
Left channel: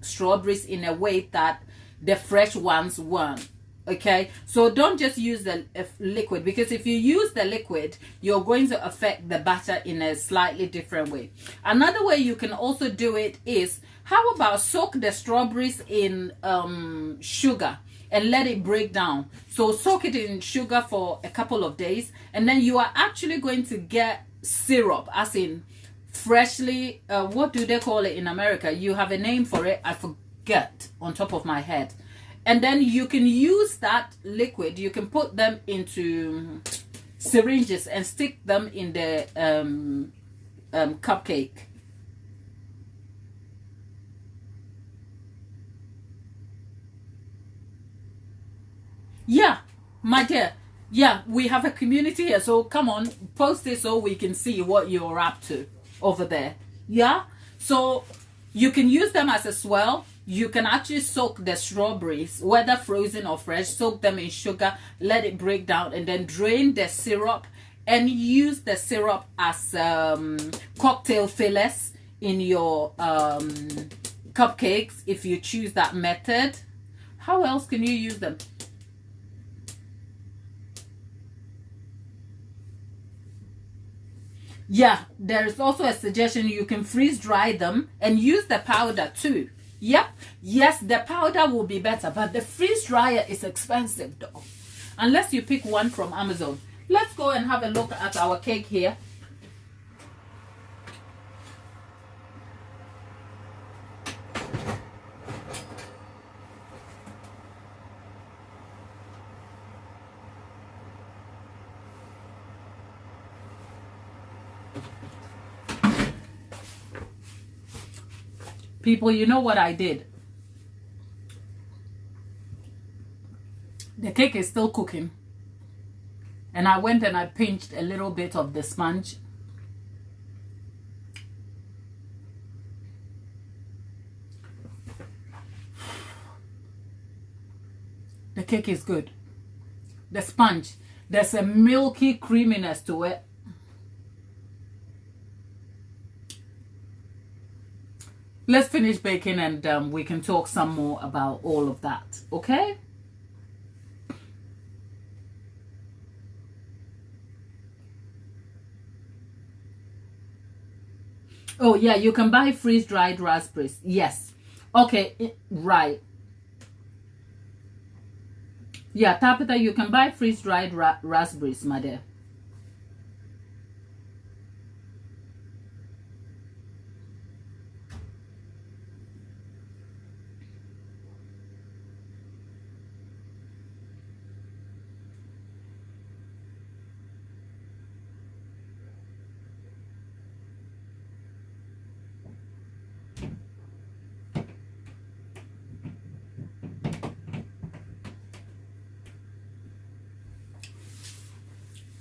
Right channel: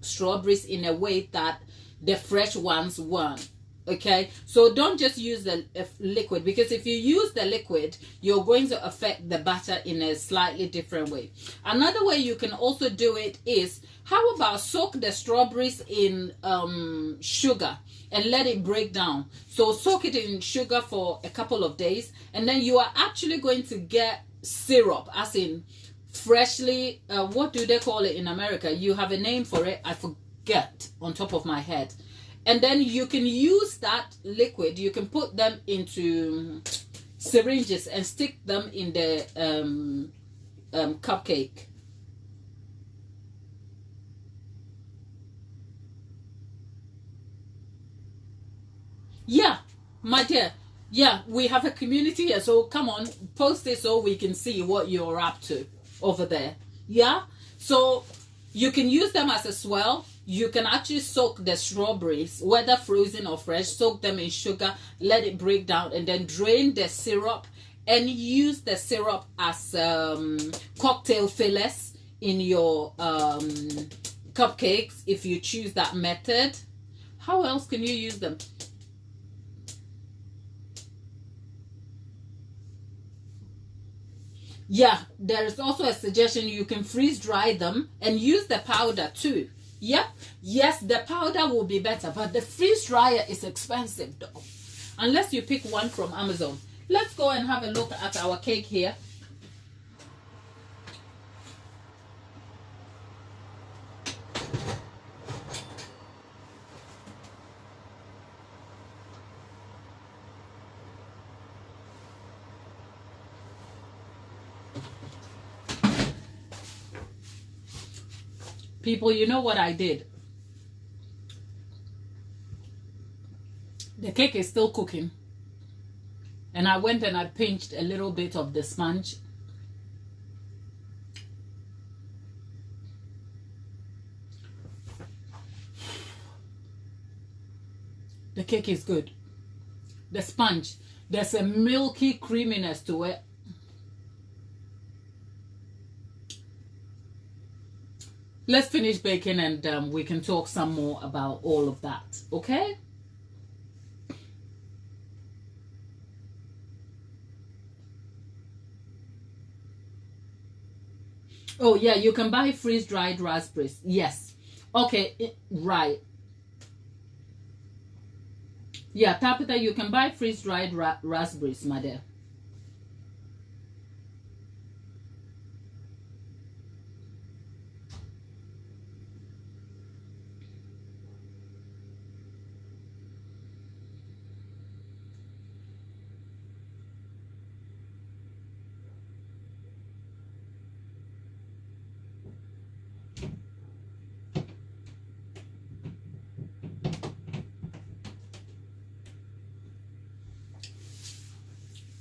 strawberries in a way that the fresh ones won't. Okay, so don't just use the liquid, because if you use the liquid, you're going to affect the batter in a slightly different way. Another way you can also do it is, how about soak the strawberries in sugar and let it break down. So soak it in sugar for a couple of days, and then you are actually going to get syrup, as in freshly, what do they call it in America? You have a name for it, I forget on top of my head. And then you can use that liquid, you can put them into syringes and stick them in the cupcake. Yeah, my dear. Yeah, we have a community here, so come on, post it so we can see what you're up to over there. Yeah, so you can use them as a swirl. You can actually soak the strawberries, whether frozen or fresh, soak them in sugar, let it break down, and then drain the syrup and use the syrup as cocktail fillers in your cupcakes if you choose that method. How else can you use them? Yeah, there's also a suggestion, you can freeze dry them and use the powder too. Yep, yes, the powder will be better, but the freeze dryer is expensive though, unless you pick one from Amazon. Let's go and have a look at our cake here. People, you know what I did? The cake is still cooking. And I went and I pinched a little bit of the sponge. The cake is good. The sponge, there's a milky creaminess to it. Let's finish baking and we can talk some more about all of that, okay? Oh, yeah, you can buy freeze-dried raspberries. Yes. Okay, right. Yeah, Tapita, you can buy freeze-dried raspberries, my dear.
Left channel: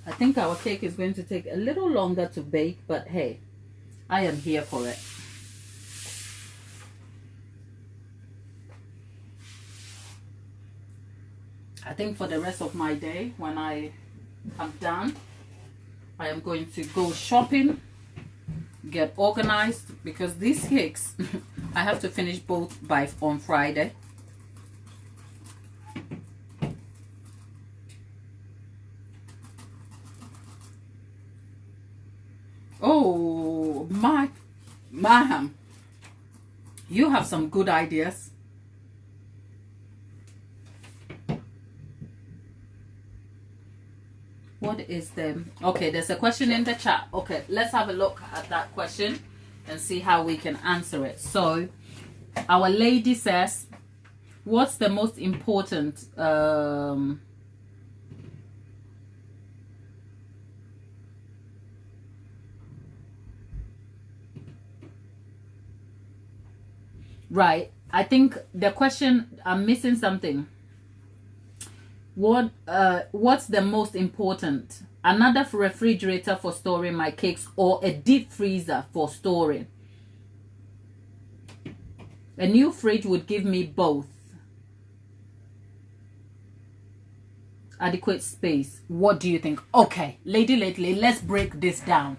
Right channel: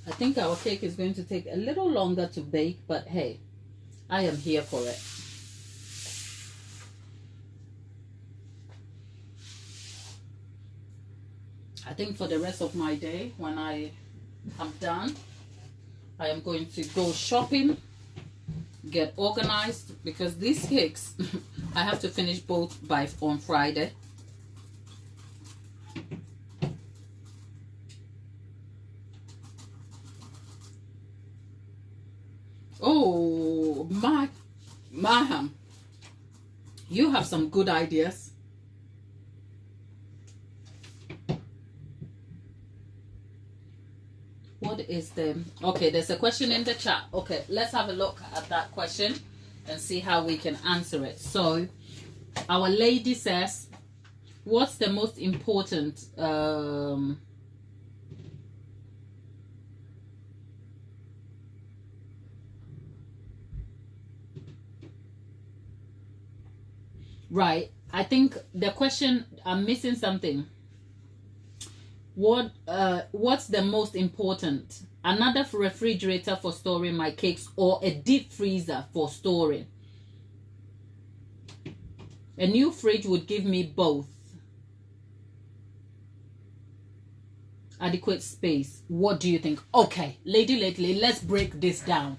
I think our cake is going to take a little longer to bake, but hey, I am here for it. I think for the rest of my day, when I am done, I am going to go shopping, get organized, because these cakes, I have to finish both by on Friday. Oh, ma'am, you have some good ideas. What is the... Okay, there's a question in the chat. Okay, let's have a look at that question and see how we can answer it. So, our lady says, what's the most important... Right, I think the question, I'm missing something. What's the most important? Another refrigerator for storing my cakes or a deep freezer for storing? A new fridge would give me both. Adequate space. What do you think? Okay, Lady Lately, let's break this down.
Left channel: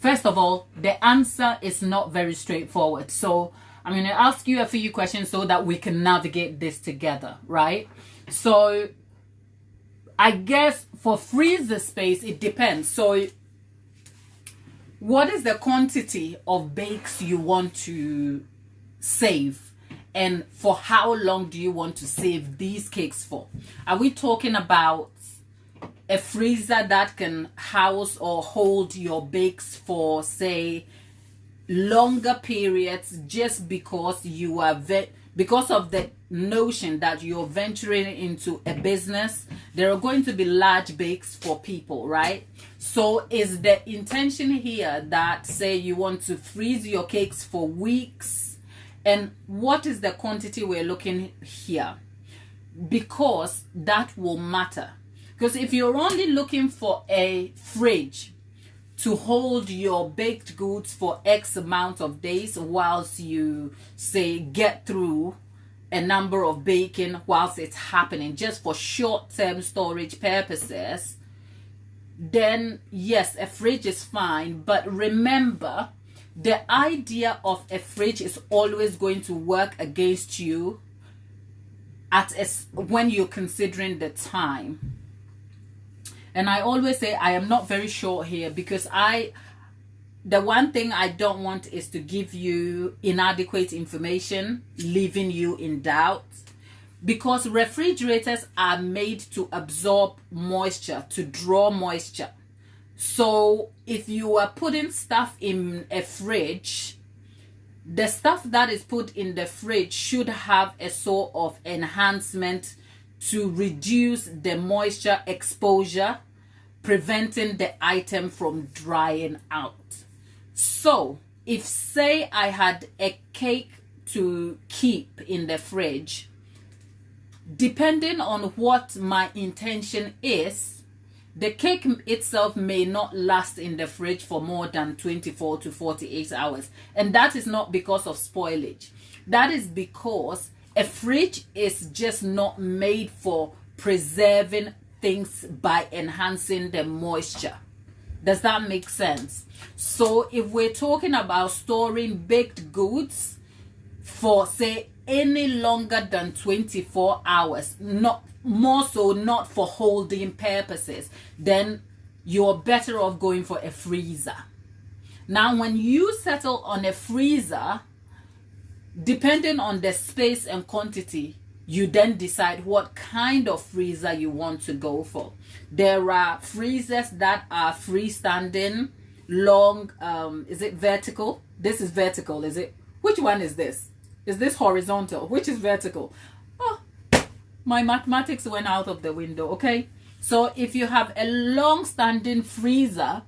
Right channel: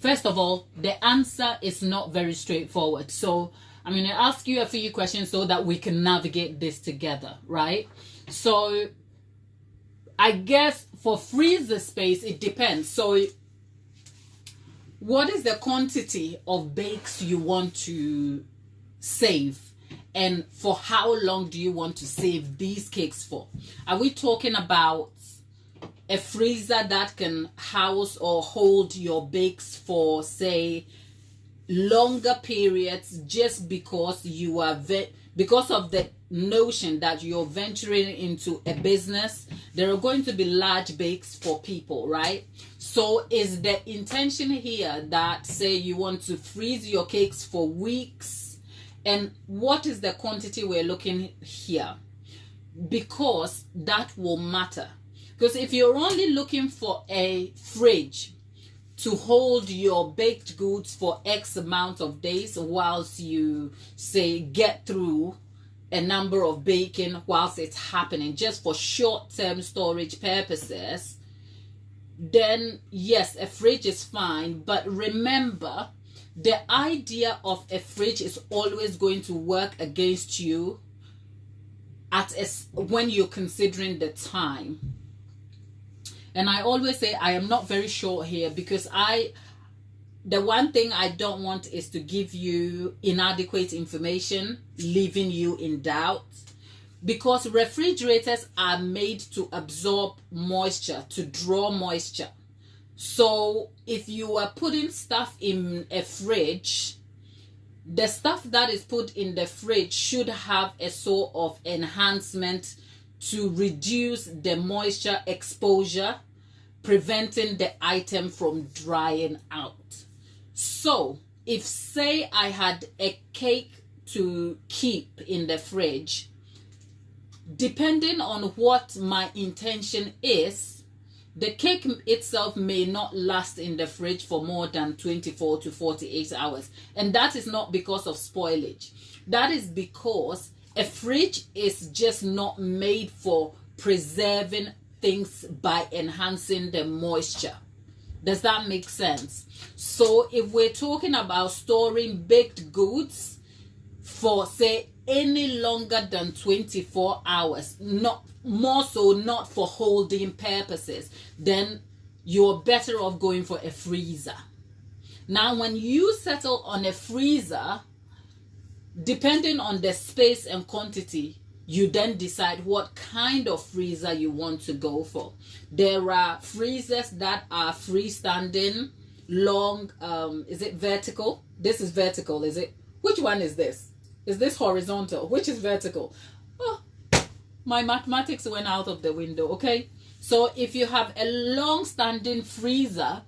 First of all, the answer is not very straightforward. So I'm going to ask you a few questions so that we can navigate this together, right? So I guess for freezer space, it depends. So what is the quantity of bakes you want to save? And for how long do you want to save these cakes for? Are we talking about a freezer that can house or hold your bakes for, say, longer periods, just because you are because of the notion that you're venturing into a business? There are going to be large bakes for people, right? So is the intention here that, say, you want to freeze your cakes for weeks? And what is the quantity we're looking here? Because that will matter. Because if you're only looking for a fridge to hold your baked goods for X amount of days whilst you, say, get through a number of baking whilst it's happening, just for short-term storage purposes, then yes, a fridge is fine. But remember, the idea of a fridge is always going to work against you when you're considering the time. And I always say I am not very sure here, because the one thing I don't want is to give you inadequate information, leaving you in doubt. Because refrigerators are made to absorb moisture, to draw moisture. So if you are putting stuff in a fridge, the stuff that is put in the fridge should have a sort of enhancement to reduce the moisture exposure, preventing the item from drying out. So if, say, I had a cake to keep in the fridge, depending on what my intention is, the cake itself may not last in the fridge for more than 24 to 48 hours. And that is not because of spoilage. That is because a fridge is just not made for preserving things by enhancing the moisture. Does that make sense? So if we're talking about storing baked goods for, say, any longer than 24 hours, not more so, not for holding purposes, then you're better off going for a freezer. Now, when you settle on a freezer, depending on the space and quantity, you then decide what kind of freezer you want to go for. There are freezers that are freestanding, long, is it vertical? This is vertical, is it? Which one is this? Is this horizontal? Which is vertical? Oh, my mathematics went out of the window, okay? So if you have a long-standing freezer,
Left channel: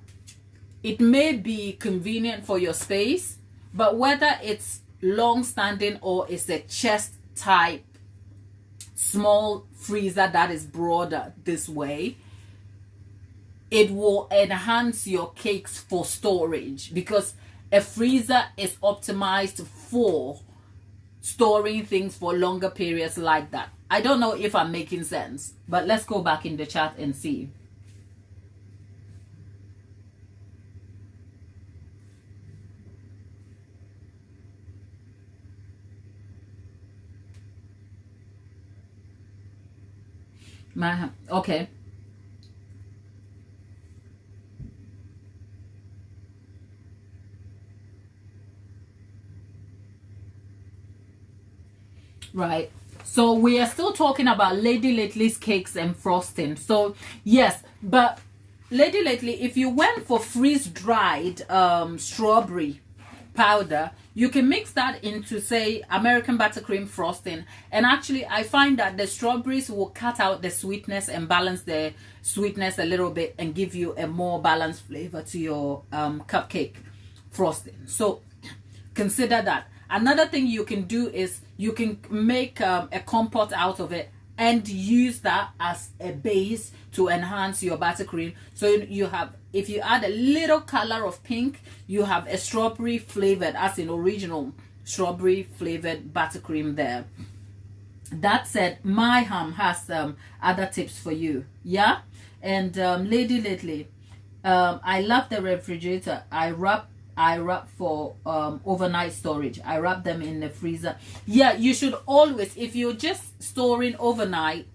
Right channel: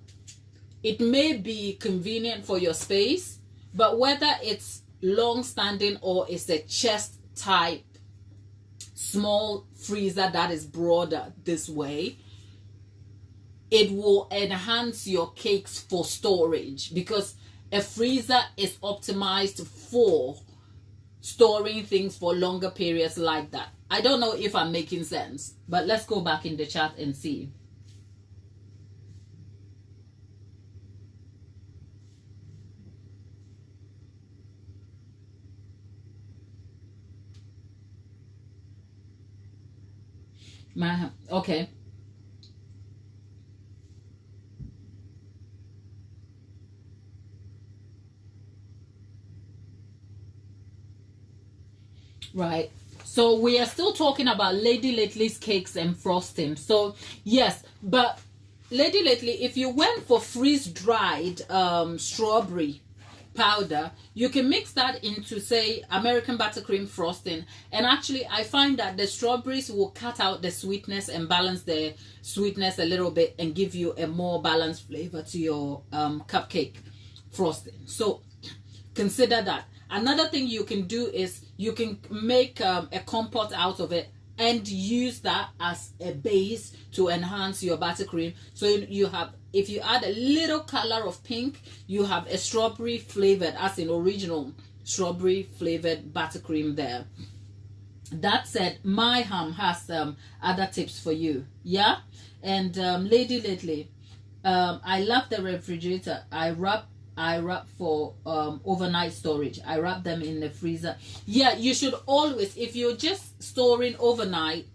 it may be convenient for your space, but whether it's long-standing or it's a chest type small freezer that is broader this way, it will enhance your cakes for storage, because a freezer is optimized for storing things for longer periods like that. I don't know if I'm making sense, but let's go back in the chat and see. Okay. Right. So we are still talking about Lady Lately's cakes and frosting. So yes, but Lady Lately, if you went for freeze-dried strawberry powder, you can mix that into, say, American buttercream frosting, and actually I find that the strawberries will cut out the sweetness and balance the sweetness a little bit and give you a more balanced flavor to your cupcake frosting. So consider that. Another thing you can do is you can make a compote out of it and use that as a base to enhance your buttercream. So you have, if you add a little color of pink, you have a strawberry flavored, as in original strawberry flavored buttercream there. That said, my ham has other tips for you. Yeah. And Lady Lately, I love the refrigerator. I wrap for overnight storage. I wrap them in the freezer. Yeah, you should always, if you're just storing overnight,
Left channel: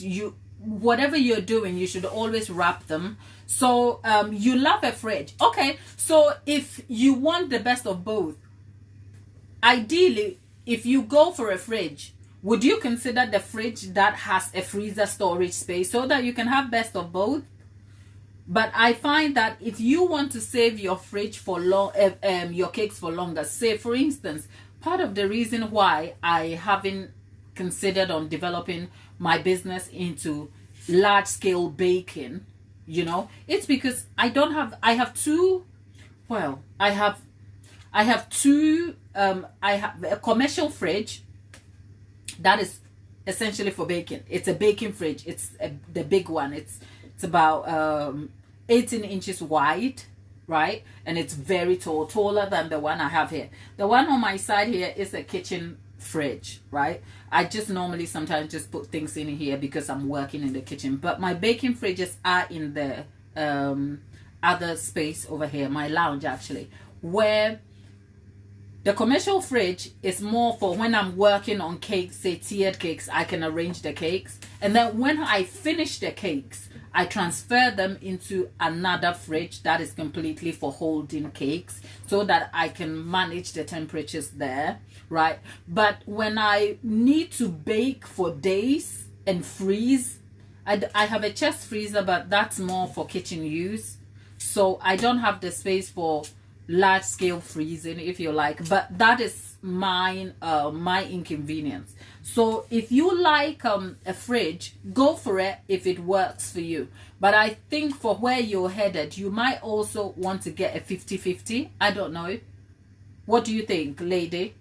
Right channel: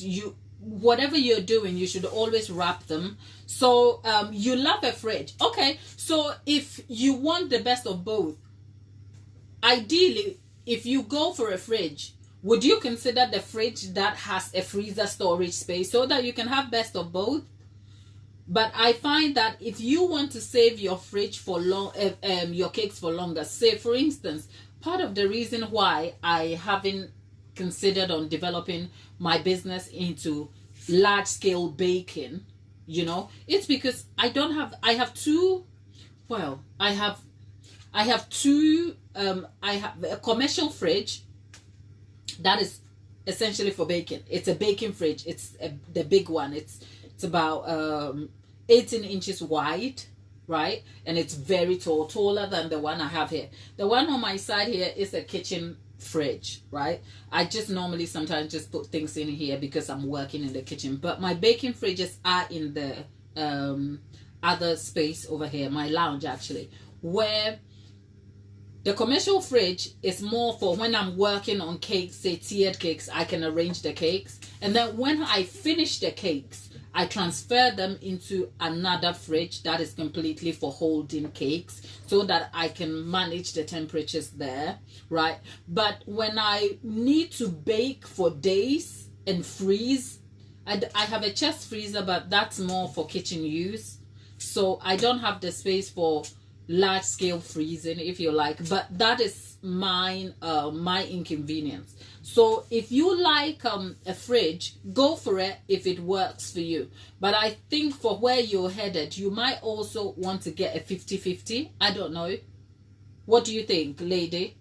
you, whatever you're doing, you should always wrap them. So you love a fridge. Okay, so if you want the best of both, ideally, if you go for a fridge, would you consider the fridge that has a freezer storage space so that you can have best of both? But I find that if you want to save your fridge for your cakes for longer, say for instance, part of the reason why I haven't considered on developing my business into large scale baking, you know, it's because I have a commercial fridge that is essentially for baking. It's a baking fridge. It's the big one. It's about 18 inches wide, right? And it's very tall, taller than the one I have here. The one on my side here is a kitchen fridge, right? I just normally sometimes just put things in here because I'm working in the kitchen. But my baking fridges are in the other space over here, my lounge actually, where the commercial fridge is more for when I'm working on cakes, say tiered cakes, I can arrange the cakes. And then when I finish the cakes, I transfer them into another fridge that is completely for holding cakes so that I can manage the temperatures there, right? But when I need to bake for days and freeze, I have a chest freezer, but that's more for kitchen use. So I don't have the space for large scale freezing, if you like, but that is mine, my inconvenience. So if you like a fridge, go for it if it works for you. But I think for where you're headed, you might also want to get a 50-50. I don't know. What do you think, lady?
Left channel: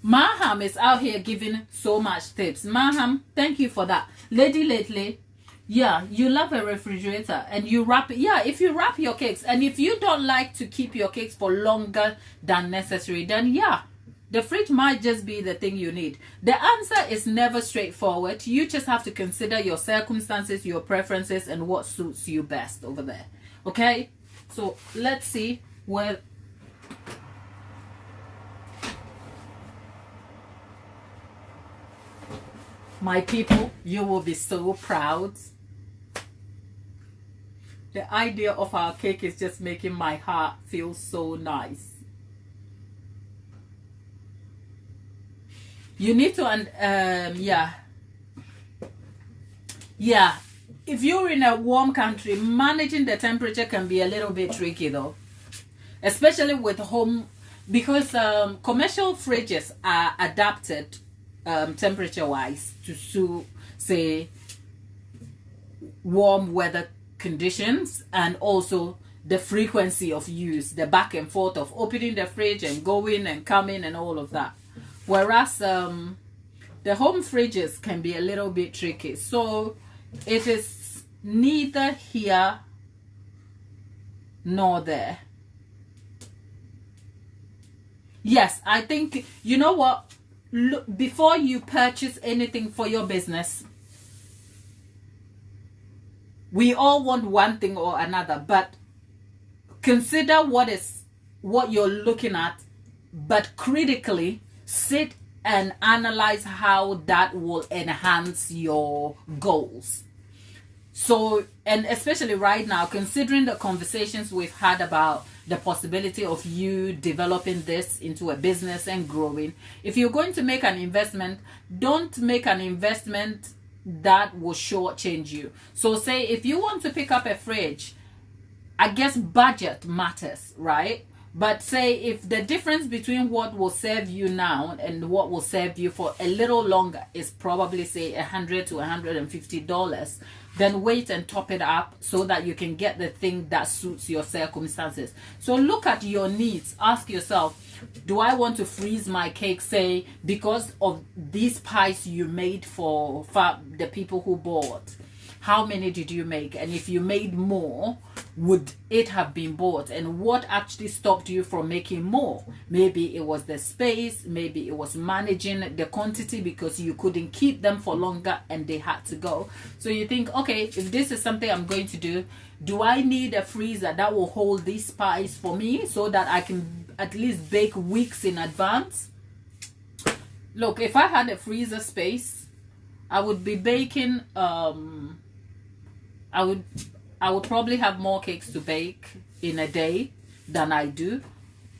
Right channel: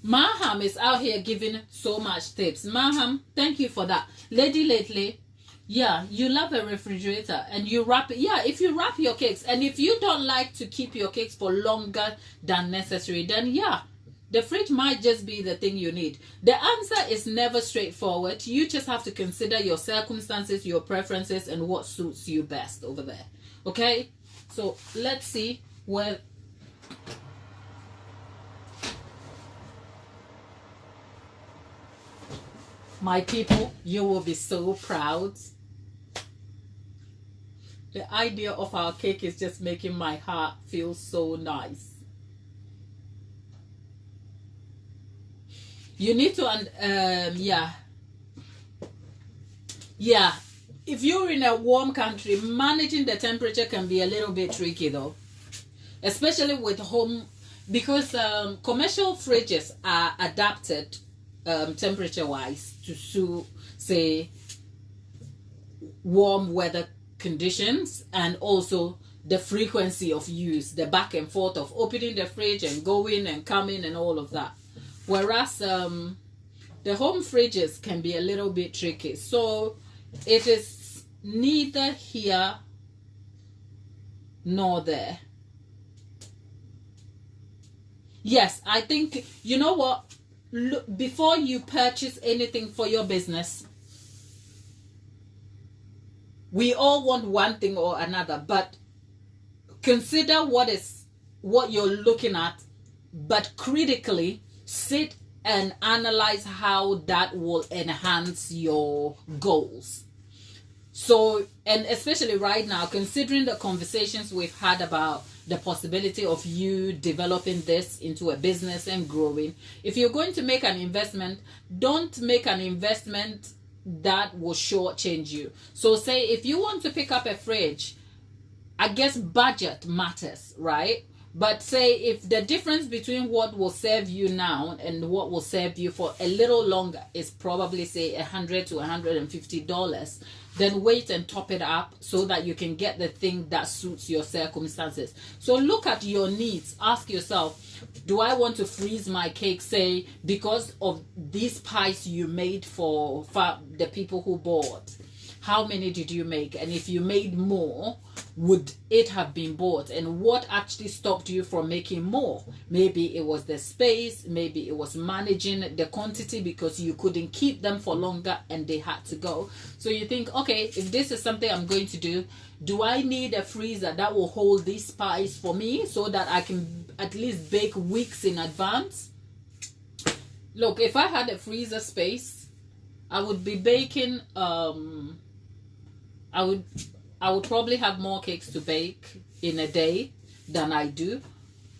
Maham is out here giving so much tips. Maham, thank you for that. Lady Lately, yeah, you love a refrigerator and you wrap it. Yeah, if you wrap your cakes, and if you don't like to keep your cakes for longer than necessary, then yeah, the fridge might just be the thing you need. The answer is never straightforward. You just have to consider your circumstances, your preferences, and what suits you best over there. Okay, so let's see where... My people, you will be so proud. The idea of our cake is just making my heart feel so nice. You need to, yeah. If you're in a warm country, managing the temperature can be a little bit tricky though, especially with home, because commercial fridges are adapted temperature wise to suit, say, warm weather conditions, and also the frequency of use, the back and forth of opening the fridge and going and coming and all of that. Whereas the home fridges can be a little bit tricky. So it is neither here nor there. Yes, I think, you know what? Look, before you purchase anything for your business, we all want one thing or another, but consider what you're looking at, but critically sit and analyze how that will enhance your goals. So, and especially right now, considering the conversations we've had about the possibility of you developing this into a business and growing, if you're going to make an investment, don't make an investment that will shortchange you. So say if you want to pick up a fridge, I guess budget matters, right? But say if the difference between what will serve you now and what will serve you for a little longer is probably say $100 to $150, then wait and top it up so that you can get the thing that suits your circumstances. So look at your needs. Ask yourself, do I want to freeze my cake, say, because of these pies you made for the people who bought? How many did you make? And if you made more, would it have been bought? And what actually stopped you from making more? Maybe it was the space, maybe it was managing the quantity because you couldn't keep them for longer and they had to go. So you think, okay, if this is something I'm going to do I need a freezer that will hold these pies for me so that I can at least bake weeks in advance? Look, if I had a freezer space, I would be baking, I would probably have more cakes to bake in a day than I do.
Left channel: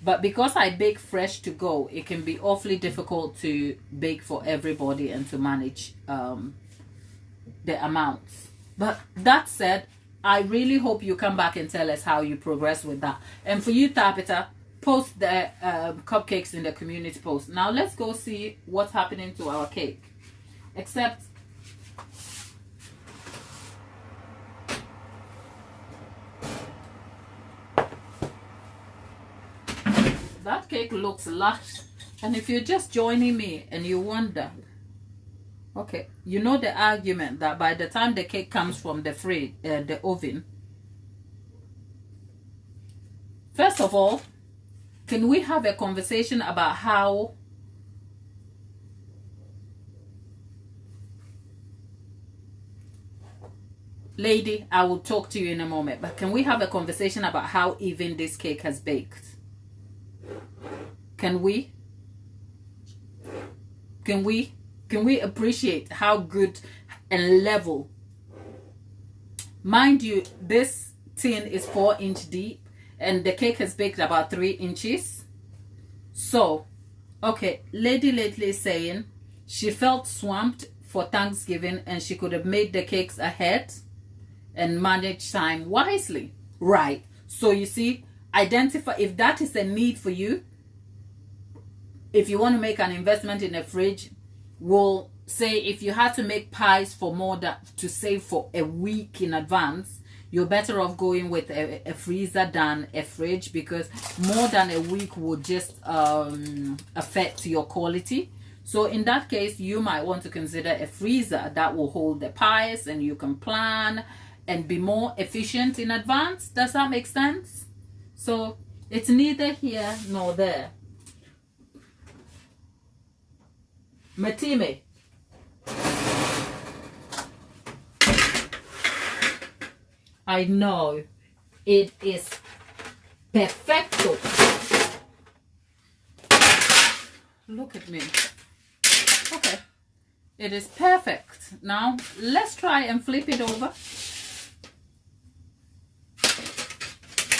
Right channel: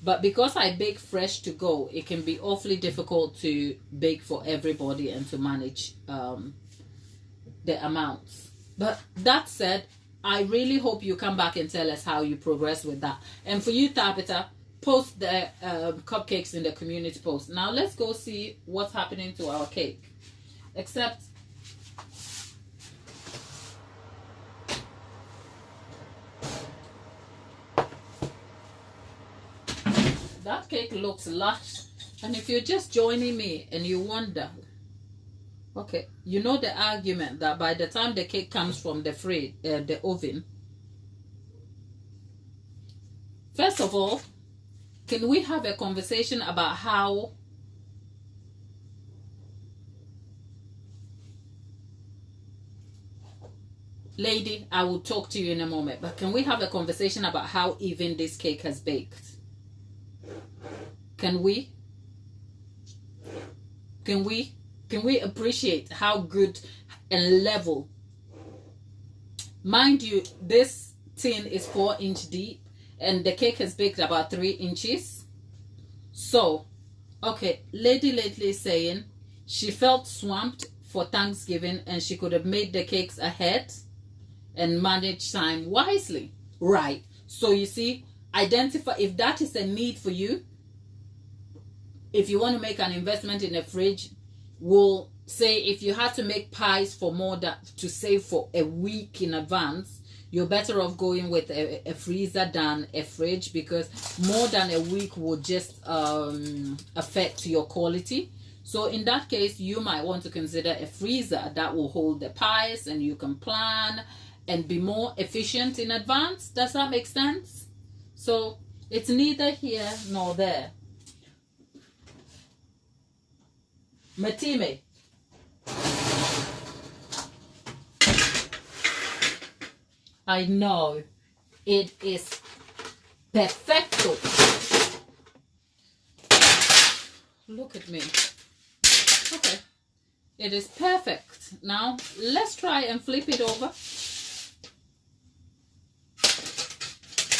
But because I bake fresh to go, it can be awfully difficult to bake for everybody and to manage the amounts. But that said, I really hope you come back and tell us how you progress with that. And for you, Tabitha, post the cupcakes in the community post. Now let's go see what's happening to our cake. Except that cake looks lush. And if you're just joining me and you wonder, okay, you know the argument that by the time the cake comes from the oven, first of all, can we have a conversation about how lady, I will talk to you in a moment, but can we have a conversation about how even this cake has baked? Can we appreciate how good and level? Mind you, this tin is 4-inch deep and the cake has baked about 3 inches. So, okay, lady lately is saying she felt swamped for Thanksgiving and she could have made the cakes ahead and managed time wisely. Right. So you see, identify if that is a need for you. If you want to make an investment in a fridge, we'll say if you had to make pies for more to save for a week in advance, you're better off going with a freezer than a fridge, because more than a week would just affect your quality. So in that case, you might want to consider a freezer that will hold the pies and you can plan and be more efficient in advance. Does that make sense? So it's neither here nor there. Matime. I know. It is perfecto. Look at me. Okay. It is perfect. Now, let's try and flip it over.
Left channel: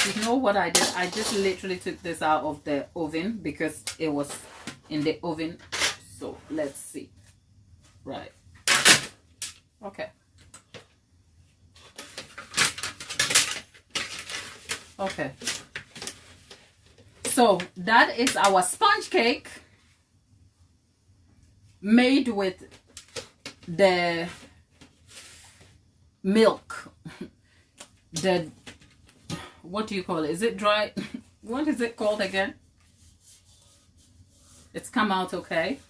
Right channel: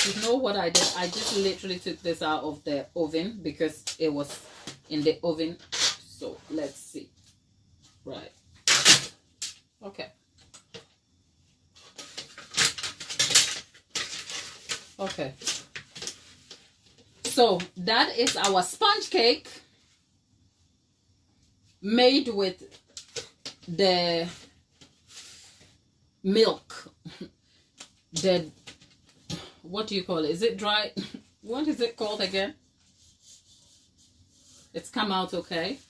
You know what I did? I just literally took this out of the oven because it was in the oven. So let's see. Right. Okay. Okay. So that is our sponge cake made with the milk, the, what do you call it? Is it dry? What is it called again? It's come out okay.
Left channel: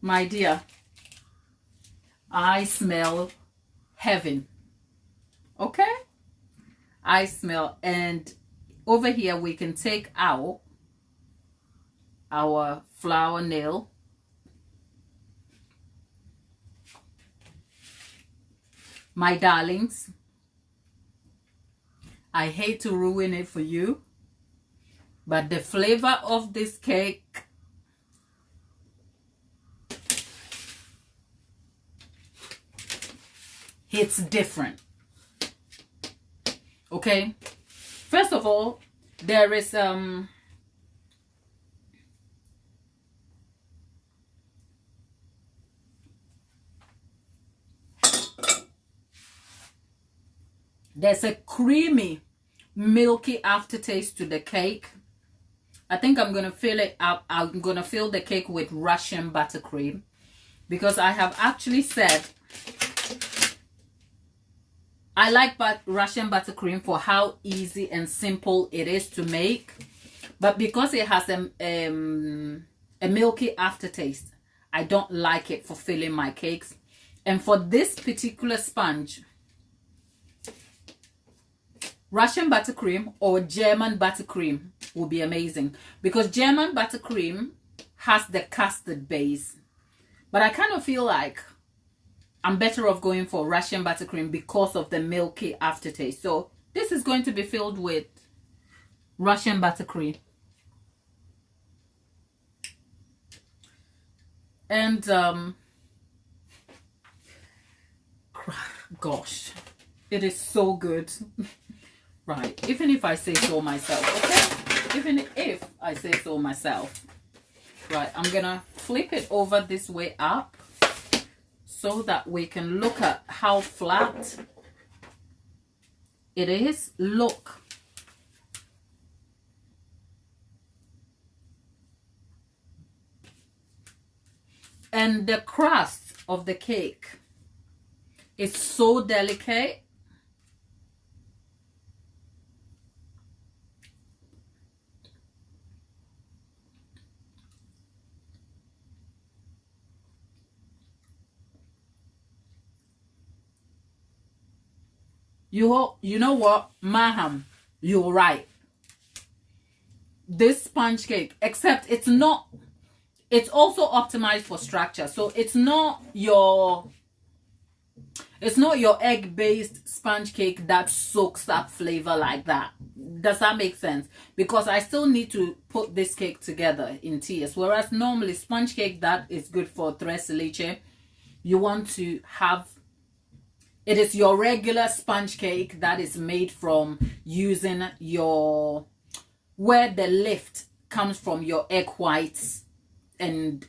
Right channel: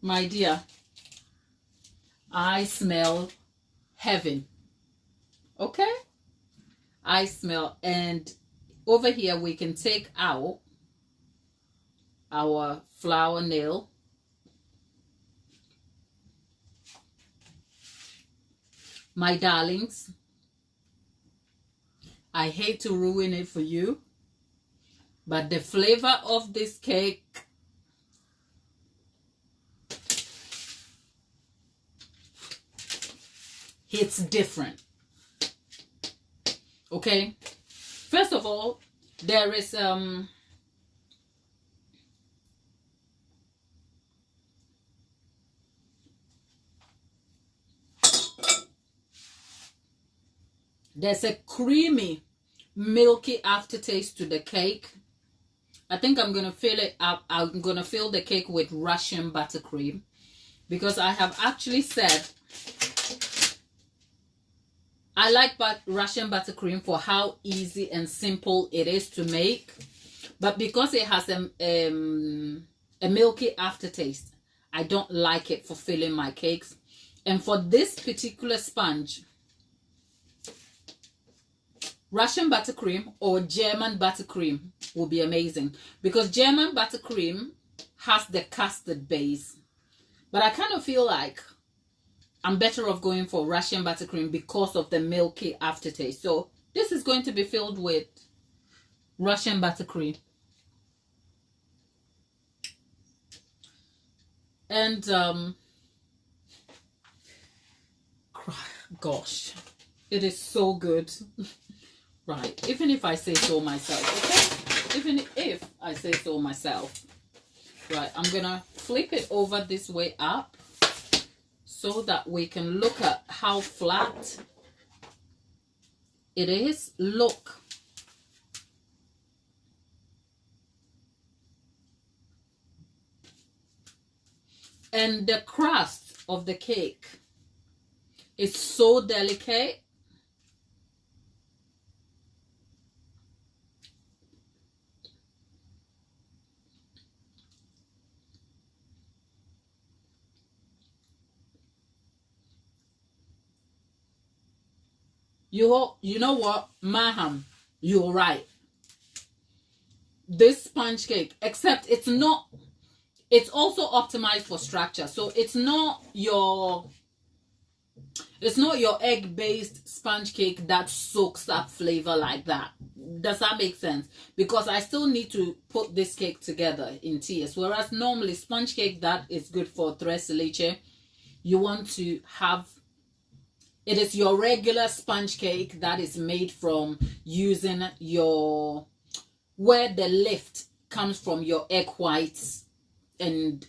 My dear, I smell heaven. Okay? I smell, and over here we can take out our flour nail. My darlings, I hate to ruin it for you, but the flavor of this cake hits different. Okay? First of all, there is there's a creamy, milky aftertaste to the cake. I think I'm going to fill it up. I'm going to fill the cake with Russian buttercream, because I have actually said I like Russian buttercream for how easy and simple it is to make. But because it has a milky aftertaste, I don't like it for filling my cakes. And for this particular sponge, Russian buttercream or German buttercream will be amazing, because German buttercream has the custard base. But I kind of feel like I'm better off going for Russian buttercream because of the milky aftertaste. So this is going to be filled with Russian buttercream. And gosh, it is so good. Right, even if I say so myself, okay? Even if I say so myself. Right, I'm gonna flip it over this way up so that we can look at how flat it is. Look. And the crust of the cake is so delicate. You know what, Maham, you're right. This sponge cake, except it's also optimized for structure. So it's not your egg-based sponge cake that soaks up flavor like that. Does that make sense? Because I still need to put this cake together in tiers. Whereas normally sponge cake that is good for tres leche, you want to have, it is your regular sponge cake that is made from using where the lift comes from your egg whites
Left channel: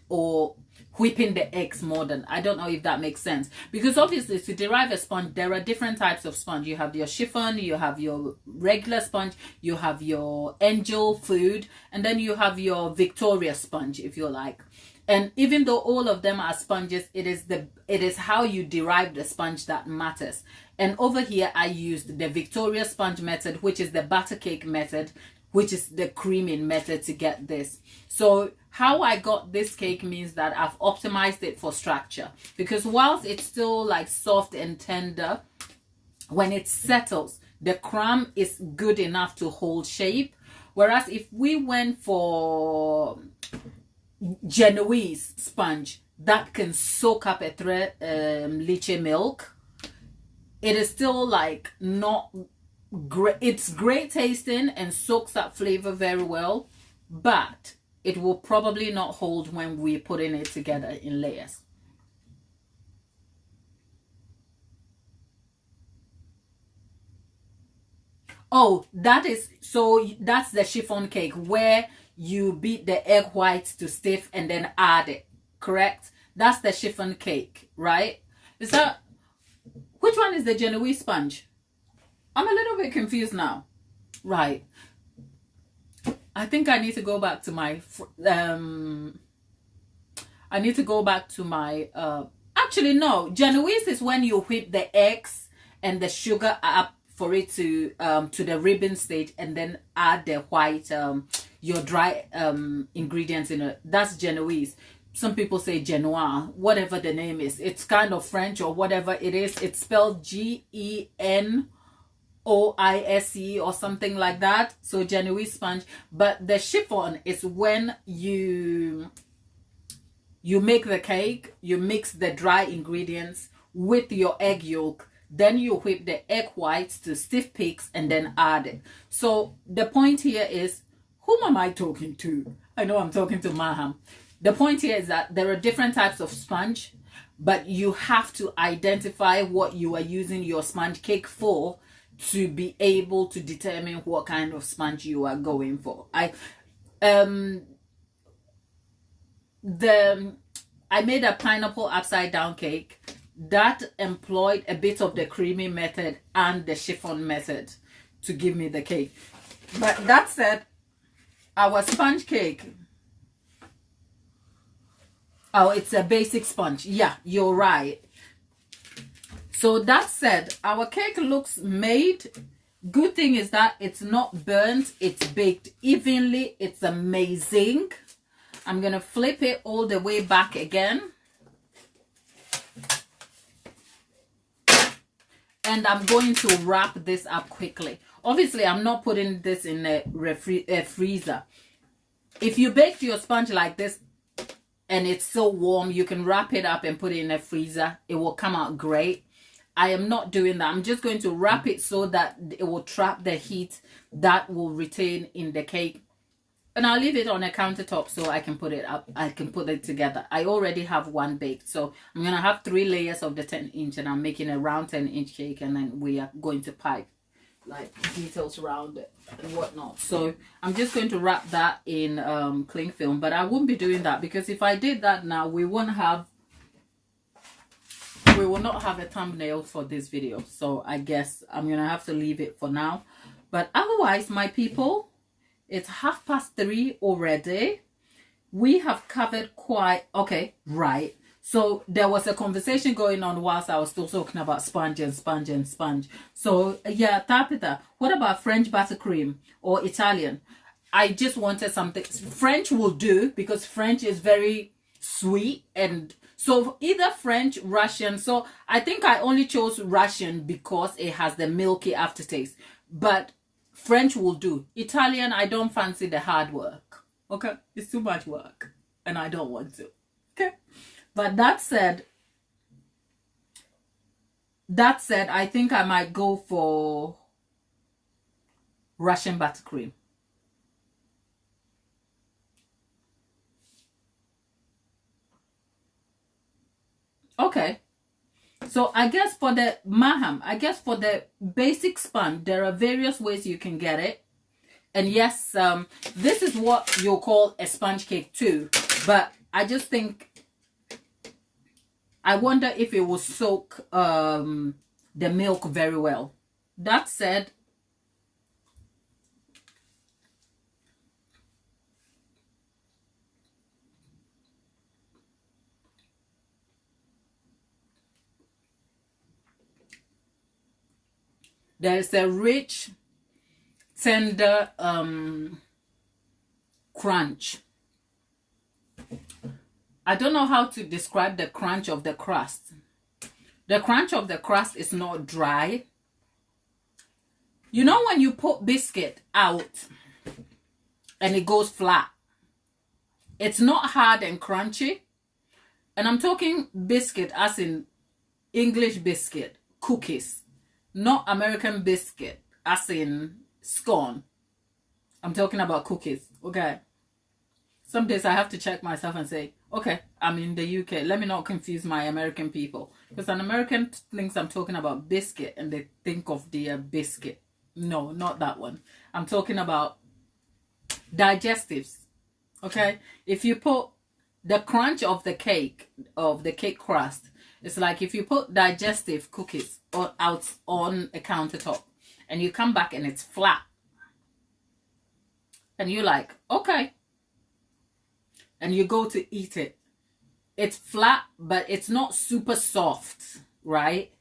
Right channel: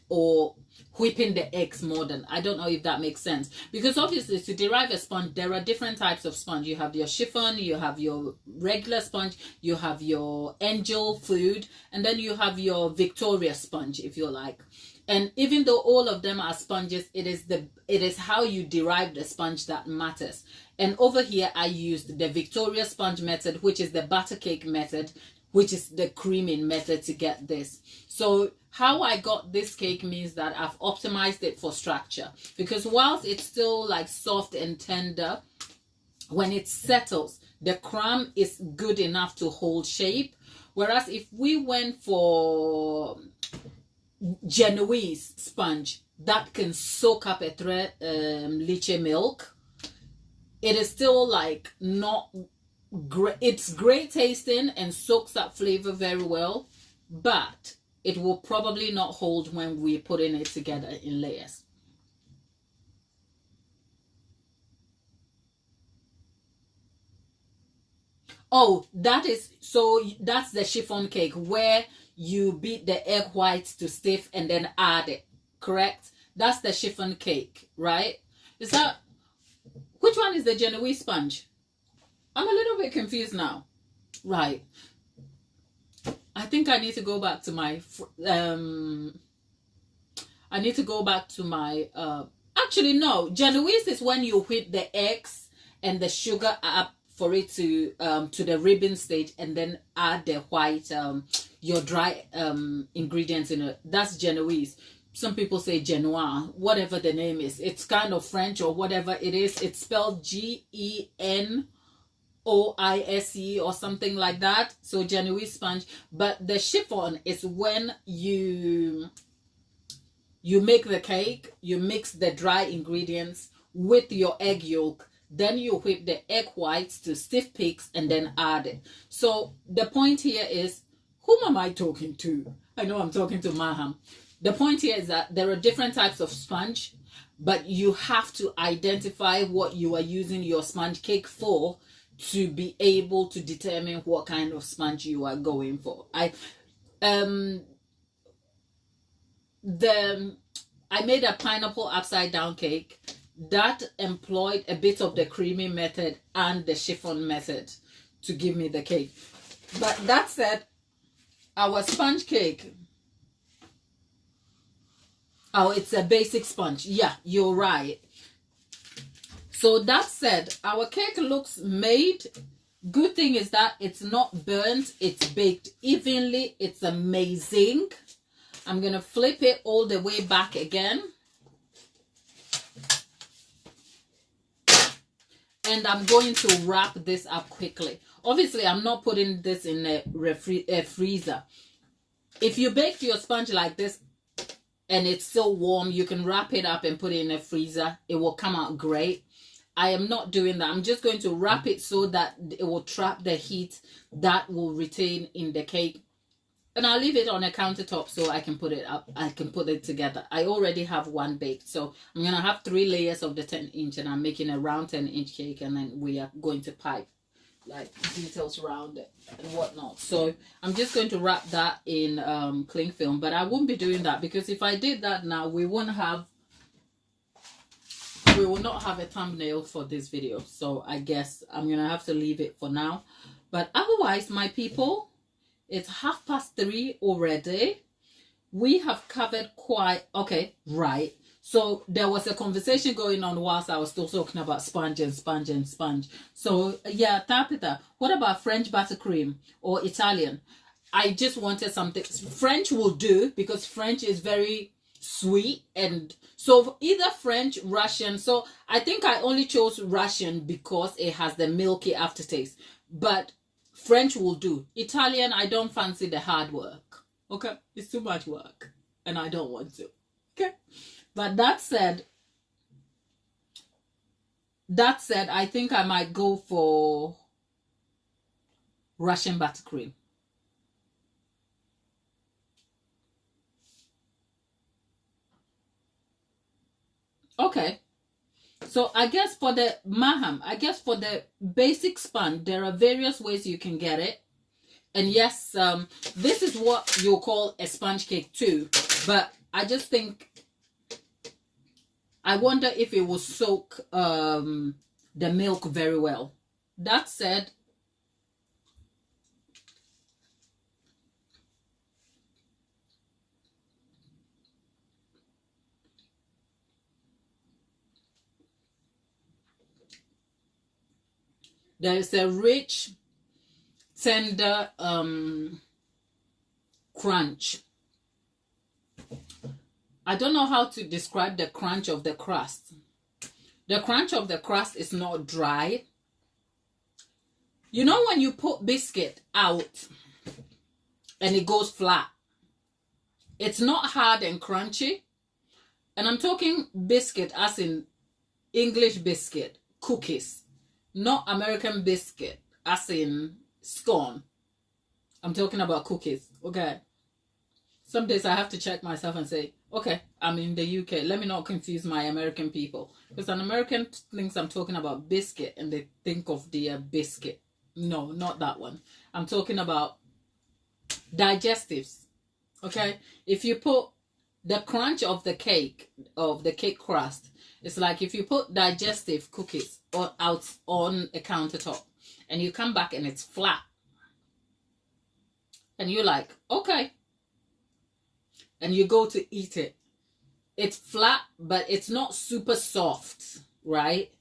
or whipping the eggs more than. I don't know if that makes sense. Because obviously to derive a sponge, there are different types of sponge. You have your chiffon, you have your regular sponge, you have your angel food, and then you have your Victoria sponge, if you like. And even though all of them are sponges, it is how you derive the sponge that matters. And over here, I used the Victoria sponge method, which is the butter cake method, which is the creaming method to get this. So how I got this cake means that I've optimized it for structure. Because whilst it's still like soft and tender, when it settles, the crumb is good enough to hold shape. Whereas if we went for Genoese sponge that can soak up a leche milk, it is still like not great. It's great tasting and soaks up flavor very well, but it will probably not hold when we're putting it together in layers. Oh, that's the chiffon cake where you beat the egg whites to stiff and then add it, correct? That's the chiffon cake, right? Is that, which one is the Genoese sponge? I'm a little bit confused now. Right. I think I need to go back to my I need to go back to my actually no, Genoese is when you whip the eggs and the sugar up for it to the ribbon stage, and then add the white your dry ingredients in it. That's Genoese. Some people say Genoise, whatever the name is. It's kind of French or whatever it is. It's spelled Genoise or something like that. So Genoese sponge. But the chiffon is when you make the cake, you mix the dry ingredients with your egg yolk, then you whip the egg whites to stiff peaks and then add it. So the point here is, whom am I talking to? I know I'm talking to Maham. The point here is that there are different types of sponge, but you have to identify what you are using your sponge cake for to be able to determine what kind of sponge you are going for. I made a pineapple upside down cake that employed a bit of the creamy method and the chiffon method to give me the cake. But that said, our sponge cake, oh, it's a basic sponge. Yeah, you're right. So that said, our cake looks made. Good thing is that it's not burnt. It's baked evenly. It's amazing. I'm going to flip it all the way back again. And I'm going to wrap this up quickly. Obviously, I'm not putting this in a freezer. If you baked your sponge like this, and it's so warm, you can wrap it up and put it in a freezer. It will come out great. I am not doing that. I'm just going to wrap it so that it will trap the heat that will retain in the cake. And I'll leave it on a countertop so I can put it up. I can put it together. I already have one baked. So I'm going to have 3 layers of the 10-inch, and I'm making a round 10-inch cake, and then we are going to pipe like details around it and whatnot. So I'm just going to wrap that in cling film, but I won't be doing that because if I did that now, we will not have a thumbnail for this video. So I guess I'm gonna have to leave it for now. But otherwise, my people, it's 3:30 already. We have covered quite okay, right? So there was a conversation going on whilst I was still talking about sponge and sponge and sponge. So yeah, Tapita, what about French buttercream or Italian? I just wanted something. French will do because French is very sweet, and so either French, Russian. So I think I only chose Russian because it has the milky aftertaste. But French will do. Italian, I don't fancy the hard work. Okay, it's too much work, and I don't want to. Okay. But that said, I think I might go for Russian buttercream. Okay. So I guess for the Maham, I guess for the basic sponge, there are various ways you can get it. And yes, this is what you'll call a sponge cake too. But I just think, I wonder if it will soak the milk very well. That said, there is a rich, tender crunch. I don't know how to describe the crunch of the crust. The crunch of the crust is not dry. You know when you put biscuit out and it goes flat? It's not hard and crunchy. And I'm talking biscuit as in English biscuit, cookies. Not American biscuit as in scone. I'm talking about cookies, okay? Some days I have to check myself and say, okay, I'm in the UK. Let me not confuse my American people. Because an American thinks I'm talking about biscuit and they think of their biscuit. No, not that one. I'm talking about digestives, okay? If you put the crunch of the cake crust, it's like if you put digestive cookies out on a countertop and you come back and it's flat. and you're like, okay, and you go to eat it. It's flat, but it's not super soft, right?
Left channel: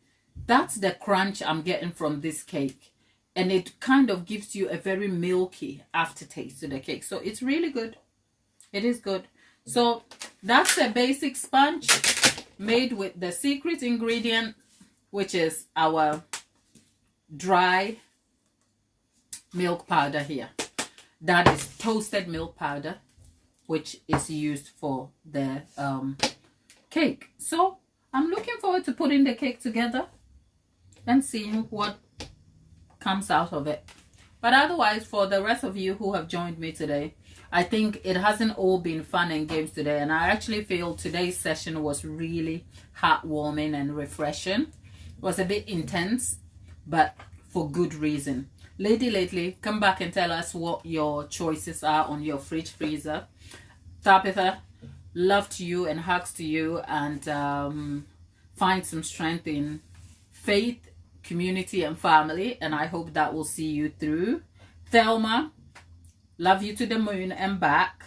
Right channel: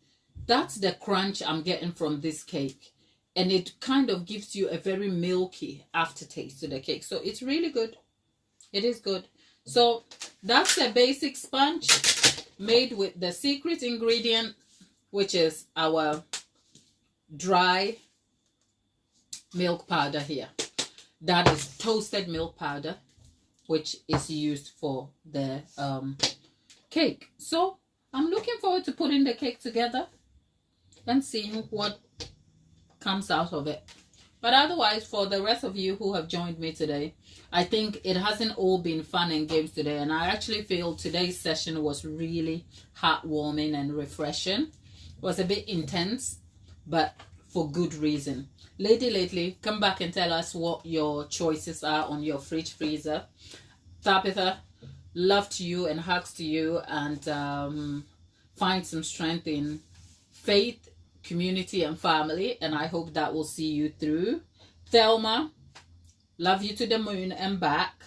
That's the crunch I'm getting from this cake. And it kind of gives you a very milky aftertaste to the cake. So it's really good. It is good. So that's a basic sponge made with the secret ingredient, which is our dry milk powder here. That is toasted milk powder, which is used for the cake. So I'm looking forward to putting the cake together and seeing what comes out of it. But otherwise, for the rest of you who have joined me today, I think it hasn't all been fun and games today, and I actually feel today's session was really heartwarming and refreshing. It was a bit intense, but for good reason. Lady Lately, come back and tell us what your choices are on your fridge freezer. Tabitha, love to you and hugs to you, and find some strength in faith, community, and family, and I hope that will see you through. Thelma, love you to the moon and back.